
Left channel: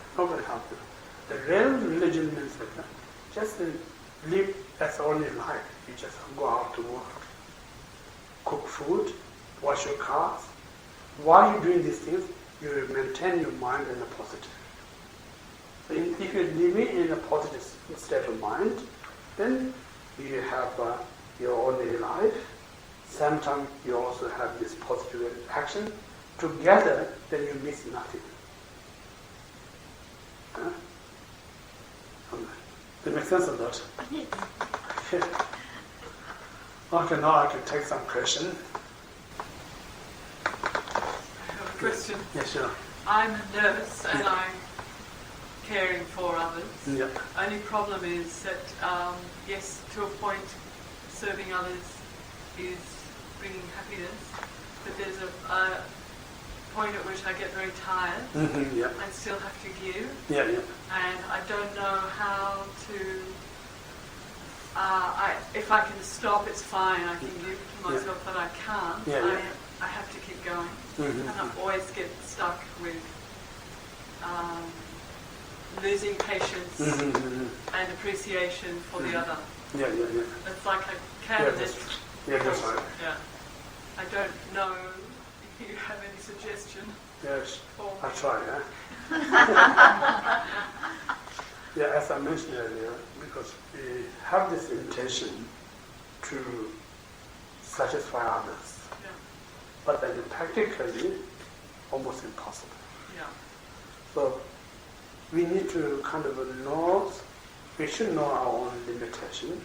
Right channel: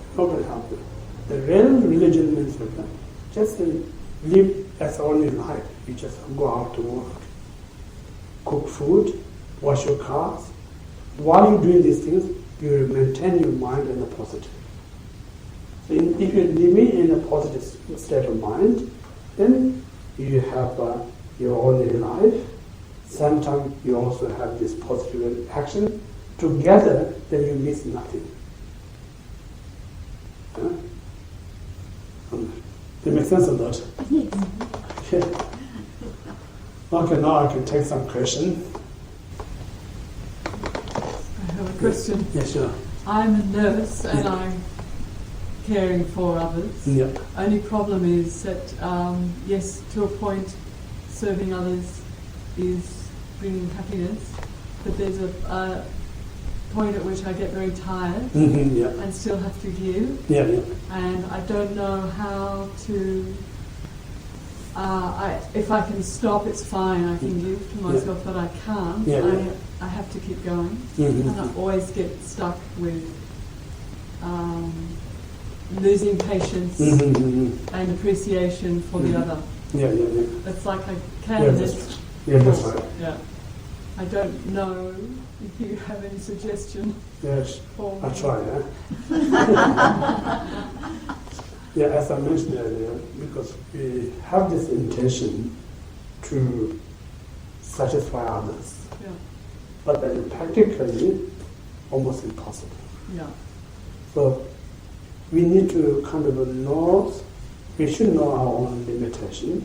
It's not going to help you. The real religion means that just live as ordinary life. You just go out to work, cook food, wash your cars. While you're doing these things, you maintain your mind in a positive. So if you're living in a positive state of mind, then you have your ordinary life. Sometimes you also have this positive action. Together, then you miss nothing. That makes sense or not? Yes. Okay, now I can take some question. I have a question. Yes, sure. I'm a nurse and I'm caring for others. Yeah. Only problem is that, yes, to a point, serving others is bringing happiness, but there's a point at which I get very tired Yeah. and still have to give, Yeah, yeah. and I don't know how to. If I can stop, it's fine. I can give to myself, but I can't. Yeah, yeah. I have to keep going, Mm-hmm. and I always get stuck with losing patience and appreciation for the other. Yeah, yeah, yeah. It's like I Yeah, can that's, yeah, that's right. Yeah. I don't know if you have any suggestion Yes, for me. I try, yeah. Yeah, as I mentioned earlier, because we have this intention to satisfy others, Yeah. but then practically almost impossible. Yeah. So we need to kind of know, we should know our own limitation.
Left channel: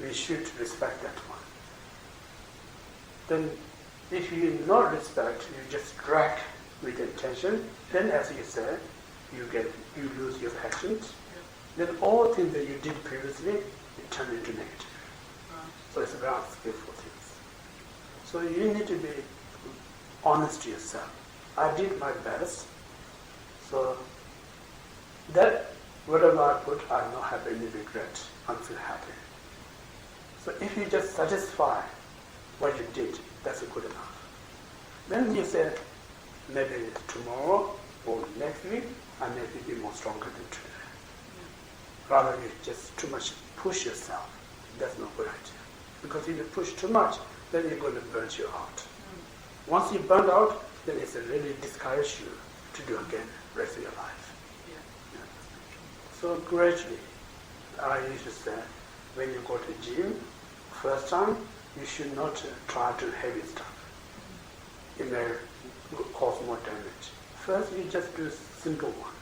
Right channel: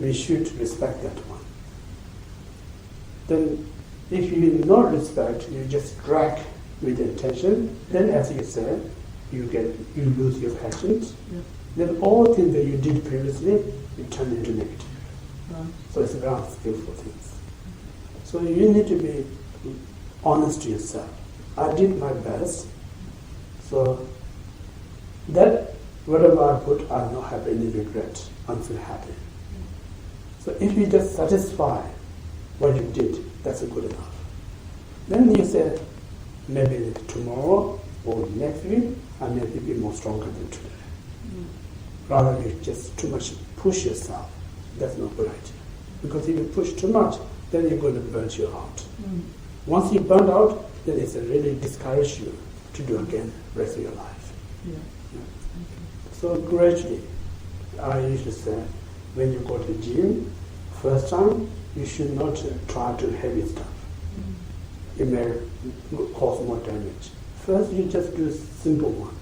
We should respect that one. Then if you not respect, you just drag with intention, then as you said, you lose your passions. Yeah. Then all things that you did previously, you turn into negative. Right. So it's very unskillful things. So you need to be honest to yourself. I did my best, so that whatever I put, I don't have any regret. I feel happy. So if you just satisfy what you did, that's good enough. Then you say, maybe tomorrow or next week, I may be more stronger than today. Rather you just too much push yourself. That's not a good idea. Because if you push too much, then you're going to burn you out. Once you burn out, then it's really discourage you to do again the rest of your life. Yeah. Yeah. So gradually, I used to say, when you go to the gym, first time, you should not try to heavy stuff. It may cause more damage. First, you just do simple one.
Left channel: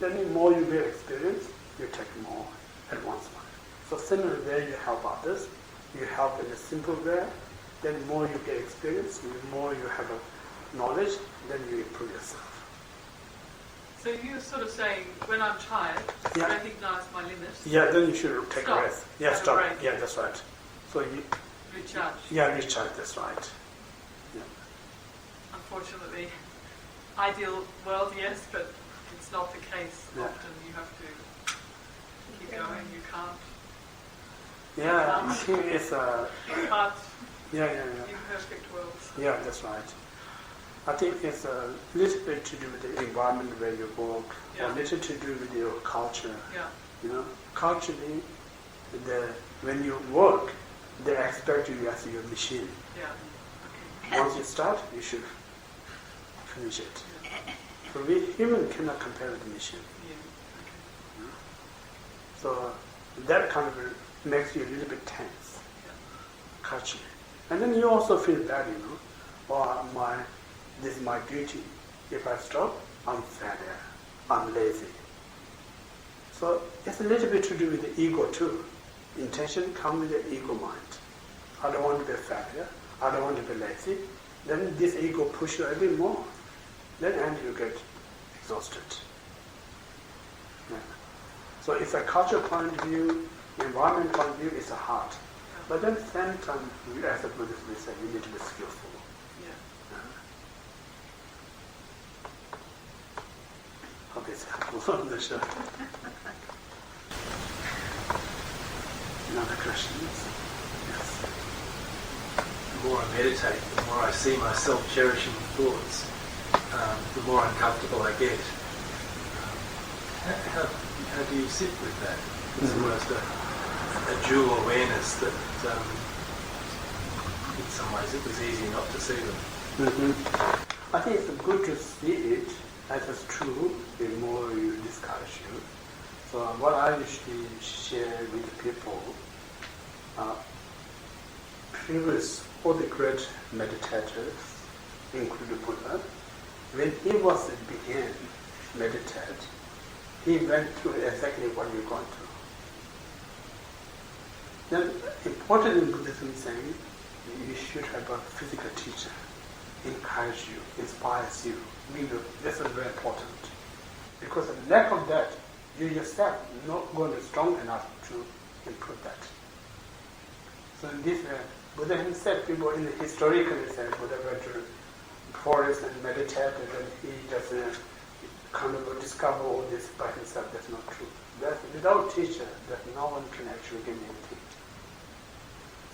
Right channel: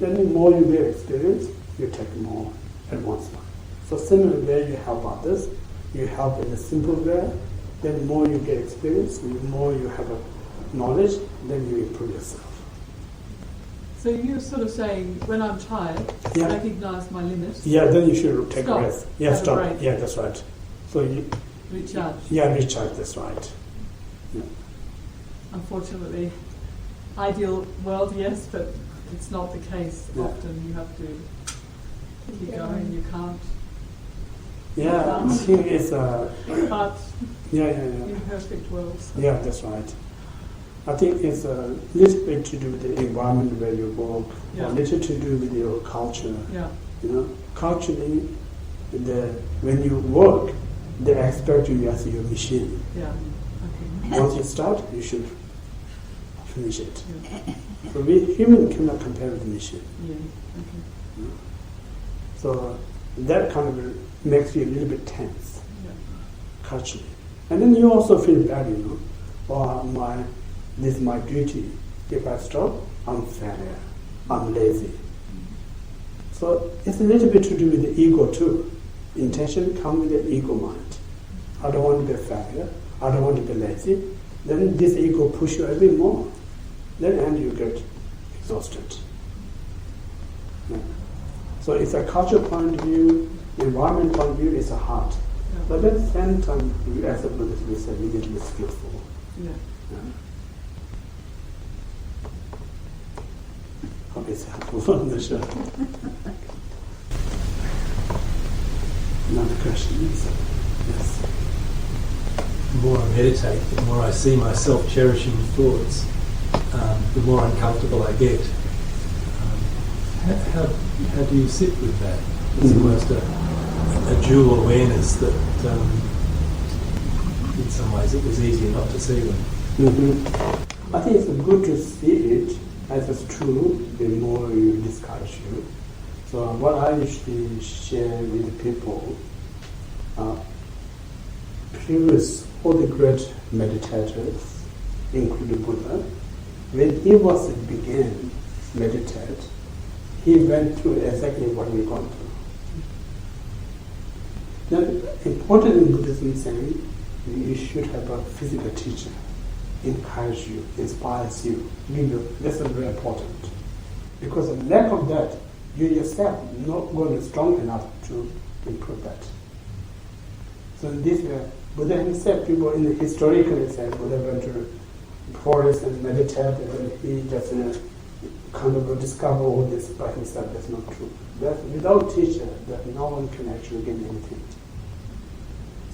Then the more you get experience, you take more advanced one. So similarly, you help others, you help in a simple way, then the more you get experience, the more you have a knowledge, then you improve yourself. So you're sort of saying, when I'm tired, Yeah. recognise my limits, Yeah, then you should take Stop. a rest. Yeah, Have a stop. break. Yeah, that's right. So you, recharge. yeah, recharge, that's right. Yeah. Unfortunately, ideal world, yes, but it's not the case. Yeah. Often you have to keep going, you can't. Yeah, I think it's But yeah. imperfect worlds. Yeah, that's right. I think it's a little bit to do with the environment where you work, Yeah. or little to do with your culture. Yeah. Culturally, when you work, they expect you as your machine. Yeah. Okay. Once you start, you should finish it. Yeah. So we human cannot compare with the machine. Yeah. Okay. So that kind of makes you a little bit tense, culturally. And then you also feel bad, this is my duty. If I stop, I'm failure, I'm lazy. So it's a little bit to do with the ego too. Intention comes with the ego mind. I don't want to be a failure, I don't want to be lazy. Then this ego pushes you every more. Then and you get exhausted. Yeah. So it's a cultural point of view, environment point of view, it's a heart. But at the same time, as a Buddhist, we say we need to be skillful. Yeah. Hope it's helpful on the show. Another questions? Yes. The more I meditate, the more I see myself cherishing thoughts, the more uncomfortable I get. How do you sit with that? It's almost a dual awareness that in some ways it was easier not to see them. I think it's good to see it as it's true, the more you discuss you. So what I usually share with people, previous all the great meditators, including Buddha, when he was began meditate, he went through exactly what we're going through. Then important in Buddhism saying you should have a physical teacher, encourage you, inspires you, give you. This is very important. Because the lack of that, you yourself not going to be strong enough to improve that. So in this way, Buddha himself, people historically said Buddha went to forest and meditated and he just kind of discover all this by himself. That's not true. That without teacher, that no one can actually get anything.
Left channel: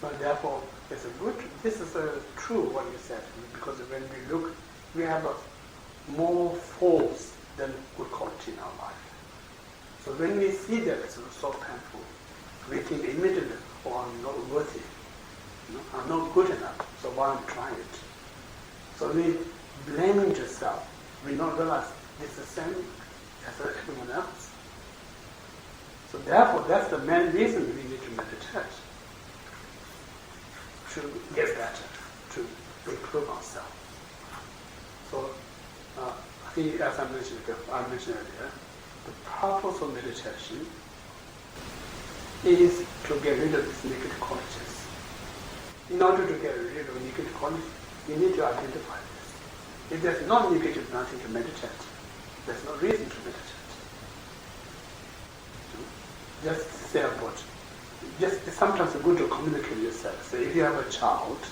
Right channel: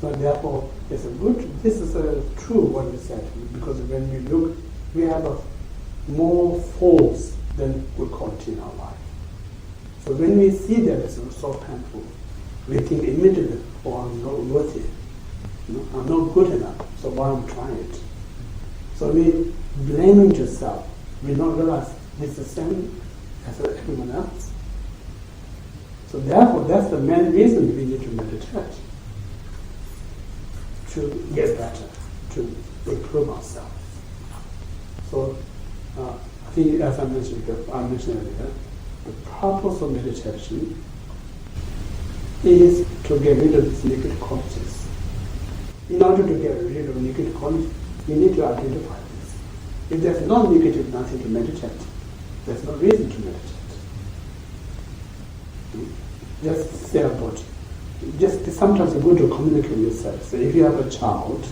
So therefore, it's a good. This is true what you said, because when we look, we have a more faults than good quality in our life. So when we see that it's so painful, we think immediately, "Oh, I'm not worthy. I'm not good enough. So why I'm trying it?" So we blaming yourself. We don't realize it's the same as everyone else. So therefore, that's the main reason we need to meditate, to get better, to improve ourselves. So I think, as I mentioned earlier, the purpose of meditation is to get rid of these negative qualities. In order to get rid of negative qualities, you need to identify this. If there's no negative, nothing to meditate. There's no reason to meditate. Just say about, just sometimes it's good to communicate yourself. So if you have a child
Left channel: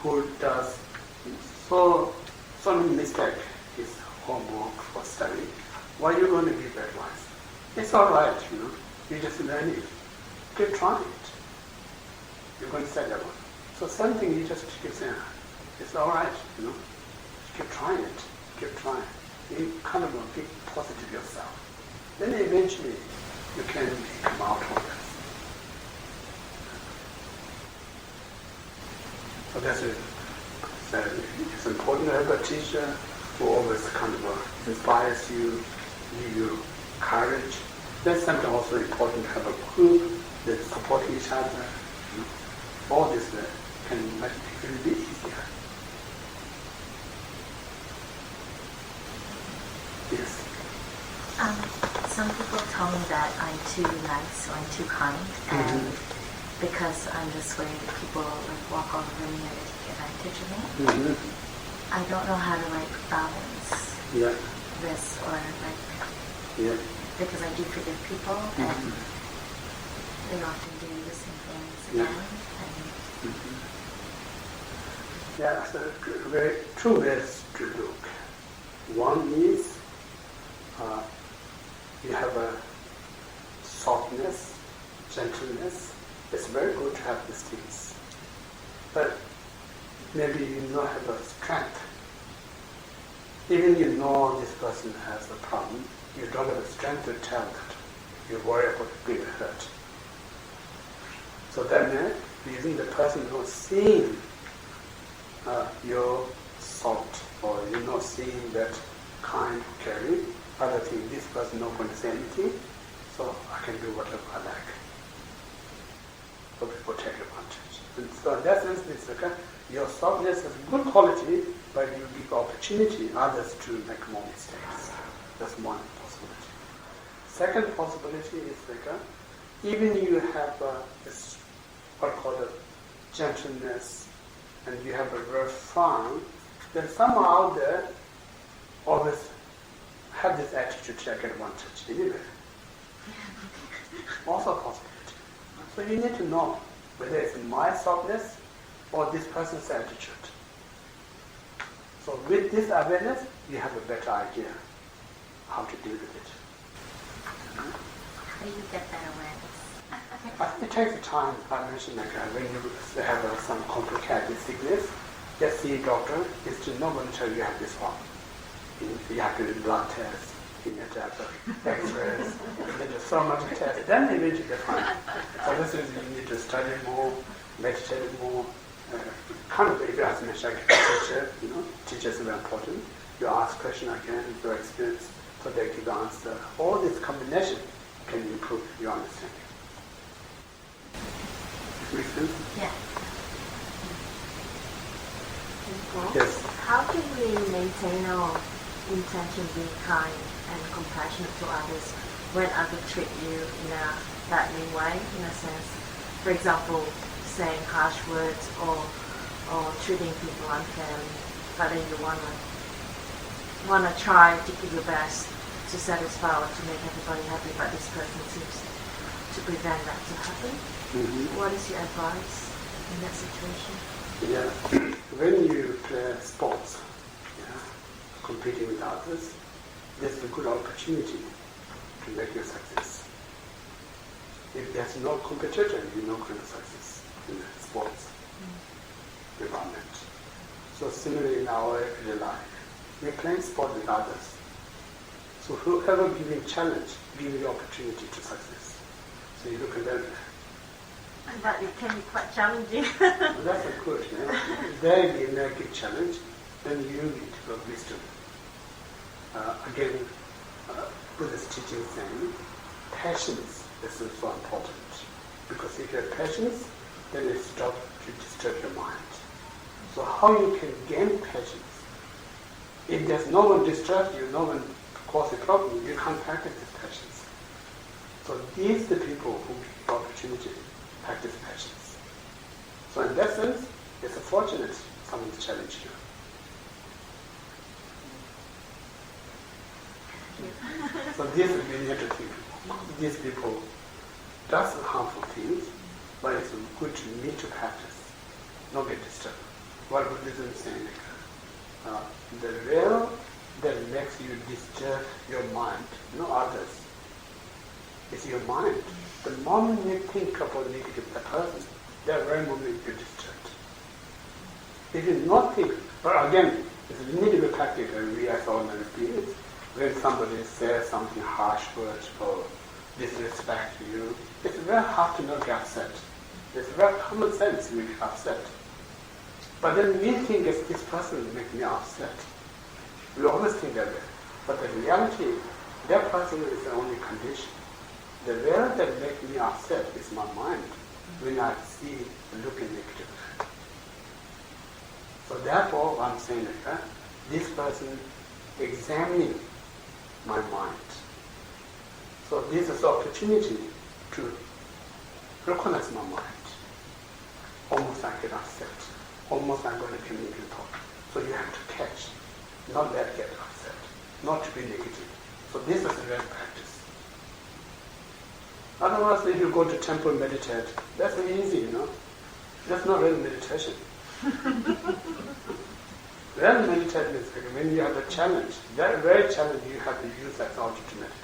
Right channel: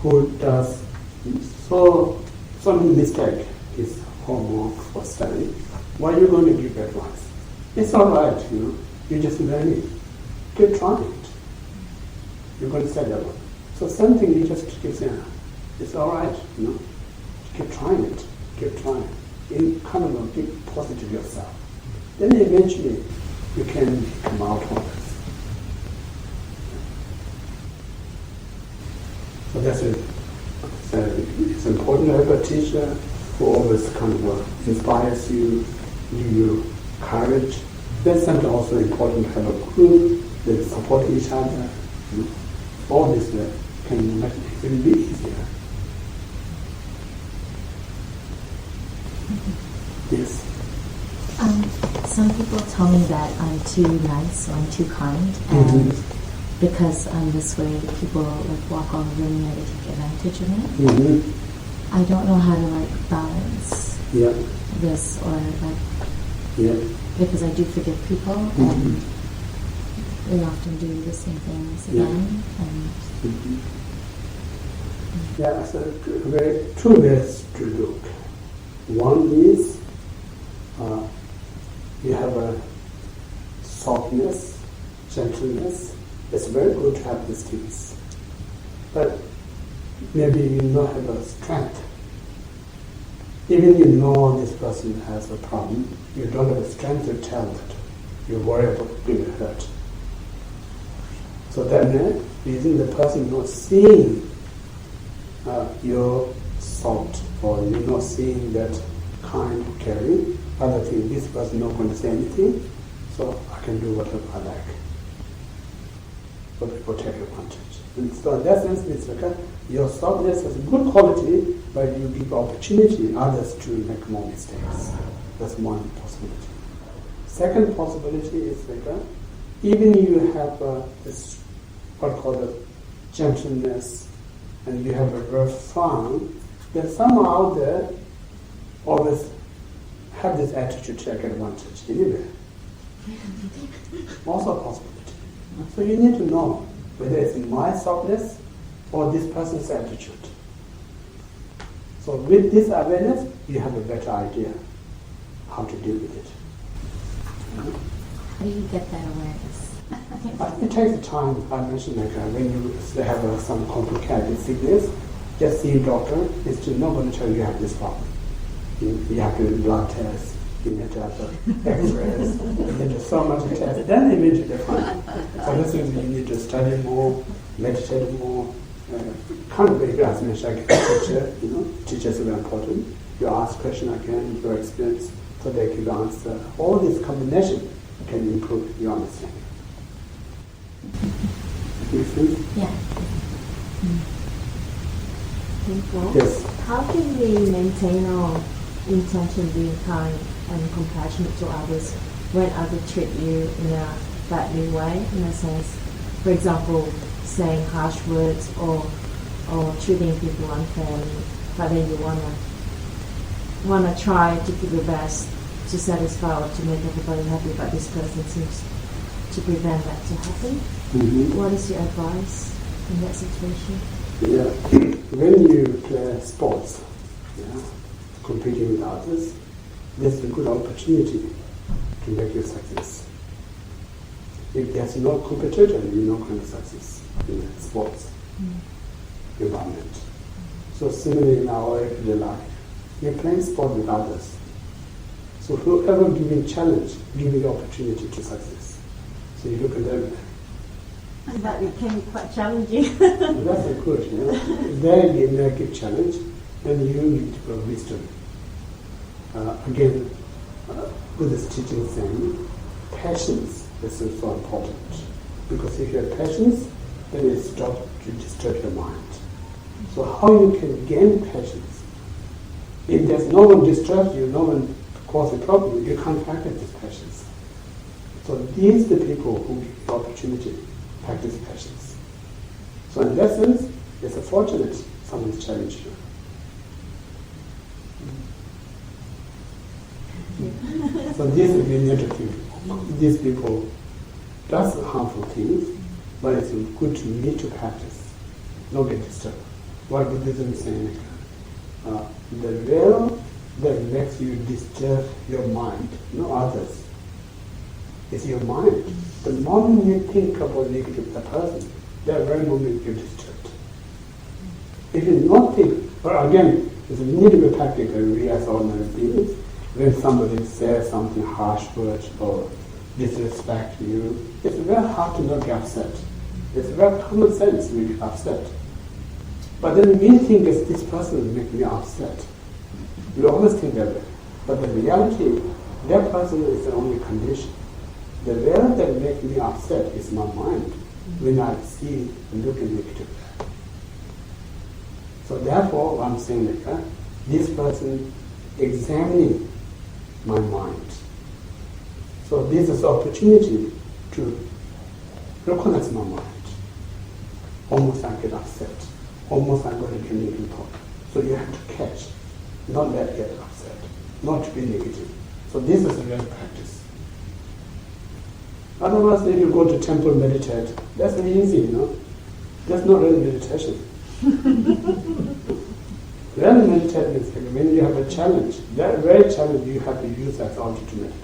who does so many mistakes, his homework for study, why are you going to give advice? It's all right, you just learn it. Keep trying it. You're going to say that one. So same thing, you just keep saying, it's all right, keep trying it, keep trying. You kind of be positive yourself. Then eventually you can come out of this. So that's it. So it's important to have a teacher who always kind of inspires you, give you courage. That's something also important to have a group that support each other. All this can make it be easier. Yes. Some people tell me that I'm too nice or I'm too kind, and because I'm this way, people walk all over me or they take advantage of me. I don't know how to balance this or because I do forgive people and they often do the same things again. So two ways to look. One is you have a softness, gentleness. It's very good to have these things. But maybe you don't have a strength. Even you know this person has a problem, you don't have the strength to tell that you worry about being hurt. So that reason the person not seeing your salt, or you're not seeing that kind, caring, other thing, this person not going to say anything, so I can do whatever I like. So people take advantage. And so in that sense, it's like your softness has a good quality, but you give opportunity others to make more mistakes. That's one possibility. Second possibility is like even you have this what I call gentleness, and you have a very fun, then somehow out there always have this attitude to take advantage anyway. Also a possibility. So you need to know whether it's my softness or this person's attitude. So with this awareness, you have a better idea how to deal with it. How do you get that awareness? I think it takes time. I mentioned like when you have some complicated sickness, just see a doctor is to not going to tell you have this problem. You have to do blood tests, you need to have X-rays, you need to so much tests, then immediately fine. So this is you need to study more, meditate more. Kind of like as mentioned, like a teacher, teachers are very important. You ask question again, your experience, so they give the answer. All this combination can improve your understanding. Make sense? Yeah. Yes. How can we maintain our intention being kind and compassionate to others when others treat you in a badly way, in a sense? For example, saying harsh words or treating people unfairly, but then you wanna try to give your best to satisfy or to make everybody happy, but this person seems to prevent that to happen. Mm-hmm. What is your advice in that situation? Yeah, when you play sports, competing with others, there's a good opportunity to make your success. If there's no competitor, you're not going to success in the sports environment. So similarly in our everyday life, we're playing sport with others. So whoever giving challenge, giving opportunity to success. So you look at them. But it can be quite challenging. Well, that's a good, If they make a challenge, then you need to have wisdom. Again, Buddhist teaching saying, patience is so important. Because if you have patience, then it stops to disturb your mind. So how you can gain patience? If there's no one disturbs you, no one causes a problem, you can't practice this patience. So these are the people who give the opportunity to practice patience. So in that sense, it's a fortunate someone's challenged you. So this is we need to think. These people does harmful things, but it's good to need to practice, not get disturbed. What Buddhism is saying, the real that makes you disturb your mind, not others. It's your mind. The moment you think about negative the person, that very moment you're disturbed. If you not think, but again, it's a need to be practical. We as ordinary beings, when somebody says something harsh words or disrespect you, it's very hard to not get upset. It's very common sense we get upset. But then we think it's this person make me upset. We always think that way. But the reality, that person is the only condition. The reality that makes me upset is my mind when I see looking negative. So therefore, I'm saying that this person examining my mind. So this is the opportunity to recognize my mind. Almost I get upset. Almost I'm going to be negative thought. So you have to catch, not let get upset, not to be negative. So this is a real practice. Otherwise, if you go to temple meditate, that's easy, That's not real meditation. Real meditation is when you have a challenge. That very challenge you have to use as object to meditate.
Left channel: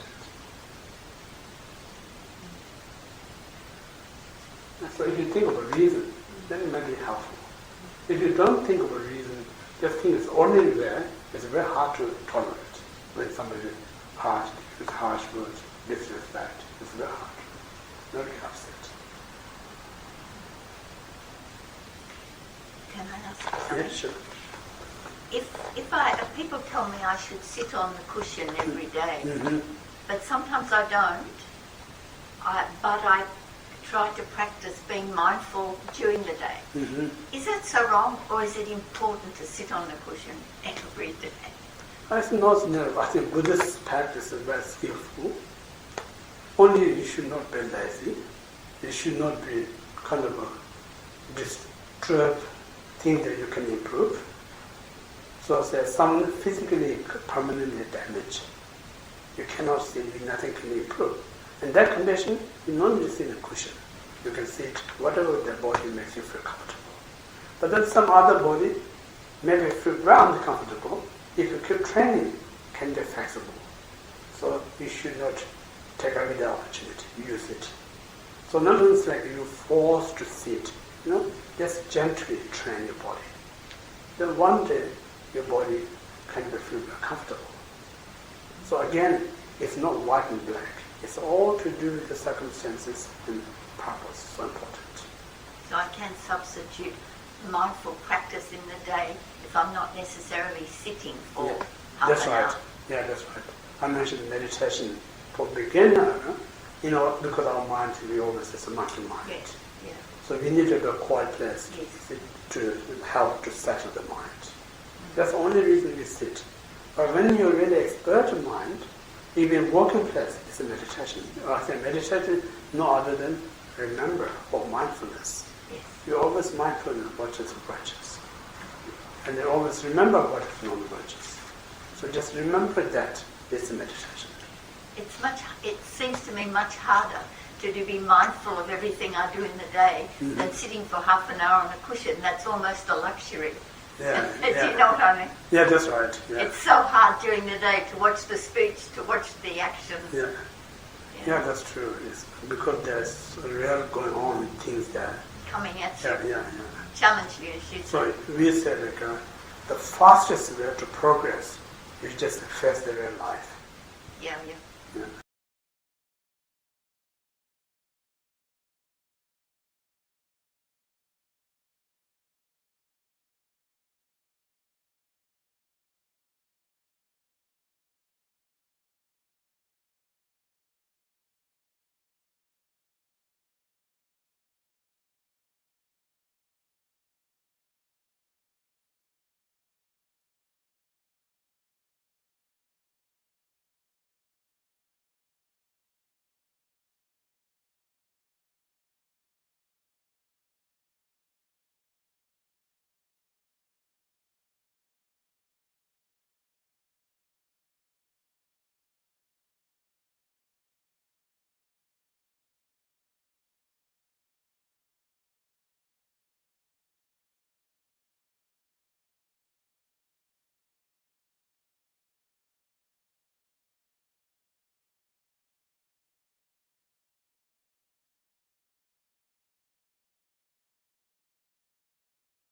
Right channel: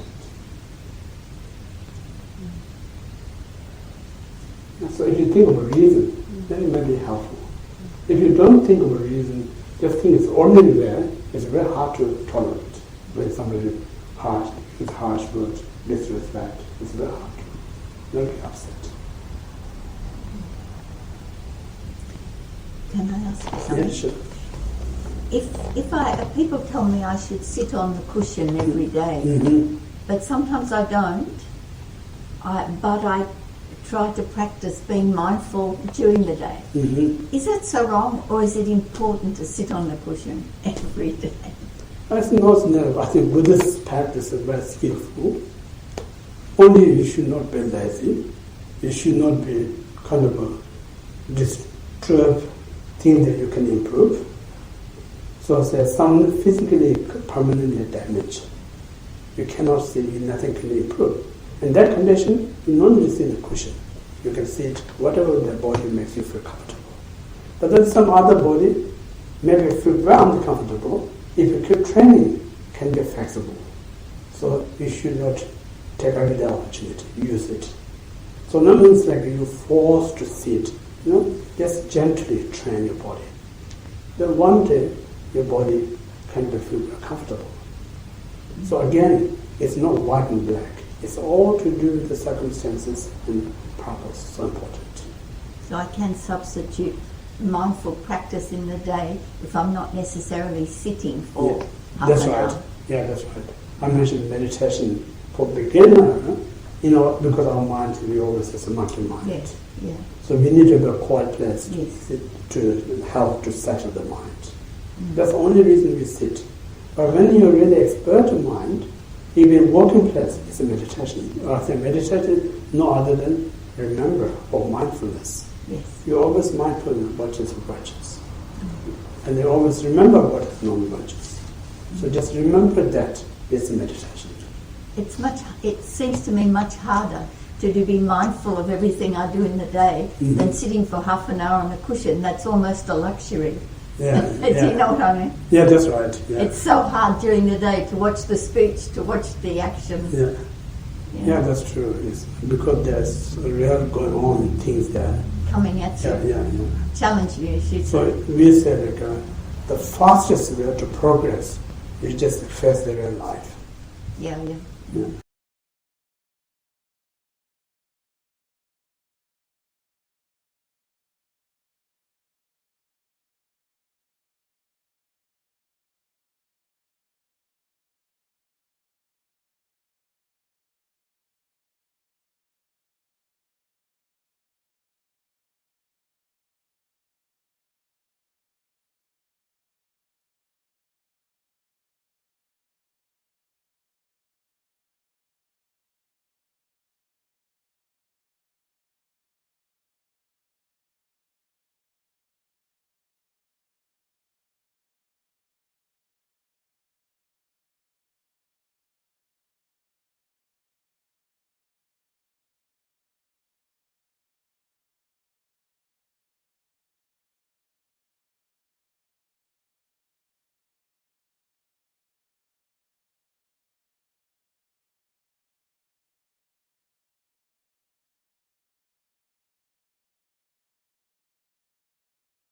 So if you think of a reason, then it may be helpful. If you don't think of a reason, just think it's ordinary there, it's very hard to tolerate when somebody uses harsh words disrespect, it's very hard. Not get upset. Can I ask you something? Yeah, sure. If people tell me I should sit on the cushion every day, Mm-hmm. but sometimes I don't, but I try to practice being mindful during the day. Mm-hmm. Is that so wrong, or is it important to sit on the cushion every day? I think not never. I think Buddhist practice is very skillful. Only you should not be lazy. You should not be kind of a disturb thing that you can improve. So there's some physically permanently damaged. You cannot see, nothing can improve. In that condition, you don't need to sit in a cushion. You can sit whatever the body makes you feel comfortable. But then some other body maybe feel very uncomfortable. If you keep training, can be flexible. So you should not take away the opportunity, use it. So not means like you're forced to sit, just gently train your body. Then one day your body can feel very comfortable. So again, it's not white and black. It's all to do with the circumstances and purpose, so important. So I can substitute mindful practice in the day if I'm not necessarily sitting for half that's an right. hour. Yeah, that's right. I mentioned meditation for beginner, because our mind, we always is a monkey mind. Yes, yeah. So we need to go a quiet place Yes. to help to settle the mind. That's the only reason we sit. But when you're really expert in mind, even working place is a meditation. I say meditation no other than remember or mindfulness. Yes. You're always mindful of what is righteous. And you always remember what is non-righteous. So just remember that is a meditation. It seems to me much harder to be mindful of everything I do in the day than sitting for half an hour on a cushion. That's almost a luxury. Yeah, Do you know what I mean? Yeah, that's right. Yeah. It's so hard during the day to watch the speech, to watch the action. Yeah. Yeah, that's true. It's because there's real going on things there. Coming at you. Yeah. Challenge you, as you So say. we say the fastest way to progress is just to face the real life. Yeah. Yeah.